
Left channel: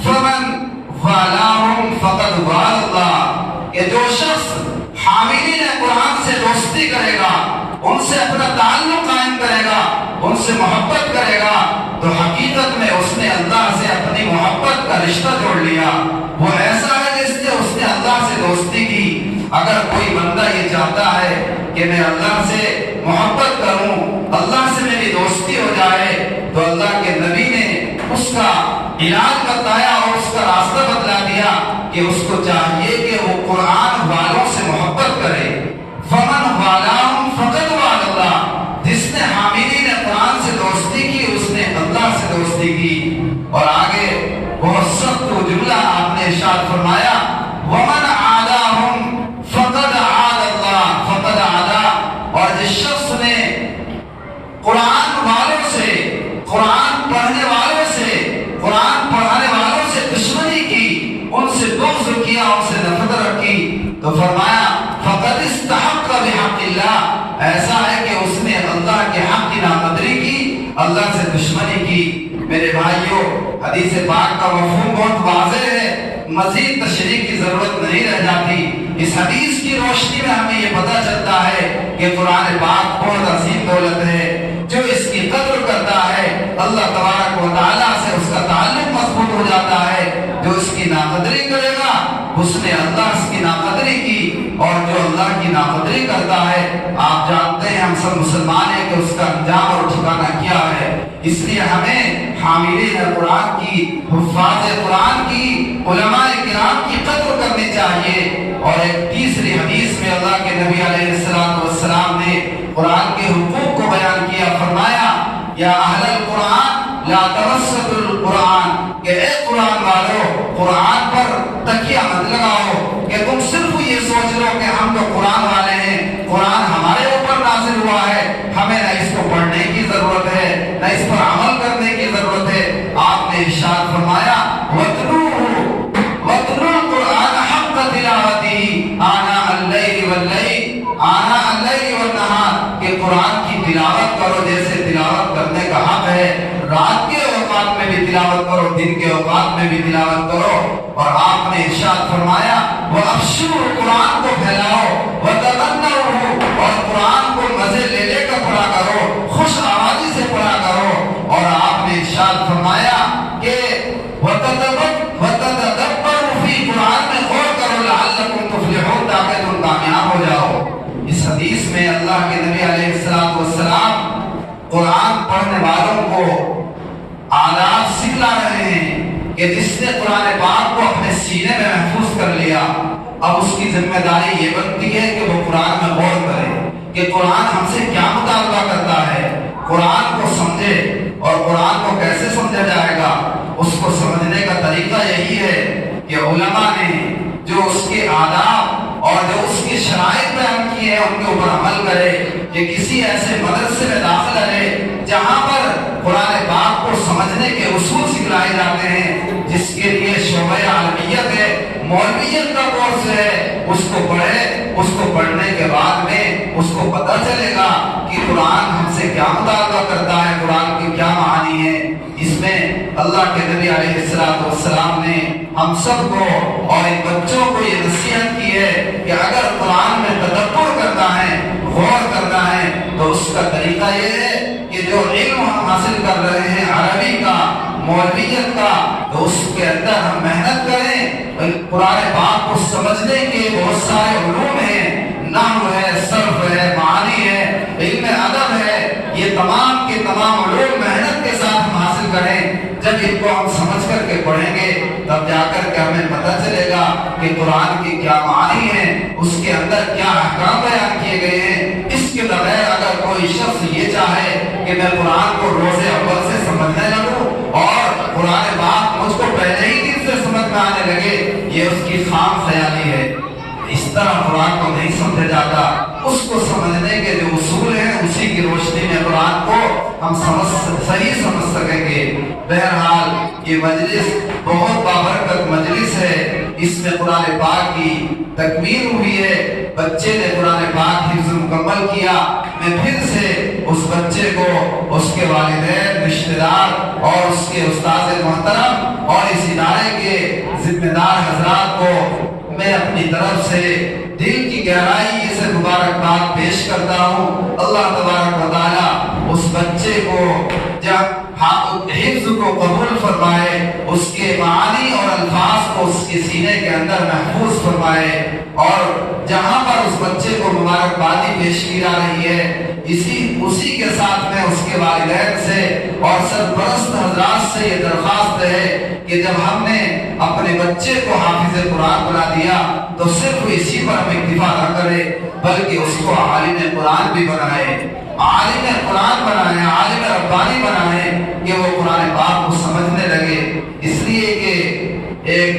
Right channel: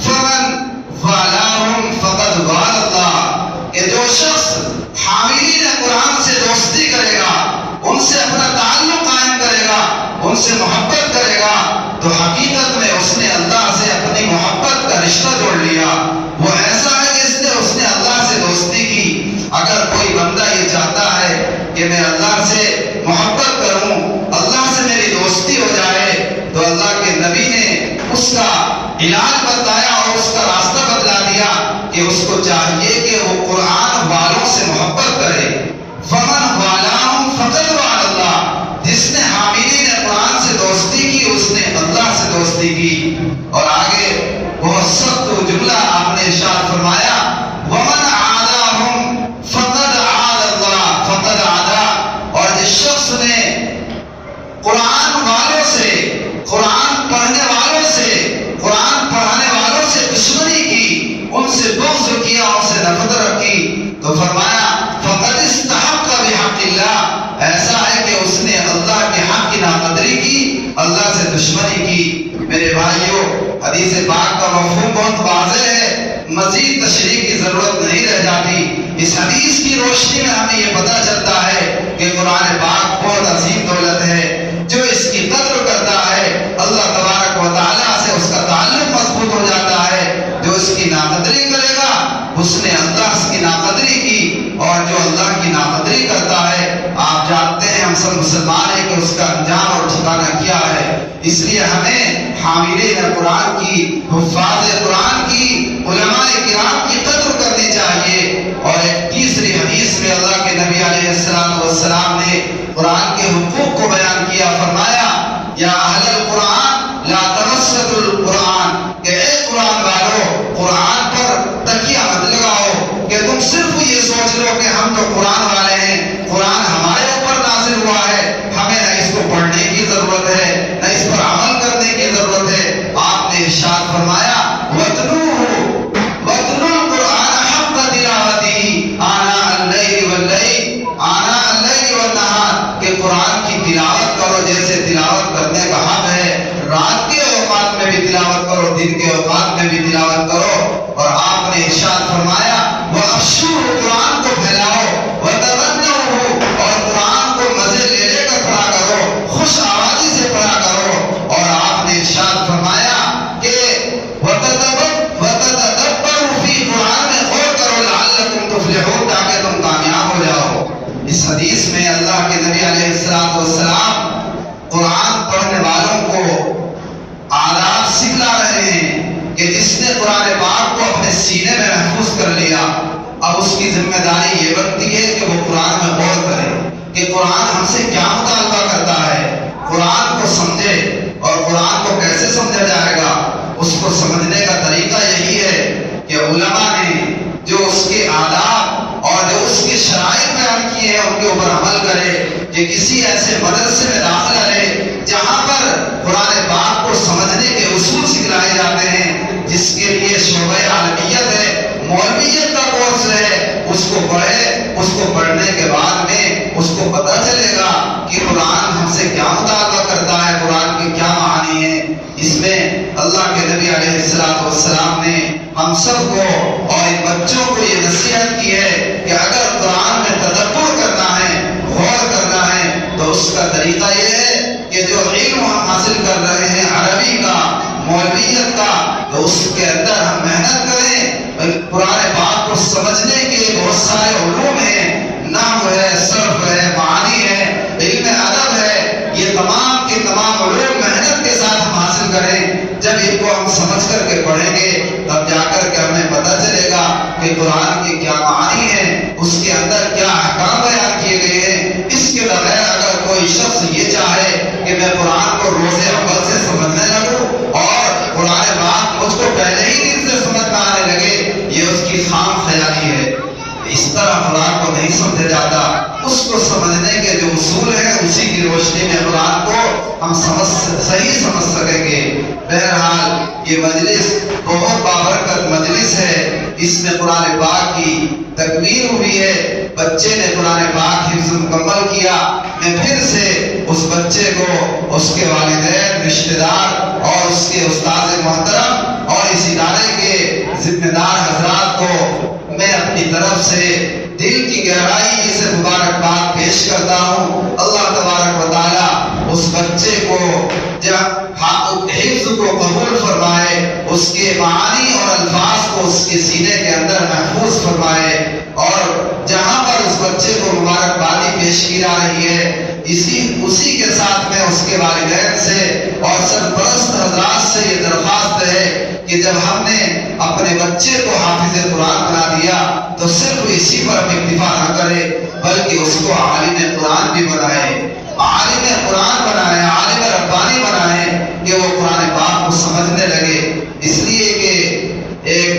فمن والاہم فقد وال اللہ، کہ جو شخص حاملین قرآن سے دوستی کرے گا، ان سے اپنا تعلق قائم کرے گا، ان سے محبت کرے گا، تو حقیقت میں اس نے اللہ سے اپنی محبت کا رشتہ جوڑ لیا۔ وہ ایسا ہے جس نے اس نے اللہ سے دوستی کی۔ اگر کوئی بندہ یہ چاہتا ہے کہ میں اللہ سے محبت کروں، اللہ سے میری دوستی ہو جائے، تو اللہ کے نبی نے اس کا علاج بتایا اور اس کا راستہ بتلا دیا کہ اس کو چاہیے کہ وہ قرآن والوں سے محبت کرے۔ فمن والاہم فقد وال اللہ، جس نے حاملین قرآن سے دوستی کی اس نے اللہ سے دوستی کی۔ اور آگے بہت سخت جملہ آپ نے ارشاد فرمایا ومن عاداہم فقد عاد اللہ فقد عادا، اور جس شخص نے ایسا ہے کہ اس نے اللہ کے حق کی ناقدری کی، اللہ سے دشمنی کی۔ میرے بھائیوں، حدیث پاک کا مفہوم بہت واضح ہے، مزید تشریح کی ضرورت نہیں رہ جاتی۔ اس حدیث کی روشنی میں ہمیں یہ پتہ چلتا ہے کہ قرآن پاک بہت عظیم دولت ہے، جو اس کی قدر کرتا ہے اللہ تبارک و تعالیٰ سے اس کا تعلق مضبوط ہو جاتا ہے۔ جو اس کی ناقدری کرے گا اس نے اللہ کی ناقدری کی، اور جو اللہ کی ناقدری کرتا ہے، آپ جانتے ہیں ہم سب مسلمان ہیں کہ اس کا انجام اور ٹھکانہ کیا ہے۔ اس لیے ہمیں حاملین قرآن کی، حفاظ قرآن کی، علماء کرام کی قدر کرنی چاہیے۔ اور ایک تیسری حدیث میں اللہ کے نبی علیہ السلام نے قرآن کے حقوق کو بیان کیا، فرمایا یا اہل القرآن لا تمسوا القرآن، کہ اے قرآن والو قرآن پر تکیہ مت لگاؤ کہ تم صرف یہ سوچ لو کہ ہم تو قرآن والے ہیں، قرآن ہمارے اوپر نازل ہوا ہے، ہمیں نہ اس کو پڑھنے کی ضرورت ہے نہ اس پر عمل کرنے کی ضرورت ہے۔ آپ نے ارشاد فرمایا وَاتْلُوا الْقُرْآنَ حَقَّ تِلَاوَتِهِ آنَاءَ اللَّيْلِ وَالنَّهَارِ، کہ قرآن کی تلاوت کرو جیسے تلاوت کرنے کا حق ہے، رات کے اوقات میں بھی تلاوت کرو، دن کے اوقات میں بھی تلاوت کرو۔ اور آپ نے ارشاد فرمایا وَأَفْشُوا، قرآن کو پھیلاؤ، وَتَغَنَّوْا، اور قرآن کو مزے لے لے کر پڑھا کرو، خوش آوازی سے پڑھا کرو۔ اور آپ نے ارشاد فرمایا کہ وَتَتَدَبَّرُوا فِي، قرآن میں غور کرو لَعَلَّكُمْ تُفْلِحُونَ، تاکہ تم کامیاب ہو جاؤ۔ اس حدیث میں اللہ کے نبی علیہ السلام قرآن پڑھنے والوں کو آداب سکھلا رہے ہیں کہ جس نے قرآن پاک کو اپنے سینے میں محفوظ کر لیا، اب اس کی ذمہ داری یہ بنتی ہے کہ وہ قرآن میں غور کرے کہ قرآن ہم سے کیا مطالبہ کرتا ہے، قرآن کو سمجھے۔ اور قرآن کو کیسے سمجھا جائے گا؟ اس کو سمجھنے کا طریقہ یہی ہے کہ علماء نے جو اس کے آداب اور جو اس کی شرائط بیان کی ہے ان کے اوپر عمل کرے، کہ کسی ایسے مدرسے میں داخلہ لے جہاں پر قرآن پاک کو سمجھنے کے اصول سکھلائے جاتے ہیں، جس کے لیے شعبہ عالمیت ہے، مولویت کا کورس ہے، اس کو پڑھے۔ اس کو پڑھنے کے بعد میں اس کو پتہ چلے گا کہ قرآن ہم سے کیا مطالبہ کرتا ہے، قرآن کے کیا معانی ہیں۔ اس میں اللہ کے نبی علیہ السلام نے ہم سب کو اور ان بچوں کو یہ نصیحت کی ہے کہ اگر قرآن میں تدبر کرنا ہے، غور کرنا ہے، تو اس کا طریقہ یہ ہے کہ جو علم ہم حاصل کر رہے ہیں عربی کا، مولویت کا، تو اس کے اندر ہم محنت کریں۔ قرآن پاک کو سمجھنے کے بہت سارے علوم ہیں، نحو ہے، صرف ہے، معانی ہے، علم ادب ہے، یہ تمام کے تمام علوم محنت کے ساتھ ہم حاصل کریں۔ جب ان کو ہم سمجھ کر کے پڑھیں گے تب جا کر کے ہمیں پتہ چلے گا کہ قرآن کے کیا معانی ہیں، اس کے اندر کیا احکام بیان کیے گئے ہیں۔ اس کے بغیر اگر کوئی شخص یہ چاہے کہ میں قرآن کو روز اول سے سمجھنے لگوں اور قرآن پاک مجھ کو پہلے ہی دن سے سمجھ میں آنے لگے، یہ اس کی خام خیالی ہے۔ اس طرح قرآن کو نہیں سمجھا جاتا۔ اس کو سمجھنے کے جو اصول ہیں اسی کی روشنی میں قرآن کو ہم صحیح سمجھ سکیں گے۔ بہرحال یہ مجلس بہت بابرکت مجلس ہے، اس میں قرآن پاک کی تکمیل ہوئی ہے، بچے نے قرآن پاک حفظ مکمل کیا۔ میں پھر سے اس بچے کو، اس کے والدین، رشتہ دار اور اس کے استاد محترم اور اس ادارے کے ذمہ دار حضرات کو میں اپنی طرف سے دل کی گہرائی سے مبارکباد پیش کرتا ہوں۔ اللہ تبارک و تعالیٰ اس بچے کو جب حفظ کو قبول فرمائے، اس کے معانی اور الفاظ کو اس کے سینے کے اندر محفوظ فرمائے، اور جہاں پر اس بچے کو مبارکبادی پیش کی جا رہی ہے اسی کے ساتھ میں اس کے والدین سے اور سرپرست حضرات سے یہ درخواست ہے کہ جب ہم نے اپنے بچے کو حافظ قرآن بنا دیا تو صرف اسی پر اکتفا نہ کرے بلکہ اس کو عالم قرآن بھی بنائے، عالم قرآن بنائے، عالم ربانی بنائے کہ وہ قرآن پاک کو سمجھنے لگے۔ اس لیے کہ ایک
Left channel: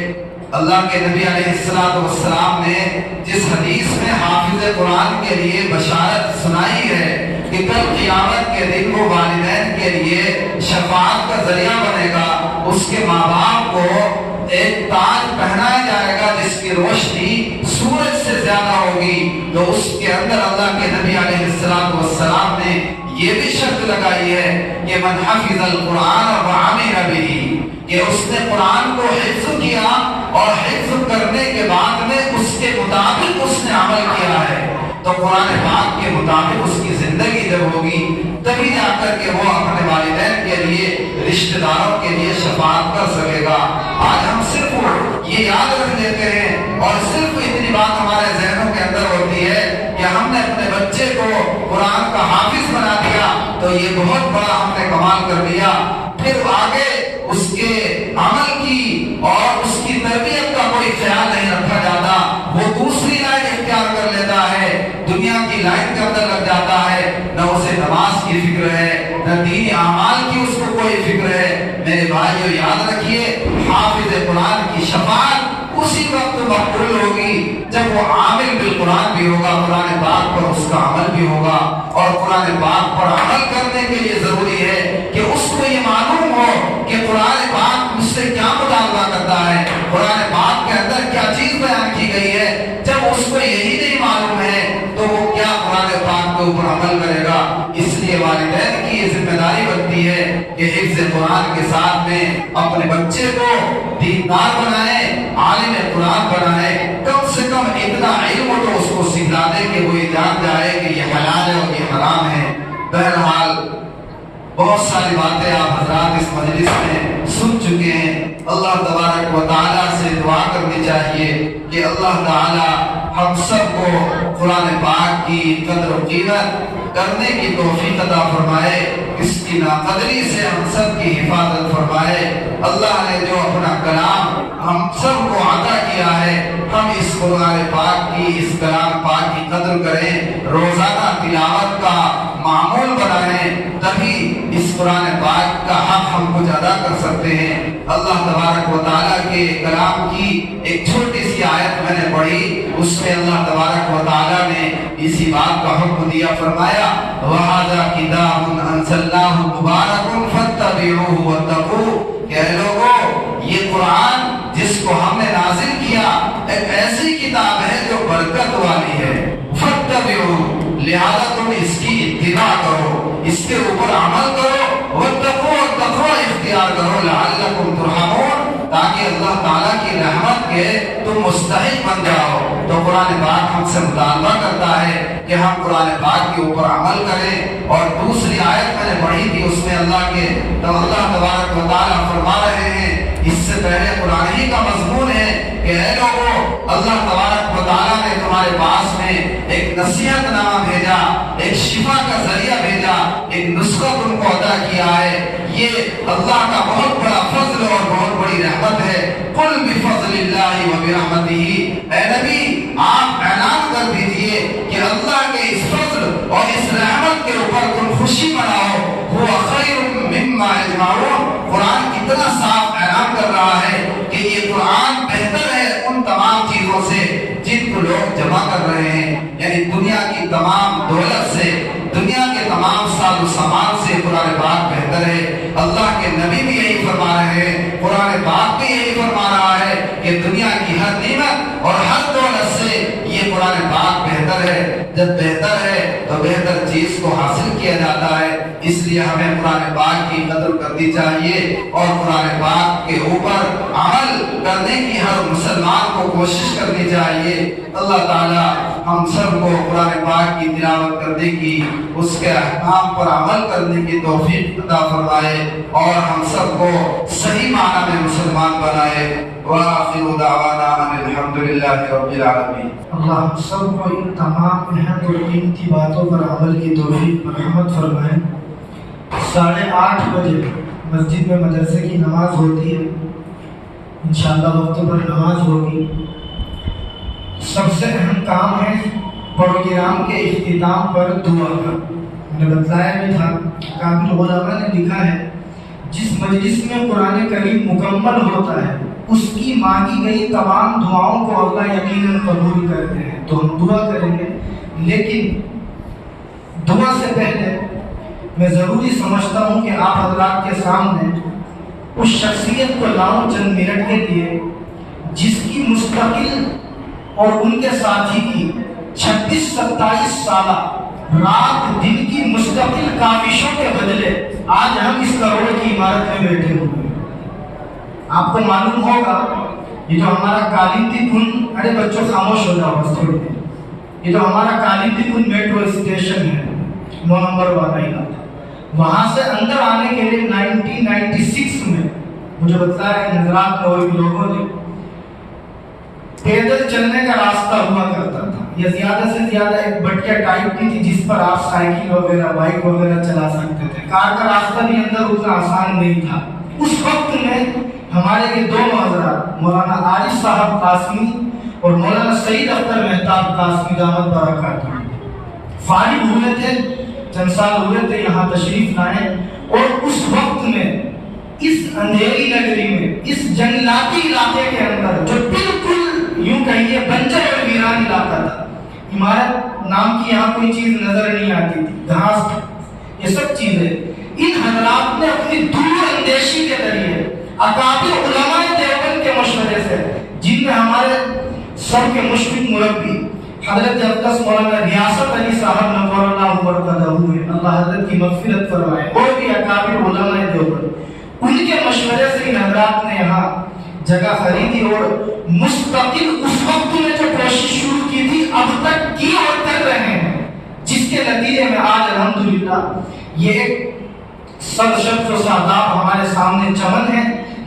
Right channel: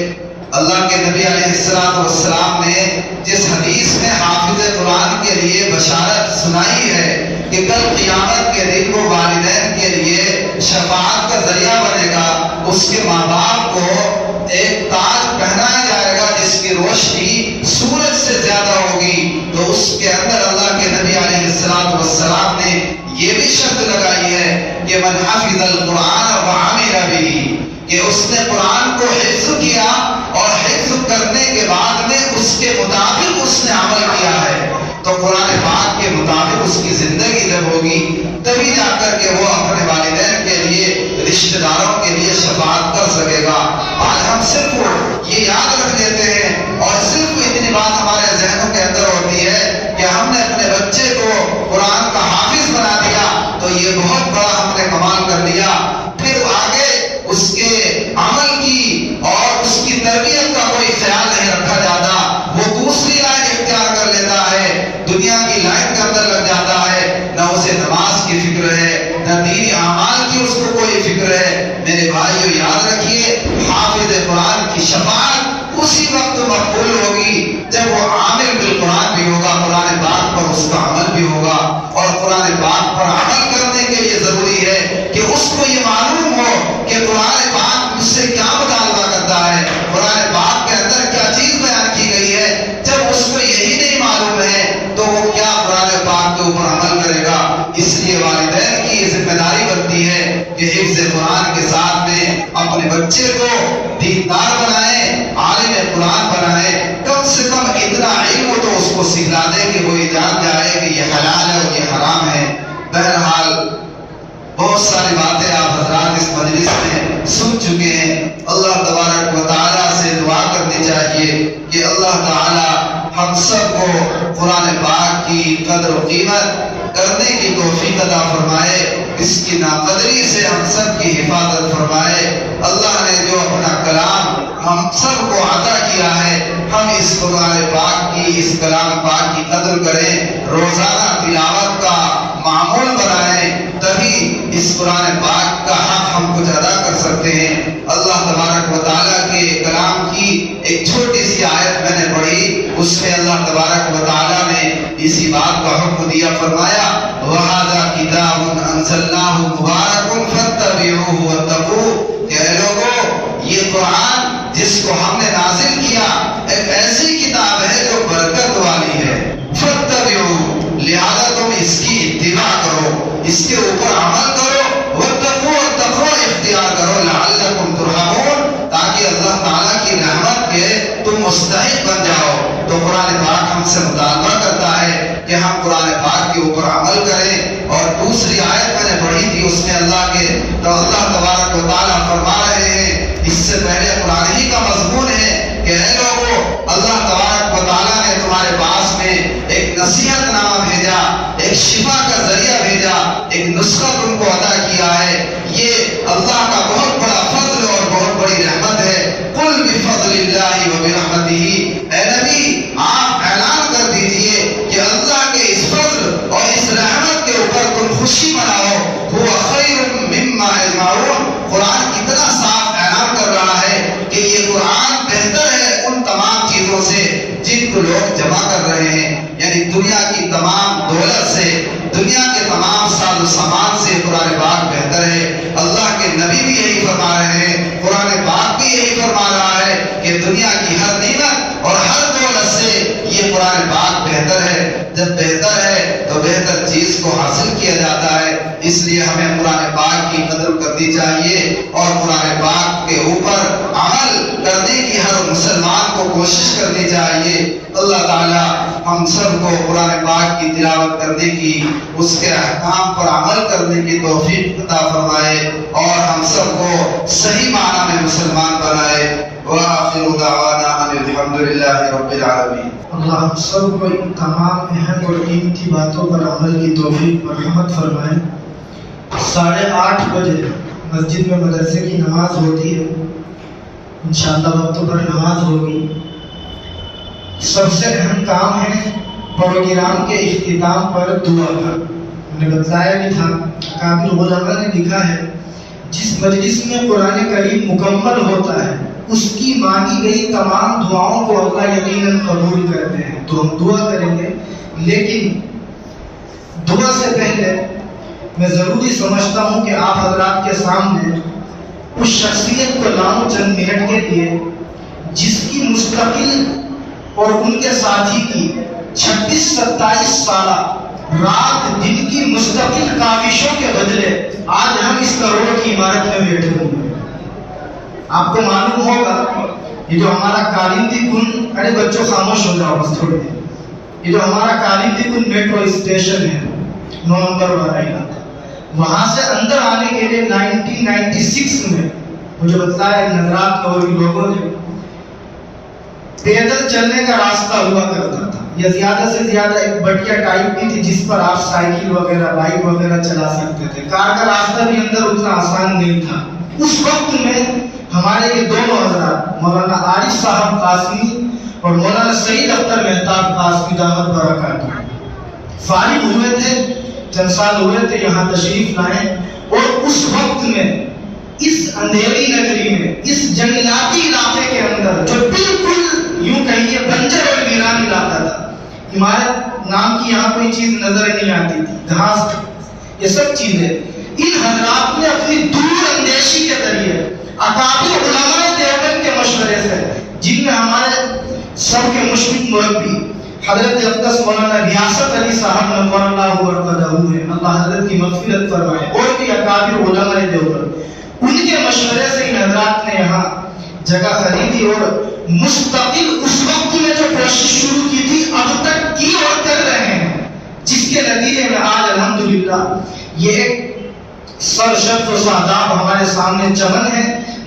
اللہ کے نبی علیہ السلام نے جس حدیث میں حافظ قرآن کے لیے بشارت سنائی ہے کہ کل قیامت کے دن وہ والدین کے لیے شفاعت کا ذریعہ بنے گا، اس کے ماں باپ کو ایک تاج پہنایا جائے گا جس کی روشنی سورج سے زیادہ ہوگی تو اس کے اندر اللہ کے نبی علیہ السلام نے یہ بھی شرط لگائی ہے کہ من حفظ القرآن وعمل به، کہ اس نے قرآن کو حفظ کیا اور حفظ کرنے کے بعد میں اس کے مطابق اس نے عمل کیا ہے، تو قرآن پاک کے مطابق اس کی زندگی جب ہوگی تبھی جا کر کے وہ اپنے والدین کے لیے، رشتہ داروں کے لیے شفاعت کر سکے گا۔ آج ہم صرف یہ یاد رکھ لیتے ہیں اور صرف اتنی بات ہمارے ذہنوں کے اندر ہوتی ہے کہ ہم نے اپنے بچے کو قرآن کا حافظ بنا دیا تو یہ بہت بڑا ہم نے کمال کر لیا، پھر آگے اس کے عمل کی اور اس کی تربیت کا کوئی خیال نہیں رکھا جاتا، وہ دوسری لائن اختیار کر لیتا ہے، دنیا کی لائن کے اندر لگ جاتا ہے، نہ اسے نماز کی فکر ہے نہ دینی اعمال کی اس کو کوئی فکر ہے۔ میرے بھائیو یاد رکھیے، حافظ قرآن کی شفاعت اسی وقت مقبول ہوگی جب وہ عامل بالقرآن بھی ہوگا، قرآن پاک پر اس کا عمل بھی ہوگا، اور قرآن پاک پر عمل کرنے کے لیے ضروری ہے کہ اس کو یہ معلوم ہو کہ قرآن پاک مجھ سے کیا مطالبہ کرتا ہے، قرآن پاک کے اندر کیا چیز بیان کی گئی ہے۔ جب اس کو یہی نہیں معلوم ہے تو وہ کیا قرآن پاک کے اوپر عمل کرے گا؟ اس لیے والدین کی یہ ذمہ داری بنتی ہے کہ حفظ قرآن کے ساتھ میں اپنے بچے کو دیندار بنائیں، عالم قرآن بنائیں، کم سے کم اتنا علم تو اس کو سکھلا دیں کہ وہ یہ جان جائے کہ یہ حلال ہے اور یہ حرام ہے۔ بہرحال بہت ساری باتیں آپ حضرات اس مجلس میں سن چکے ہیں، اللہ تبارک و تعالیٰ سے دعا کرنی چاہیے کہ اللہ تعالیٰ ہم سب کو قرآن پاک کی قدر و قیمت کرنے کی توفیق عطا فرمائے، اس کی ناقدری سے ہم سب کی حفاظت فرمائے۔ اللہ نے جو اپنا کلام ہم سب کو عطا کیا ہے، ہم اس قرآن پاک کی، اس کلام پاک کی قدر کریں، روزانہ تلاوت کا معمول بنائیں، تبھی اس قرآن پاک کا حق ہم کچھ ادا کر سکتے ہیں۔ اللہ تبارک و تعالیٰ کے کلام کی ایک چھوٹی سی آیت میں نے پڑھی، اس میں اللہ تبارک و تعالیٰ نے اسی بات کا حکم دیا، فرمایا وَهَذَا كِتَابٌ أَنزَلْنَاهُ مُبَارَكٌ فَاتَّبِعُوهُ وَاتَّقُوهُ، کہ اے لوگو یہ قرآن جس کو ہم نے نازل کیا ایک ایسی کتاب ہے جو برکت والی ہے، فَاتَّبِعُوهُ، لہذا تم اس کی اتباع کرو، اس کے اوپر عمل کرو، وَاتَّقُوهُ، اور تقویٰ اختیار کرو، لَعَلَّكُمْ تُرْحَمُونَ، تاکہ اللہ تعالیٰ کی رحمت کے تم مستحق بن جاؤ۔ تو قرآن پاک ہم سے مطالبہ کرتا ہے کہ ہم قرآن پاک کے اوپر عمل کریں، اور دوسری آیت میں نے پڑھی تھی، اس میں اللہ تبارک و تعالیٰ فرما رہے ہیں، اس سے پہلے قرآن ہی کا مضمون ہے کہ اے لوگو، اللہ تبارک و تعالیٰ نے تمہارے پاس میں ایک نصیحت نامہ بھیجا، ایک شفا کا ذریعہ بھیجا، ایک نسخہ تم کو عطا کیا ہے، یہ اللہ کا بہت بڑا فضل اور بہت بڑی رحمت ہے۔ قل بفضل اللہ وبرحمتہ، اے نبی آپ اعلان کر دیجئے کہ اللہ کے اس فضل اور اس رحمت کے اوپر تم خوشی مناؤ، هو خیر مما یجمعون، قرآن کتنا صاف اعلان کر رہا ہے کہ یہ قرآن بہتر ہے ان تمام چیزوں سے جن کو لوگ جمع کر رہے ہیں، یعنی دنیا کی تمام دولت سے، دنیا کے تمام ساز و سامان سے قرآن پاک بہتر ہے۔ اللہ کے نبی بھی یہی فرما رہے ہیں، قرآن پاک بھی یہی فرما رہا ہے کہ دنیا کی ہر نعمت اور ہر دولت سے یہ قرآن پاک بہتر ہے۔ جب بہتر ہے تو بہتر چیز کو حاصل کیا جاتا ہے، اس لیے ہمیں قرآن پاک کی قدر کرنی چاہیے اور قرآن پاک کے اوپر عمل کرنے کی ہر مسلمان کو کوشش کرنی چاہیے۔ اللہ تعالیٰ ہم سب کو قرآن پاک کی تلاوت کرنے کی، اس کے احکام پر عمل کرنے کی توفیق عطا فرمائے اور ہم سب کو صحیح معنی میں مسلمان بنائے۔ وآخر دعوانا ان الحمدللہ رب العالمین۔ اللہ ہم سب کو ان تمام اہم اور قیمتی باتوں پر عمل کی توفیق مرحمت فرمائے۔ 8:30 بجے مسجد میں مدرسے کی نماز ہوتی ہے، انشاءاللہ وقتوں پر نماز ہوگی۔ سب سے اہم کام ہے پروگرام کے اختتام پر دعا کا۔ میں نے بتلایا بھی تھا، کامل علماء نے لکھا ہے جس مجلس میں قرآن کریم مکمل ہوتا ہے اس کی مانگی گئی تمام دعاؤں کو اللہ یقیناً قبول کرتے ہیں۔ تو ہم دعا کریں گے، لیکن دعا سے پہلے میں ضروری سمجھتا ہوں کہ آپ حضرات کے سامنے اس شخصیت کو لاؤں چند منٹ کے لیے جس کی مستقل اور ان کے ساتھی کی 26-27 سالہ رات دن کی مستقل کاوشوں کے بدلے آج ہم اس کروڑ کی عمارت میں بیٹھے ہوئے ہیں۔ آپ کو معلوم ہوگا یہ جو ہمارا کالندی کن، ارے بچوں خاموش ہو جاؤ بس تھوڑی دیر، یہ جو ہمارا کالندی کن میٹرو اسٹیشن ہے 9 نمبر والا علاقہ، وہاں سے اندر آنے کے لیے 1996 میں مجھے بتایا نظرات نوری لوگوں نے پیدل چلنے کا راستہ ہوا کرتا تھا، یا زیادہ سے زیادہ ایک بٹیا ٹائپ کی تھی جس پر آپ سائیکل وغیرہ بائک وغیرہ چلا سکتے تھے، کار کا راستہ بھی اندر اتنا آسان نہیں تھا۔ اس وقت میں ہمارے یہ دونوں حضرات مولانا عارف صاحب قاسمی اور مولانا سعید اختر مہتاب قاسمی دعوت برکات فارغ ہوئے تھے، چند سال ہوئے تھے یہاں تشریف لائے، اور اس وقت میں اس اندھیری نگری میں، اس جنگلاتی علاقے کے اندر جو بالکل یوں کہیے بنجر اور ویران علاقہ تھا، عمارت نام کی یہاں کوئی چیز نظر نہیں آتی تھی، گھاس، یہ سب چیزیں ان حضرات نے اپنی دور اندیشی کے ذریعے اکابر علماء دیوبند کے مشورے سے، جن میں ہمارے سب کے مشرق مربی حضرت اقدس مولانا ریاست علی صاحب نور اللہ مرقدہ ہوئے، اللہ حضرت کی مغفرت فرمائے، اور بھی اکابر علماء دیوبند، ان کے مشورے سے ان حضرات نے یہاں جگہ خریدی اور مستقل اس وقت میں جو کوشش شروع کی تھی اب تک کی اور کر رہے ہیں، جس کے نتیجے میں آج الحمدللہ یہ ایک سرشت و ساداب ہمارے سامنے چمن ہے،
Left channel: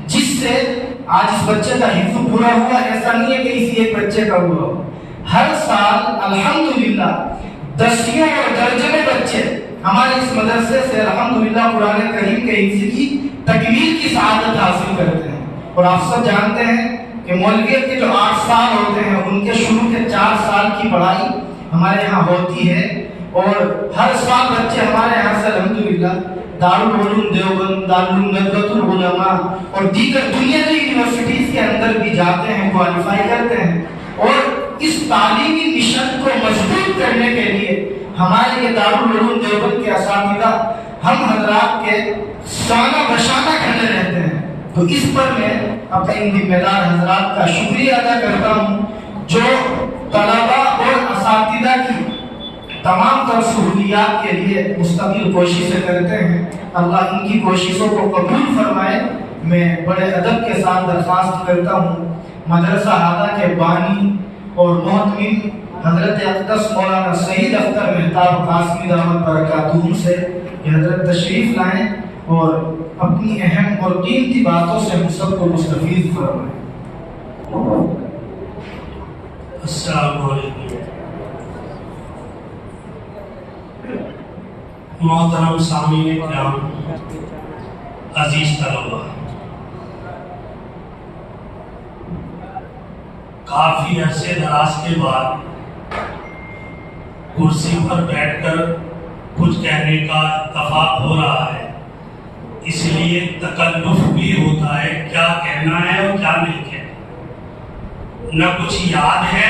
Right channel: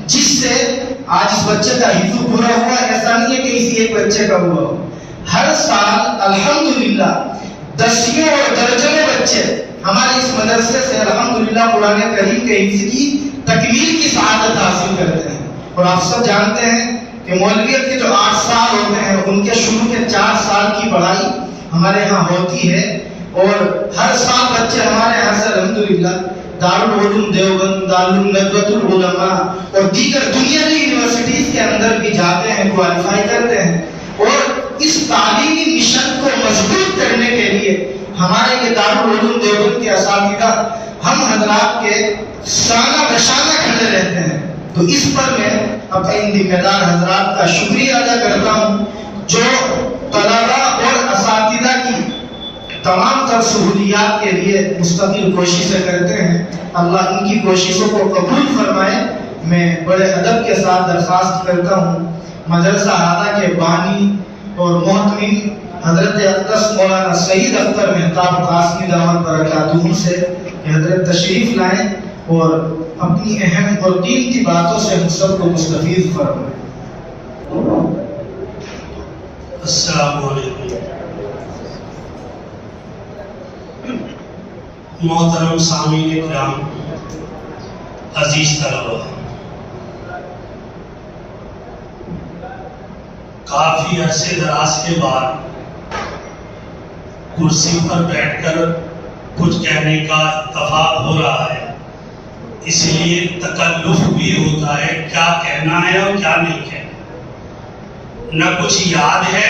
جس سے آج اس بچے کا حفظ پورا ہوا۔ ایسا نہیں ہے کہ کسی ایک بچے کا ہوا ہو، ہر سال الحمدللہ دسیوں اور درجنوں بچے ہمارے اس مدرسے سے الحمدللہ قرآن کریم کے حفظ کی تکمیل کی سعادت حاصل کرتے ہیں۔ اور آپ سب جانتے ہیں کہ مولویت کے جو 8 سال ہوتے ہیں ان کے شروع کے 4 سال کی پڑھائی ہمارے یہاں ہوتی ہے، اور ہر سال بچے ہمارے یہاں سے الحمدللہ دارالعلوم دیوبند، دارالندوۃ العلماء اور دیگر دنیاوی یونیورسٹیز کے اندر بھی جاتے ہیں، کوالیفائی کرتے ہیں، اور اس تعلیمی مشن کو مضبوط کرنے کے لیے ہمارے یہ دارالعلوم دیوبند کے اساتذہ ہم حضرات کے شانہ بشانہ کھڑے رہتے ہیں۔ تو اس پر میں اپنے ذمہ دار حضرات کا شکریہ ادا کرتا ہوں جو طلباء اور اساتذہ کی تمام تر سہولیات کے لیے مستقل کوششیں کرتے ہیں۔ اللہ ان کی کوششوں کو قبول فرمائے۔ میں بڑے ادب کے ساتھ درخواست کرتا ہوں مدرسہ ہادہ کے بانی اور محتمین حضرت اقدس مولانا سعید اختر مہتاب قاسمی دعوت برکاتہ سے کہ حضرت تشریف لائیں اور اپنی اہم اور قیمتی باتوں سے ہم سب کو مستفید فرمائیں۔ السلام علیکم۔ محترم سامعین کرام، عزیز طلباء، کافی عرصے دراز کے بعد کرسی پر بیٹھ کر کچھ کہنے کا اتفاق ہو رہا ہے، اس لیے تکلف بھی ہوتا ہے کیا کہنا ہے اور کیا نہیں کہنا، نہ کچھ یاد ہے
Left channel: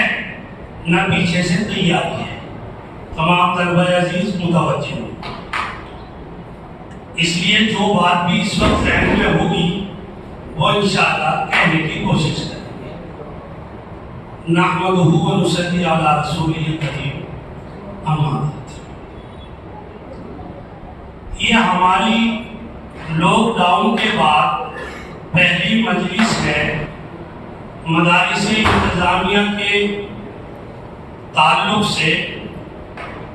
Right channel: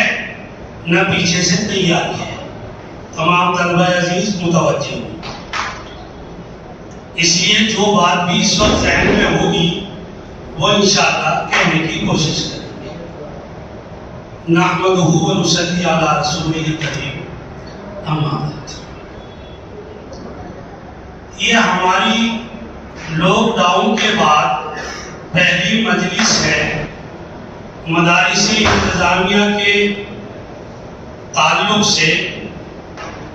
نہ پیچھے سے تیاری ہے۔ تمام طلبہ عزیز متوجہ ہوں، اس لیے جو بات بھی اس وقت ذہن میں ہوگی وہ انشاءاللہ کہنے کی کوشش کریں گے۔ نحمدہ و نصلی علی رسولہ الکریم، اما بعد۔ یہ ہماری لاک ڈاؤن کے بعد پہلی مجلس ہے مدارس انتظامیہ کے تعلق سے،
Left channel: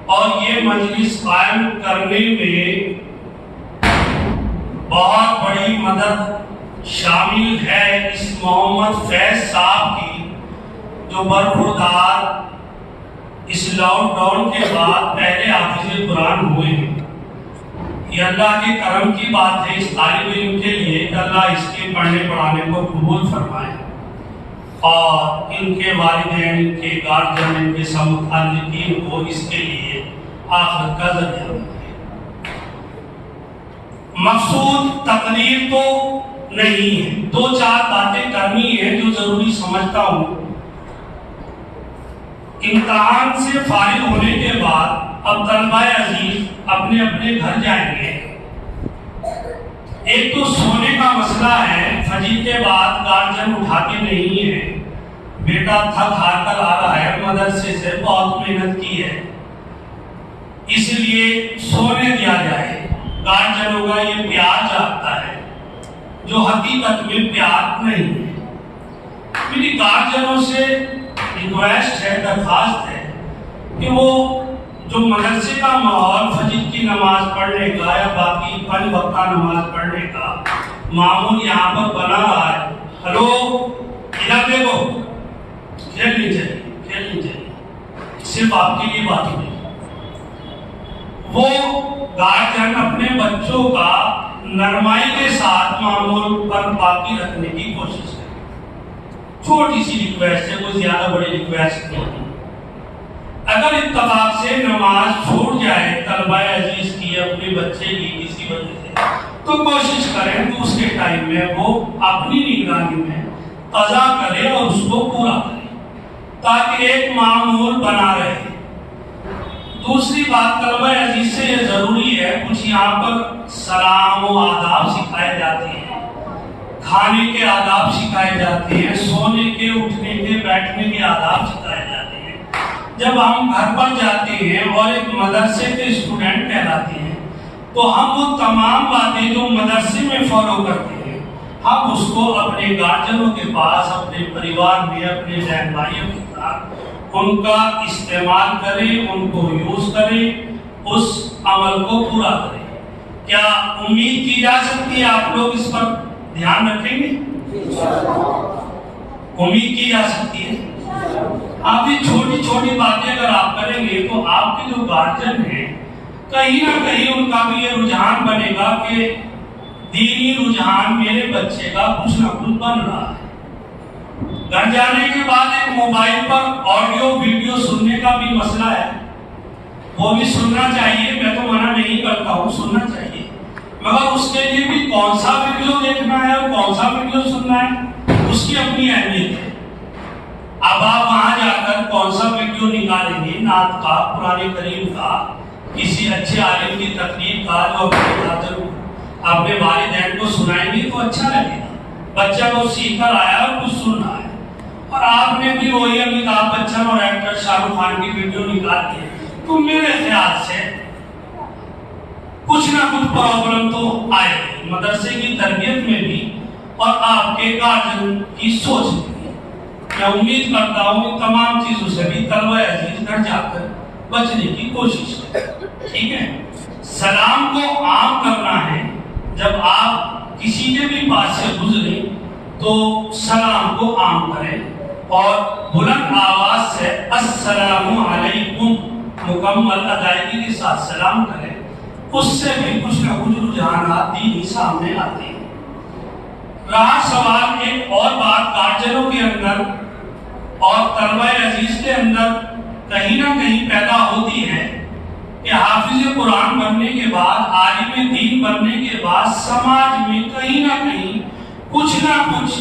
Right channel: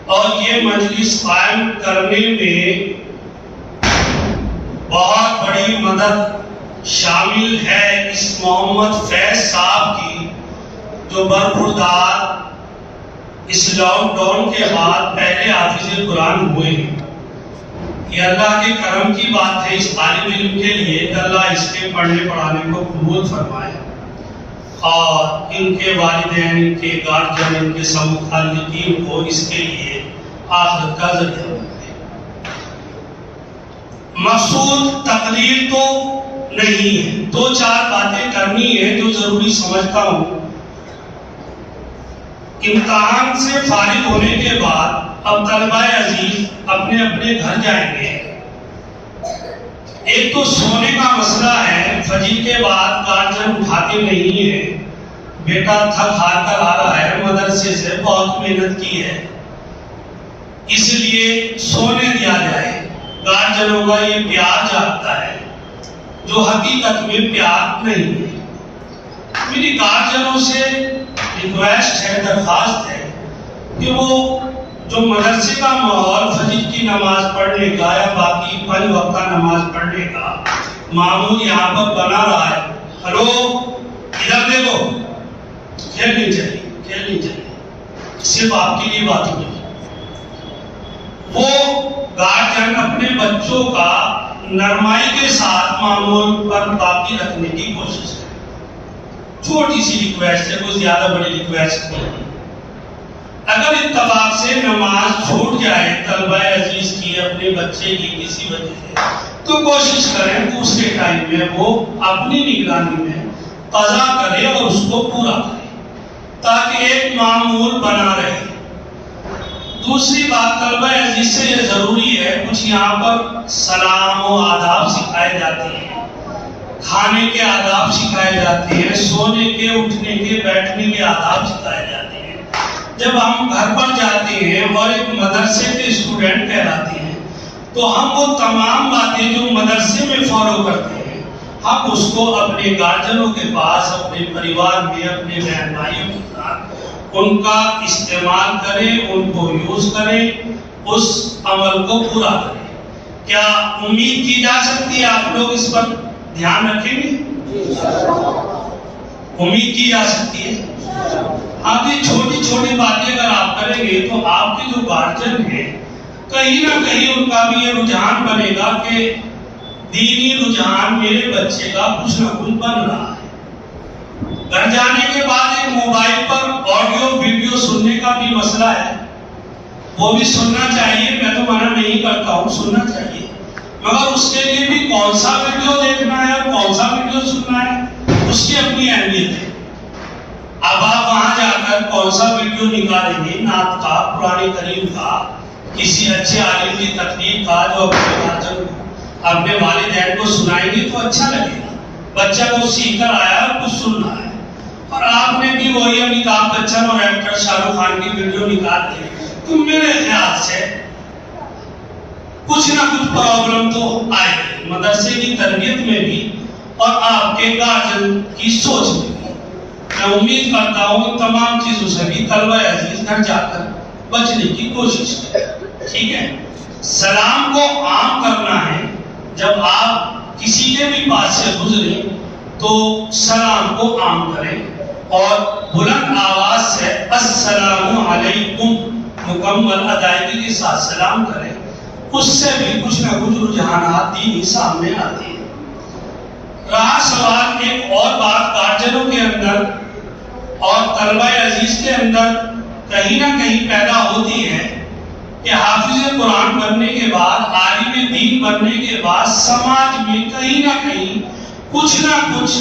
اور یہ مجلس قائم کرنے میں بہت بڑی مدد شامل ہے اس محمد فیض صاحب کی، جو برخوردار اس لاک ڈاؤن کے بعد پہلے حافظ قرآن ہوئے ہیں۔ یہ اللہ کے کرم کی بات ہے اس طالب علم کے لیے کہ اللہ اس کے پڑھنے پڑھانے کو قبول فرمائے، اور ان کے والدین، ان کے گارجین، ان کے سب متعلقین کو اس کے لیے آخرت کا ذریعہ بنائے۔ مقصود تقریر تو نہیں ہے، 2-4 باتیں کرنی ہیں جو ضروری سمجھتا ہوں۔ امتحان سے فارغ ہونے کے بعد اب طلبہ عزیز اپنے اپنے گھر جائیں گے۔ ایک تو سونے کا مسئلہ ہے، فجر کے بعد گارجین اٹھاتے نہیں ہیں، بیٹا تھک ہار کر آ رہا ہے مدرسے سے، بہت محنت کی ہے، اس لیے سونے دیا جائے۔ گارجنوں کا یہ پیار جاگتا ہے جو حقیقت میں پیار نہیں ہے۔ میری گارجنوں سے ریکویسٹ ہے، درخواست ہے کہ وہ جو مدرسے کا ماحول فجر کی نماز پڑھنے کا یا باقی 5 وقتہ نماز پڑھنے کا معمول یہاں پر بنا رہا ہے، ہلو ادھر دیکھو، کھیلنی چاہیے، صرف آپ کے لیے بات ہوئی۔ وہ گارجن اپنے بچوں کا نرمائی کے ساتھ معمول پر باقی رکھنے کی کوشش کریں۔ چھوٹی سی ریکویسٹ ہے، کوئی زیادہ بڑی ریکویسٹ نہیں۔ اگر اتفاق سے نماز چھوٹ جائے طلبہ عزیز کی، اپنے بچے کی کسی وجہ سے، تو کوشش کریں دوسرے ٹائم میں وہ اپنی نگرانی میں قضا کرے اور اس کو پورا کرے تاکہ ایک معمول بنا رہے۔ دوسری بات، طلبہ عزیز سے یہ ضروری ہے، کچھ یہاں پر سلام و آداب سکھائے جاتے ہیں، کھانے کے آداب سکھائے جاتے ہیں، سونے کے، اٹھنے کے، بیٹھنے کے آداب سکھائے جاتے ہیں۔ جب ہم گھر پر جاتے ہیں اور ایک مدرسے کے اسٹوڈنٹ کہلاتے ہیں تو ہم وہ تمام باتیں جو مدرسے میں فالو کرتے ہیں، ہم اس کو اپنے گارجنوں کے پاس، اپنے پریوار میں، اپنے بہن بھائیوں کے ساتھ ان کا استعمال کریں، ان کو یوز کریں، اس عمل کو پورا کریں۔ کیا امید کی جا سکتی ہے آپ لوگ اس پر دھیان رکھیں گے؟ امید کی جا سکتی ہے۔ آپ یہ چھوٹی چھوٹی باتیں اگر آپ کریں گے تو آپ کے جو گارجن ہیں کہیں نہ کہیں ان کا بھی یہ رجحان بنے گا کہ دینی رجحان میرے بچے کا کچھ نہ کچھ بن رہا ہے۔ گھر جانے کے بعد ایک موبائل پر آڈیو ویڈیو سننے کا بھی مسئلہ ہے، وہ بھی سننا چاہیے، میں تو منع نہیں کرتا ہوں، سننا چاہیے، مگر اس کے لیے بھی کون سا ویڈیو دیکھنا ہے اور کون سا ویڈیو سننا ہے، اس کی اپنی اہمیت ہے۔ اب آپ وہاں جا کر کون سا ویڈیو نکالیں گے، نعت کا، قرآن کریم کا، کسی اچھے عالم کی تقریر کا جو اپنے گارجن کو، اپنے والدین کو سنائیں گے تو اچھا لگے گا، بچہ کو سیکھ کر آیا اور کچھ سن رہا ہے۔ اور آپ نے بھی وہی امیتابھ بچن اور ایکٹر شاہ رخ خان کی ویڈیو نکال دی تو میرے خیال سے کچھ نہ کچھ پرابلم تو آئے گی مدرسے کی تربیت میں بھی اور آپ کے گارجن کی سوچ میں بھی۔ میں امید کرتا ہوں تمام چیزوں سے بھی طلبہ عزیز گھر جا کر بچنے کی کوشش کریں، ٹھیک ہے؟ سلام کو عام کرنا ہے، جب آپ کسی کے بھی پاس سے گزریں تو سلام کو عام کریں اور بلند آواز سے السلام علیکم مکمل ادائیگی کے ساتھ سلام کریں، اس سے بھی کچھ نہ کچھ رجحانات دینی سامنے آتے ہیں۔ رہا سوال ایک اور بات گارجنوں کے اندر اور طلبہ عزیز کے اندر کہیں نہ کہیں پیدا ہوتی ہے کہ حافظ قرآن بننے کے بعد، عالم دین بننے کے بعد سماج میں کہیں نہ کہیں کچھ نہ کچھ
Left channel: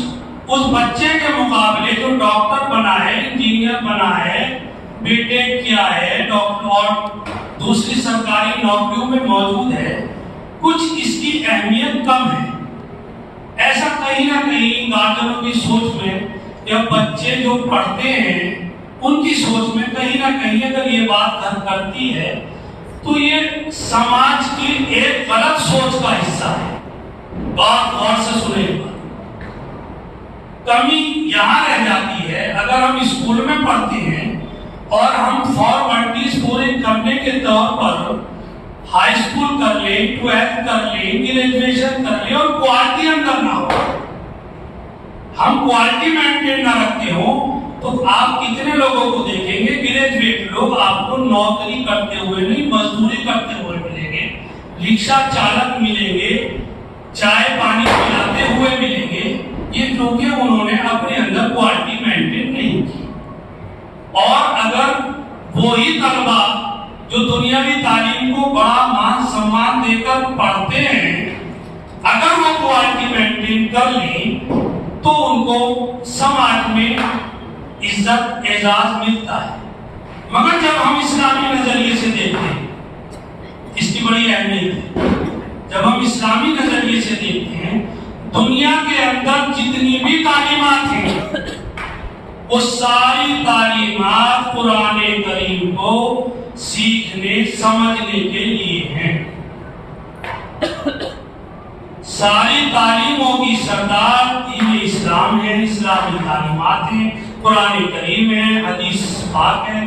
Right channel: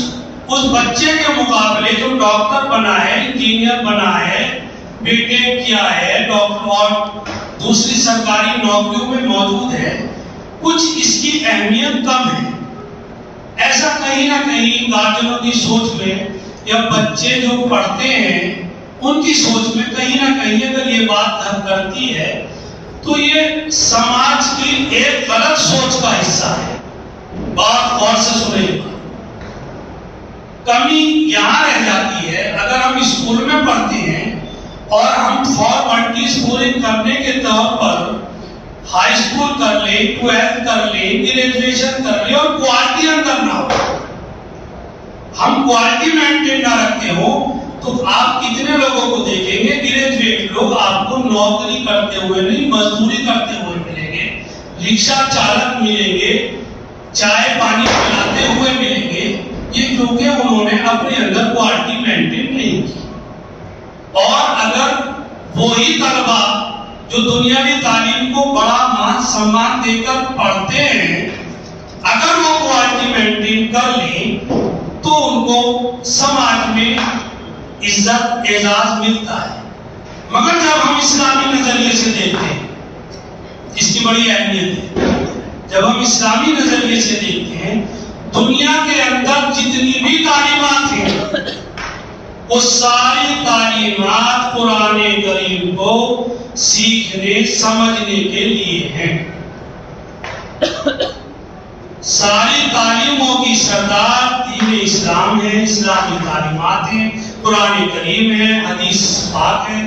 اس بچے کے مقابلے جو ڈاکٹر بنا ہے، انجینئر بنا ہے، بی ٹیک کیا ہے، ڈاکٹر اور دوسری سرکاری نوکریوں میں موجود ہے، کچھ اس کی اہمیت کم ہے۔ ایسا کہیں نہ کہیں گارجنوں کی سوچ میں یا بچے جو پڑھتے ہیں ان کی سوچ میں کہیں نہ کہیں اگر یہ بات گھر کرتی ہے تو یہ سماج کی ایک غلط سوچ کا حصہ ہے۔ بات غور سے سنیں گا، کمی یہاں رہ جاتی ہے اگر ہم اسکول میں پڑھتے ہیں اور ہم فارمیلٹیز پورے کرنے کے طور پر ہائی اسکول کر لیں، 12 کر لیں، گریجویشن کر لیں اور کوالٹی اندر نہ ہو، ہم کوالٹی مینٹین نہ رکھتے ہوں تو آپ کتنے لوگوں کو دیکھیں گے گریجویٹ لوگ آپ کو نوکری کرتے ہوئے نہیں مزدوری کرتے ہوئے ملیں گے، رکشہ چالک ملیں گے، چائے پانی پلاتے ہوئے ملیں گے، یہ کیونکہ انہوں نے اپنے اندر کوالٹی مینٹین نہیں کی۔ اور اگر وہی طلبہ جو دنیاوی تعلیم کو بڑا مان سمان دے کر پڑھتے ہیں اگر وہ کوالٹی مینٹین کر لیں تو ان کو سماج میں عزت اعزاز ملتا ہے۔ مگر جب ہم اسلامی نظریے سے دیکھتے ہیں، اس کی بڑی اہمیت ہے، جب ہم اسلامی نظریے سے دیکھتے ہیں دنیا کے اندر جتنی بھی تعلیمات ہیں وہ ساری تعلیمات قرآن کریم کو سیکھنے سمجھنے کے لیے ہیں۔ ساری تعلیموں کی سردار دین اسلام ہے، اسلامی تعلیمات ہیں، قرآن کریم ہے، حدیث پاک ہے،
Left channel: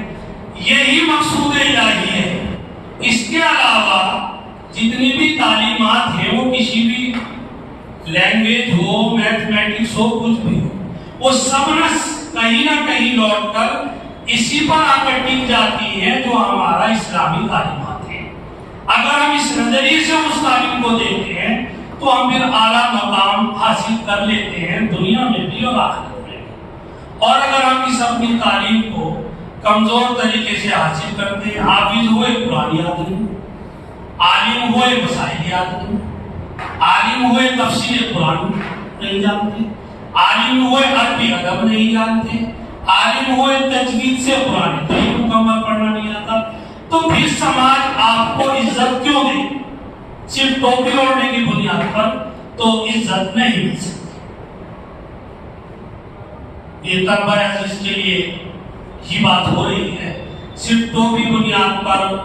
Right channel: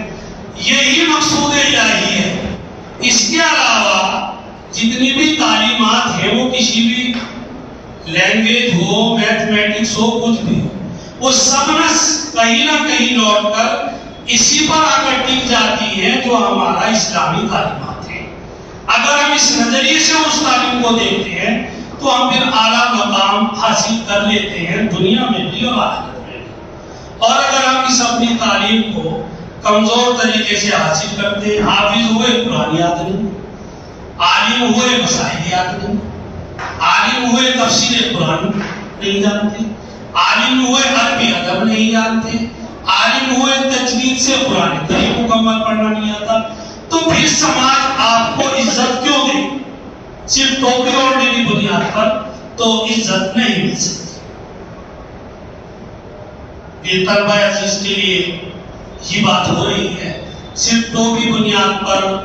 یہی مقصود الہی ہے۔ اس کے علاوہ جتنی بھی تعلیمات ہیں وہ کسی بھی لینگویج ہو، میتھمیٹکس ہو، کچھ بھی ہو، وہ سب کہیں نہ کہیں لوٹ کر اسی پر آ کر ٹک جاتی ہیں جو ہمارا اسلامی تعلیمات ہے۔ اگر ہم اس نظریے سے اس تعلیم کو دیکھتے ہیں تو ہم پھر اعلیٰ مقام حاصل کر لیتے ہیں دنیا میں بھی اور آخرت میں بھی۔ اور اگر ہم اس اپنی تعلیم کو کمزور طریقے سے حاصل کرتے ہیں، حافظ ہوئے قرآن یاد نہیں، عالم ہوئے مسائل یاد نہیں، عالم ہوئے تفسیر قرآن نہیں جانتے، عالم ہوئے عربی ادب نہیں جانتے، عالم ہوئے تجوید سے قرآن کریم مکمل پڑھنا نہیں آتا، تو پھر سماج آپ کو عزت کیوں دے؟ صرف ٹوپی اوڑھنے کی بنیاد پر تو عزت نہیں مل سکتی۔ یہ طلبہ عزیز کے لیے یہ بات ہو رہی ہے، صرف ٹوپی بنیاد پر،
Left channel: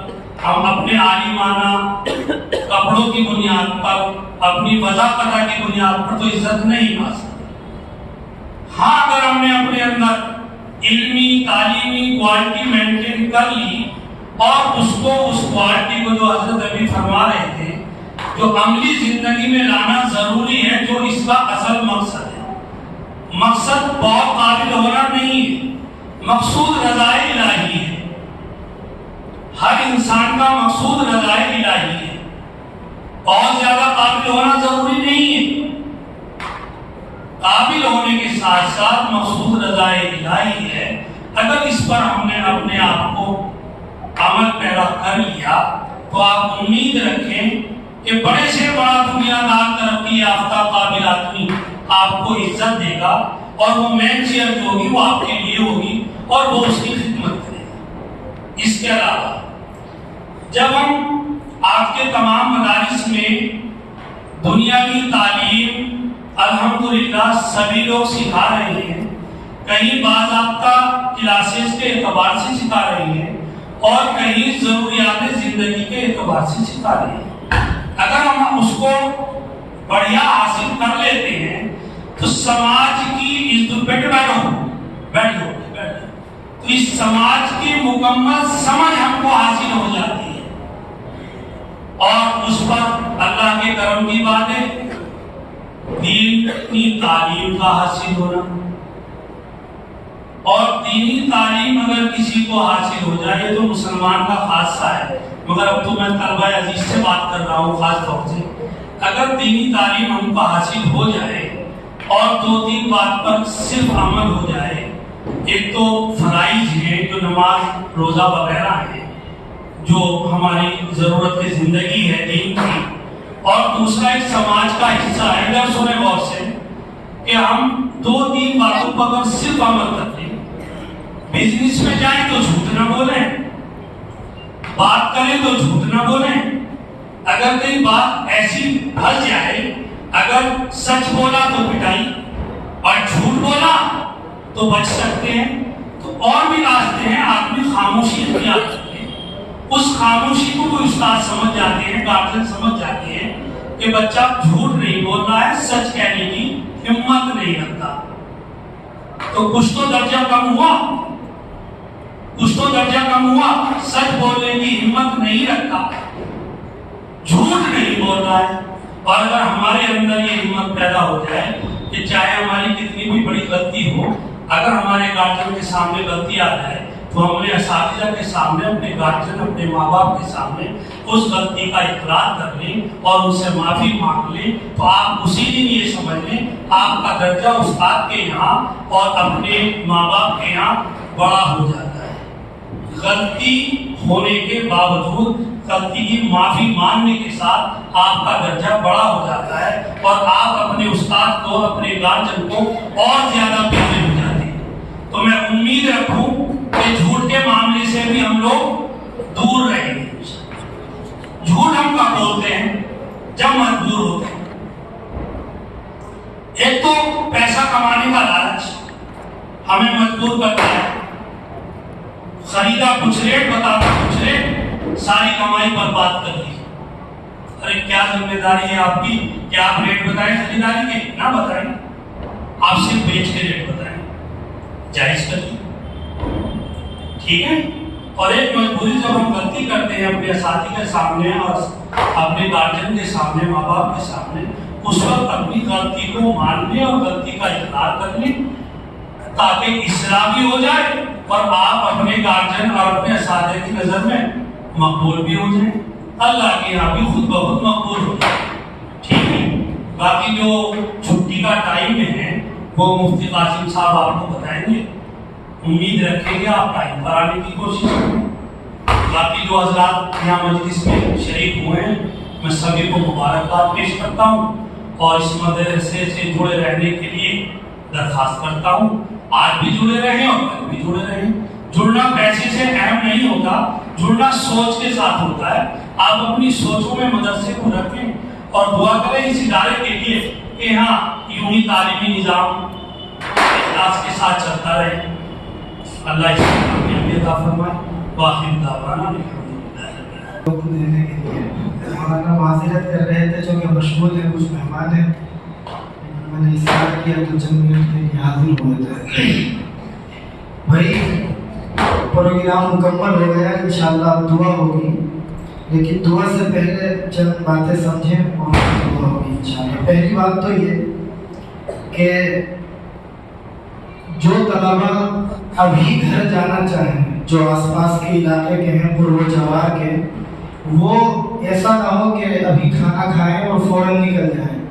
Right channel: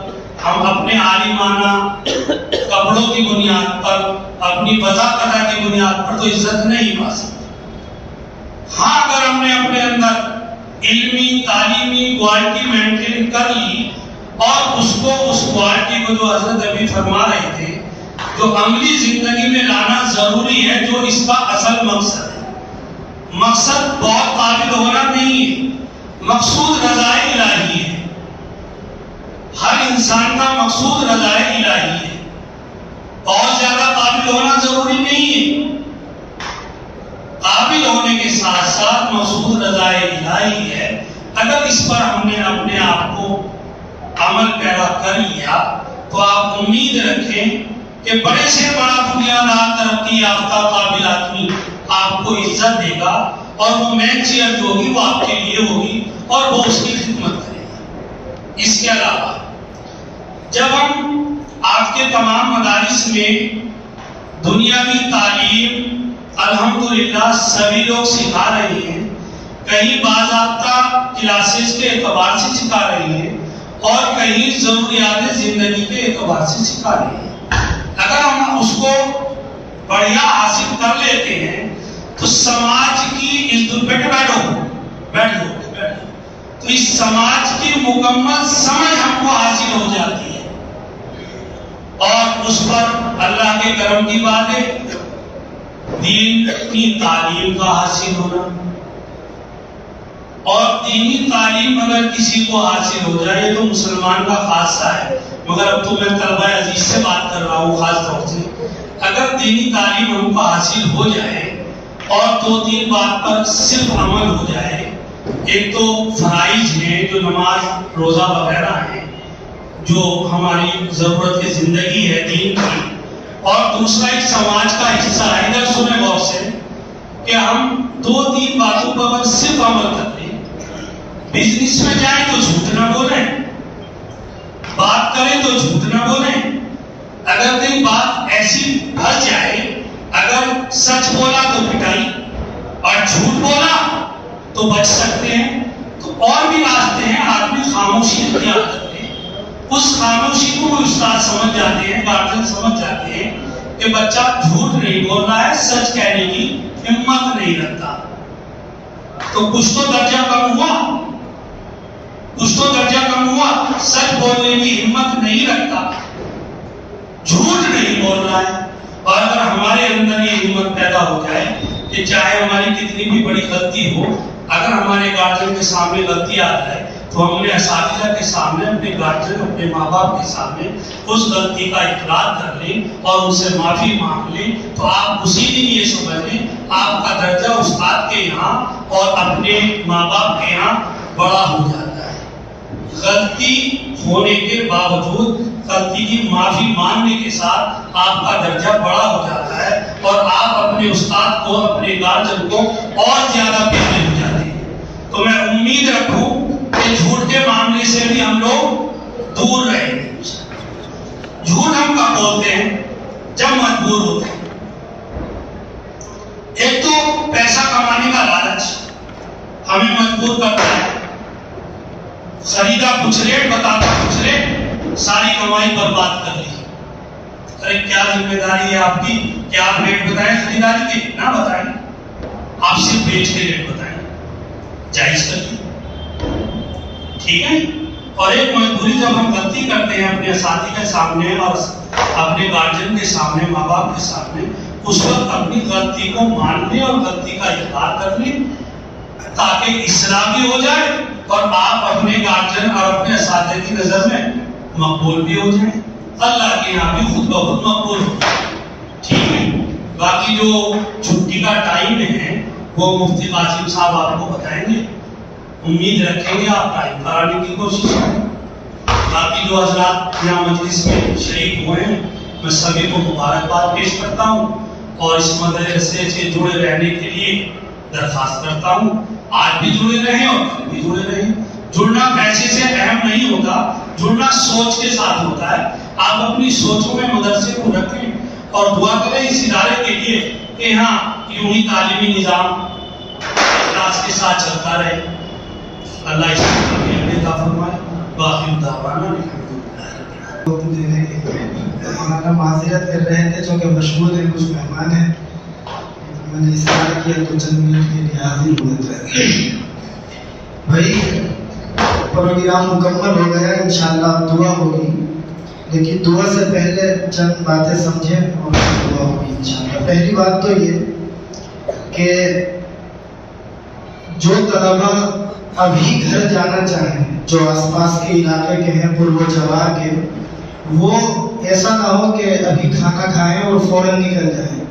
ہم اپنے عالمانہ کپڑوں کی بنیاد پر، اپنی وضاحت کی بنیاد پر تو عزت نہیں پا سکتے۔ ہاں اگر ہم نے اپنے اندر علمی تعلیمی کوالٹی مینٹین کر لی اور اس کوالٹی کو جو حضرت ابھی فرما رہے تھے جو عملی زندگی میں لانا ضروری ہے، جو اس کا اصل مقصد ہے۔ مقصد بہت قابل ہونا نہیں ہے، مقصود رضائے الہی ہے۔ ہر انسان کا مقصود رضائے الہی ہے، بہت زیادہ قابل ہونا ضروری نہیں ہے۔ قابل ہونے کے ساتھ ساتھ مقصود رضائے الہی ہے۔ اگر اس پر ہم نے اپنے آپ کو عمل پیرا کر لیا تو آپ امید رکھیں کہ بڑے سے بڑا دنیا دار ترقی یافتہ قابل آدمی آپ کو عزت دے گا، اور وہ مین چیئر جو ہوگی وہ آپ کے لیے ہوگی اور وہ اس کی خدمت کرے گا۔ اس کے علاوہ جب ہم آج کے تمام مدارس میں دنیاوی تعلیم الحمدللہ سبھی لوگ سکھا رہے ہیں، کہیں باضابطہ کلاسز کے اعتبار سے سکھا رہے ہیں اور کہیں ضروریات زندگی کے اعتبار سے سکھا رہے ہیں۔ اگر ہم اس کو بڑھیا حاصل کر لیتے ہیں تو سماج کی تو اس سماج کی مکمل سمجھ ہم کو حاصل ہو جاتی ہے، اور اس پر اللہ کے کرم کی بات ہے دین کی تعلیم کا حاصل ہونا۔ اور دینی تعلیم اگر کسی کو حاصل ہو جائے تو مسلمان کا خاصہ ہے، مگر اب تو میں طلبہ عزیز سے بات کر رہا ہوں خاص طور سے۔ اگر دینی تعلیم ہم کو حاصل ہو جائے اور دو تین بات پر صرف عمل ہو جائے، ایک تو فرائض ہیں جو نماز روزہ وغیرہ ہیں جو ہماری ضرورت کی زندگی ہے دین کی، اور دوسرا ایک سماج کا حصہ ہے۔ ادھر سنیں غور سے کہ ہم دو تین باتوں پر اگر صرف عمل کرتے ہیں، بزنس میں جائیں تو جھوٹ نہ بولیں، بات کریں تو جھوٹ نہ بولیں، اگر کوئی بات ایسی پھنس جائے، اگر سچ بولا تو پٹائی اور جھوٹ بولا تو بچ سکتے ہیں، تو اور بھی راستے ہیں۔ آدمی خاموشی اختیار کرتے ہیں، اس خاموشی کو بھی استاد سمجھ جاتے ہیں، گارجین سمجھ جاتے ہیں کہ بچہ جھوٹ نہیں بول رہا ہے، سچ کہنے کی ہمت نہیں رکھتا، تو کچھ تو درجہ کم ہوا، کچھ تو درجہ کم ہوا۔ سچ بولنے کی ہمت نہیں رکھتا، جھوٹ نہیں بول رہا ہے۔ اور اگر ہمارے اندر یہ ہمت پیدا ہو جائے کہ چاہے ہماری کتنی بھی بڑی غلطی ہو، اگر ہمارے گارجین کے سامنے غلطی آ جائے تو ہم نے اساتذہ کے سامنے، اپنے گارجین، اپنے ماں باپ کے سامنے اس غلطی کا اقرار کر لیں اور ان سے معافی مانگ لیں، تو آپ اسی دن یہ سمجھ لیں آپ کا درجہ استاد کے یہاں اور اپنے ماں باپ کے یہاں بڑا ہو جاتا ہے۔ غلطی ہونے کے باوجود غلطی کی معافی مانگنے کے ساتھ آپ کا درجہ بڑا ہو جاتا ہے اور آپ اپنے استاد کو، اپنے گارجن کو اور زیادہ پیارے ہو جاتے ہیں۔ تو میں امید رکھوں کہ جھوٹ کے معاملے سے بھی ہم لوگ دور رہیں گے۔ جھوٹ ہم کب بولتے ہیں؟ جب مجبور ہوتے ہیں۔ ایک تو پیسہ کمانے کا لالچ، ہمیں مجبور کرتا ہے، خریدا کچھ ریٹ، بتاتا کچھ ریٹ، ساری کمائی برباد کر لی۔ ارے کیا ذمہ داری ہے آپ کی کہ آپ ریٹ بتائیں خریداری کے؟ نہ بتائیں، آپ صرف بیچ کے ریٹ بتائیں، جائز کر لی، ٹھیک ہے۔ اور ایک مجبوری جب ہم غلطی کرتے ہیں اپنے اساتذہ کے سامنے اور اپنے گارجن کے سامنے، ماں باپ کے سامنے، اس وقت اپنی غلطی کو مان لیں اور غلطی کا اقرار کر لیں تاکہ اصلاح بھی ہو جائے اور آپ اپنے گارجن اور اپنے اساتذہ کی نظر میں مقبول بھی ہو جائیں، اللہ کے یہاں بھی خود بخود مقبول ہو جائے، ٹھیک ہے۔ باقی جو چھٹی کا ٹائم ہے وہ مفتی قاسم صاحب آپ کو بتائیں گے، امید رکھیں گے آپ ٹائم پر آنے کی کوشش کریں۔ باقی جو حضرات یہاں مجلس میں شریک ہوئے ہیں میں سبھی کو مبارکباد پیش کرتا ہوں اور اس مدرسے سے جڑے رہنے کے لیے درخواست کرتا ہوں، آج بھی جڑے رہیں اور کل بھی جڑے رہیں۔ جڑنا پیسے سے اہم نہیں ہوتا، جڑنا سوچ کے ساتھ ہوتا ہے۔ آپ اپنی سوچوں میں مدرسے کو رکھیں اور دعا کریں اس ادارے کے لیے کہ ہاں یوں ہی تعلیمی نظام اخلاص کے ساتھ چلتا رہے۔ اللہ اس کی کامیابی عطا فرمائے۔ باقی دعوانا ہمارا معذرت کر رہے تھے چونکہ مشغول ہیں، کچھ مہمان ہیں، میں نے اصرار کیا تو چند منٹ کے لیے حاضر ہوئے تھے۔ بھائی پروگرام مکمل ہو گیا، انشاءاللہ اب دعا ہوگی، لیکن دعا سے پہلے چند باتیں سمجھیں اور دعا ہوگی انشاءاللہ۔ پہلی بات تو یہ کہ جو طلبہ ابھی گھر جانا چاہیں، جو آس پاس کے علاقے کے ہیں، پر و جوار کے، وہ ایسا نہ ہو کہ ابھی کھانا کھائیں اور فوراً نکل جائیں۔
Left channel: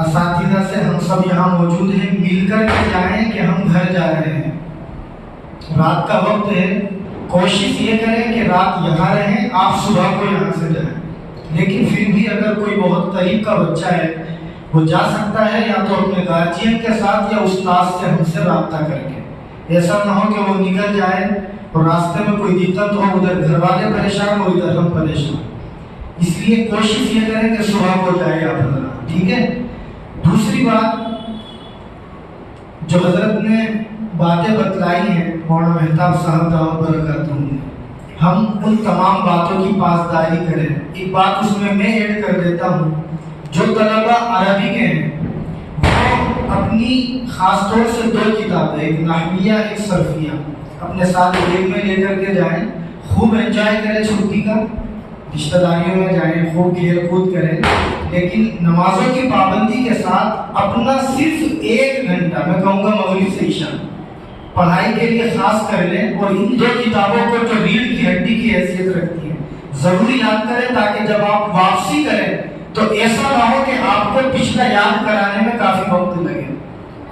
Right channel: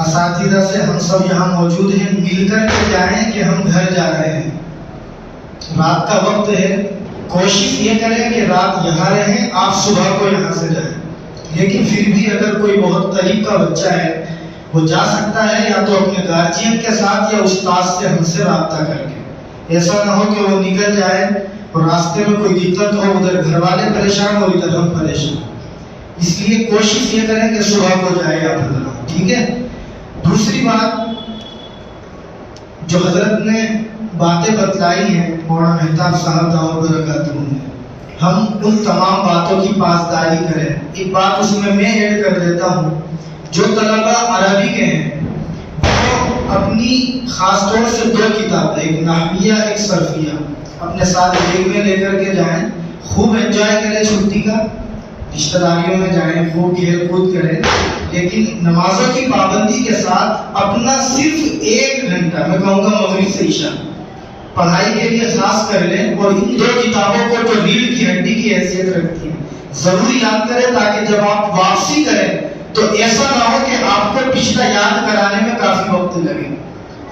اساتذہ سے ہم سب یہاں موجود ہیں، مل کر کے جائیں کہ ہم گھر جا رہے ہیں، رات کا وقت ہے، کوشش یہ کریں کہ رات یہاں رہیں، آپ صبح کو یہاں سے جائیں۔ لیکن پھر بھی اگر کوئی بہت قریب کا بچہ ہے وہ جا سکتا ہے، یا تو اپنے گارجین کے ساتھ یا استاد سے ہم سے رابطہ کر کے۔ ایسا نہ ہو کہ وہ نکل جائے اور راستے میں کوئی دقت ہو، ادھر گھر والے پریشان ہو، ادھر ہم پریشان۔ اس لیے کوشش یہ کریں کہ صبح کو جائے آپ حضرات، ٹھیک ہے۔ دوسری بات جو حضرت نے باتیں بتلائی ہیں مولانا مہتاب صاحب دعوت برکاتہ نے، ہم ان تمام باتوں کی پاسداری کریں۔ ایک بات اس میں ایڈ کر دیتا ہوں، جو طلبہ عربی کے ہیں وہ اپنی خاص طور سے 2 کتابیں، ایک نحویہ ایک صرفیہ، اپنے ساتھ بیگ میں لے کر کے جائیں، خوب انجوائے کریں چھٹی کا، رشتہ داریوں میں جائیں، خوب کھیل کود کریں، لیکن نمازوں کی پابندی کے ساتھ اپنا صرف 1 گھنٹہ، میں کہوں گا مغرب سے عشاء، پڑھائی کے لیے خاص کر لیں۔ اور ان 2 کتابوں کو جو ریڑھ کی ہڈی کی حیثیت رکھتی ہیں ضروری یاد کریں، تاکہ جب آپ واپسی کریں تو ایسا نہ ہو کہ آپ کو پچھلا یاد کرانے میں کافی وقت لگے۔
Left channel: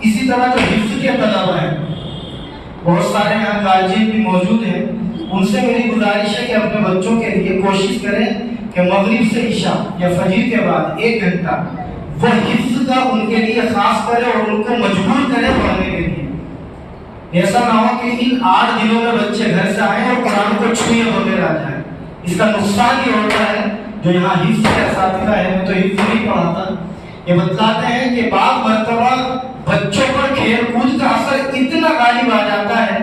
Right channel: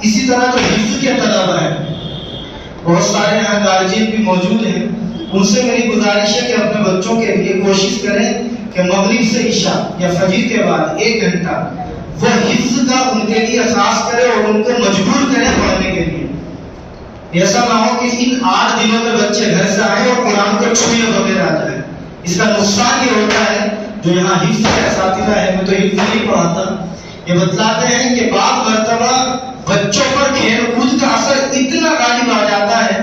اسی طرح جو حفظ کے طلبہ ہیں، بہت سارے یہاں گارجین بھی موجود ہیں، ان سے میری گزارش ہے کہ اپنے بچوں کے لیے کوشش کریں کہ مغرب سے عشاء یا فجر کے بعد 1 گھنٹہ وہ حفظ کا ان کے لیے خاص کریں اور ان کو مجبور کریں پڑھنے کے لیے۔ ایسا نہ ہو کہ ان 8 دنوں میں بچے گھر سے آئیں اور قرآن کو چھوئے بغیر آ جائیں۔ اس کا نقصان یہ ہوتا ہے، جو یہاں حفظ کے اساتذہ ہیں، میں تو حفظ نہیں پڑھاتا، یہ بتلاتے ہیں کہ بعض مرتبہ بچوں پر کھیل کود کا اثر اتنا غالب آ جاتا ہے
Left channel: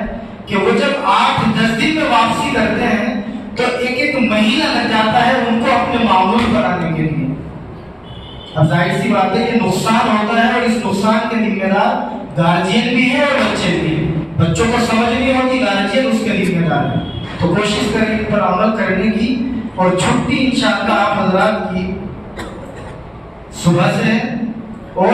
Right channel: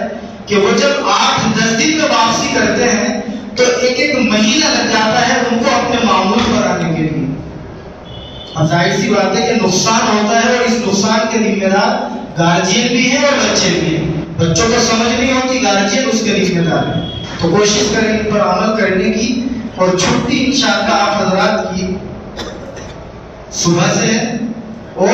کہ وہ جب 8-10 دن میں واپسی کرتے ہیں تو 1 مہینہ لگ جاتا ہے ان کو اپنے معمول پر آنے کے لیے۔ اب ظاہر سی بات ہے کہ نقصان ہوتا ہے، اور اس نقصان کے ذمہ دار گارجین بھی ہیں اور بچے بھی ہیں۔ بچوں کو سمجھ نہیں ہوتی، گارجین اس کے ذمہ دار ہے۔ تو کوشش کریں ان پر عمل کرنے کی، اور چھٹی انشاءاللہ آپ حضرات کی صبح سے ہے اور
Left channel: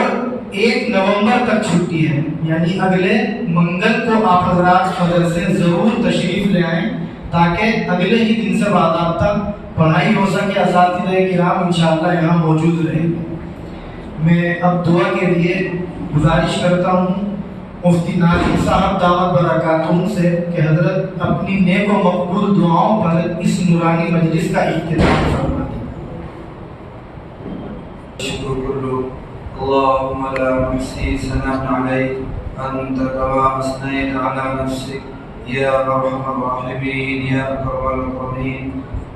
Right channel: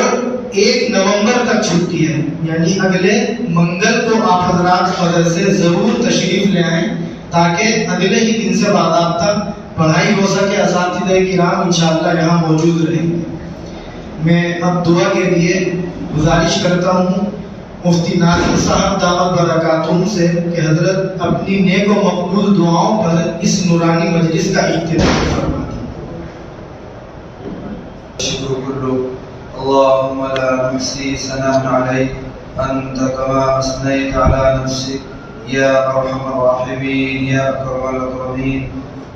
1 نومبر تک چھٹی ہے، یعنی اگلے منگل کو آپ حضرات مدرسے ضرور تشریف لے آئیں تاکہ اگلے ہی دن سے باضابطہ پڑھائی ہو سکے۔ اساتذہ کرام انشاءاللہ یہاں موجود رہیں گے۔ میں اب دعا کے لیے گزارش کرتا ہوں مفتی ناظم صاحب دعوت برکاتہم سے کہ حضرت اپنی نیک و مقبول دعاؤں پر اس نورانی مجلس کا اختتام فرما دیں۔ شکر کلو اللهم لا نحصي ثناء عليك أنت كما أثنيت على نفسك يا أرحم الراحمين يا أكرم الأكرمين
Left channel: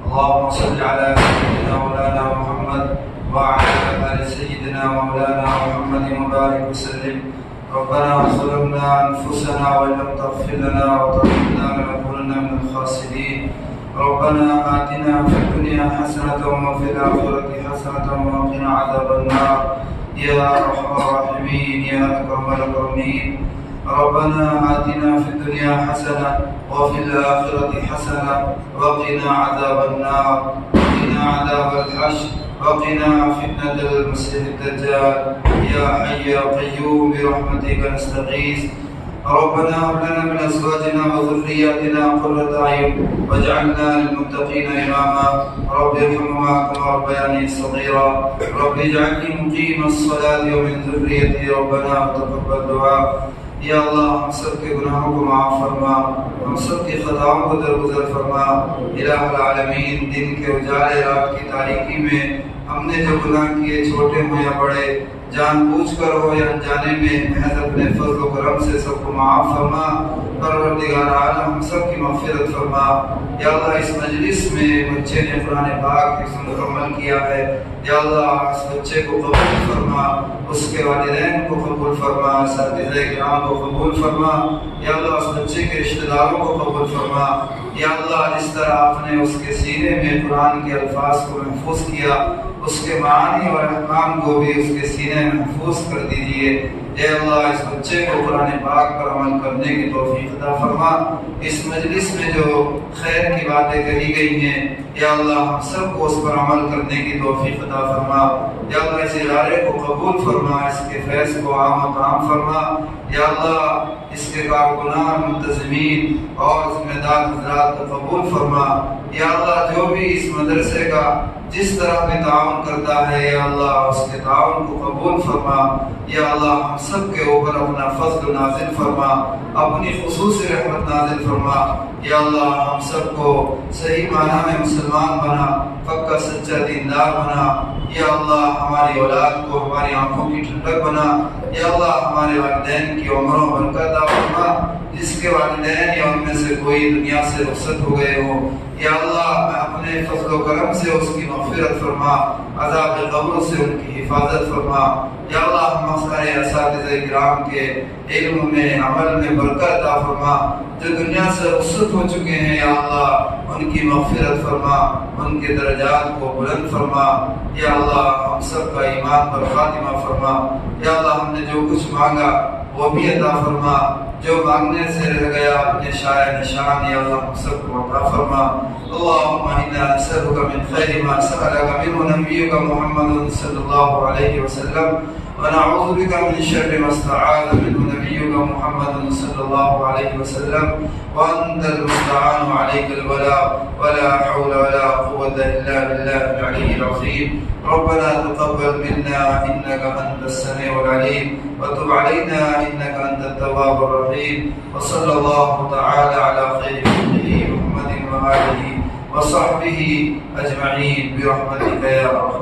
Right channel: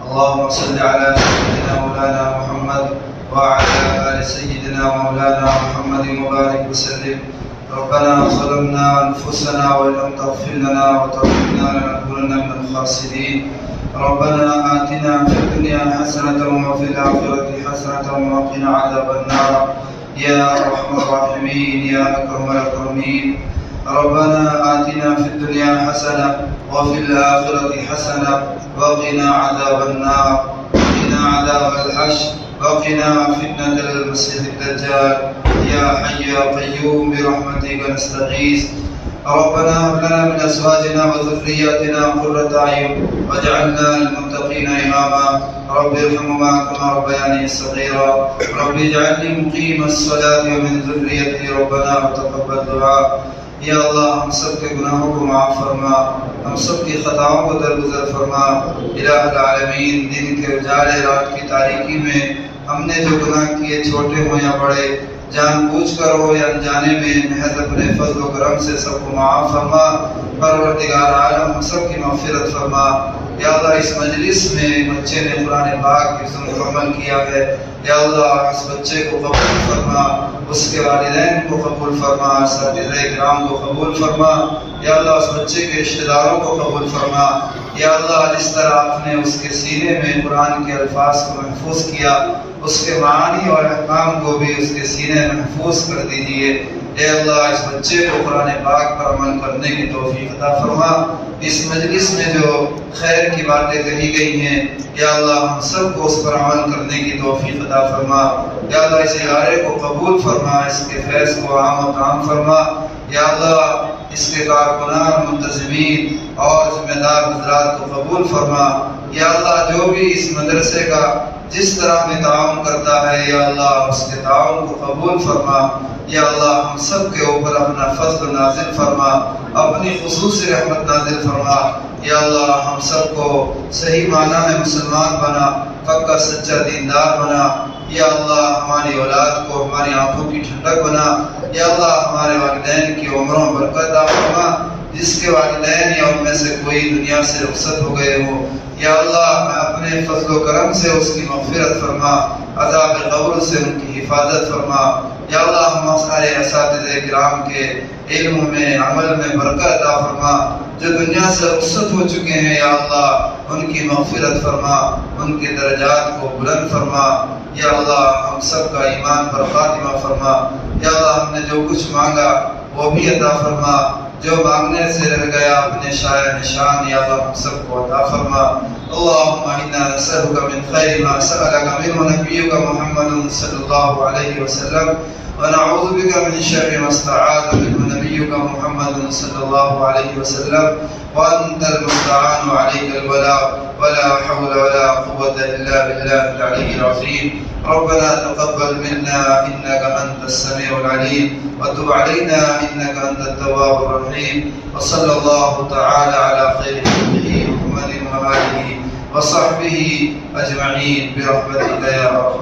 اللهم صل على سيدنا مولانا محمد وعلى آل سيدنا مولانا محمد وبارك وسلم ربنا ظلمنا أنفسنا وإن لم تغفر لنا وترحمنا لنكونن من الخاسرين. ربنا آتنا في الدنيا حسنة وفي الآخرة حسنة وقنا عذاب النار يا أرحم الراحمين يا أكرم الأكرمين. ربنا آتنا في الدنيا حسنة وفي الآخرة حسنة وقنا عذاب النار وقنا عذاب الحشر وقنا فتنة المسيح الدجال يا حي يا قيوم برحمتك نستغيث. ربنا هب لنا من أزواجنا وذرياتنا قرة أعين واجعلنا للمتقين إماما. رب ارحمهما كما ربياني صغيرا. رب اجعلني مقيم الصلاة ومن ذريتي ربنا وتقبل دعاء. یا اللہ ہم سب کے گناہوں کو معاف فرما، ہم سب کی خطاؤں کو درگزر فرما. الہ العالمین، دن کے اجالے رات کی تاریکی میں ہم نے جو گناہ کیے چھوٹے ہوں یا بڑے، جان بوجھ کر ہو یا انجانے میں، محض اپنے فضل و کرم سے سب کو معاف فرما. پروردگار عالم ہم سب کی مغفرت فرما. یا اللہ اس مجلس میں بچے نے قرآن پاک حفظ مکمل کیا ہے، یا اللہ اس بچے کو قبول فرما، اس کے والدین کو قبول فرما، اساتذہ کرام کو قبول فرما. یا اللہ اس بچے کے رشتہ داروں کو قبول فرما. یا اللہ جس طرح آپ نے اس کے سینے میں قرآن کے الفاظ کو محفوظ کیا، اس کے معانی اور احکام کو بھی اس کے سینے میں محفوظ کر دیجئے. اے اللہ اس بچے کو قرآن پاک پر عمل کرنے کی توفیق عطا فرما. اس مجلس میں جو خیر کی باتیں کہی گئی ہیں، یا اللہ ہم سب کو اس پر عمل کرنے کی توفیق عطا فرما. یا اللہ اس ادارے کو قبول فرما، اس کے فیض کو عام و تام فرما. یا اللہ اس کے کارکنان، منتظمین اور ذمہ دار حضرات کو قبول فرما. یا اللہ جو بھی اس مدرسے کا جس طرح میں تعاون کرتا ہے، یا اللہ اس کے تعاون کو قبول فرما. یا اللہ ہم سب کے اوپر اپنا فضل نازل فرما، اپنی خصوصی رحمت نازل فرما. یا اللہ ہم سب کو صحیح معنی میں مسلمان بنا، پکا سچا دیندار بنا. یا اللہ ہماری اولاد کو ہماری آنکھوں کی ٹھنڈک بنا. یا اللہ ہمارے والدین کی عمروں برکت عطا فرما. جس کے والدین یا ان میں سے کوئی دنیا سے رخصت ہو گئے ہو، یا اللہ میں اپنے فضل و کرم سے اس کی مغفرت فرما، عذاب قبر سے ان کی حفاظت فرما. یا اللہ ہم سارے اساتذہ کرام کے علم میں، عمل میں برکت عطا فرما. جو دنیا سے رخصت ہو چکے ہیں، یا اللہ ان کی مغفرت فرما، ان کے درجات کو بلند فرما. یا اللہ ہم سب کا ایمان پر خاتمہ فرما. یا اللہ ہم نے جو کچھ مانگا وہ بھی عطا فرما، جو مانگنے سے رہ گیا اپنے شایع نشان، یا اللہ ہم سب کو عطا فرما. اللهم انا نسألك من خير ما سألك منه نبيك محمد صلى الله عليه وسلم، ونعوذ بك من شر ما استعاذ منه نبيك محمد صلى الله عليه وسلم، وأنت المستعان عليك البلاء، ولا حول ولا قوة إلا بالله العلي العظيم. ربنا تقبل منا إنك أنت السميع العليم، وتب علينا إنك أنت التواب الرحيم. وصلى الله تعالى على خير خلقه محمد وآله وصحبه أجمعين برحمتك يا أرحم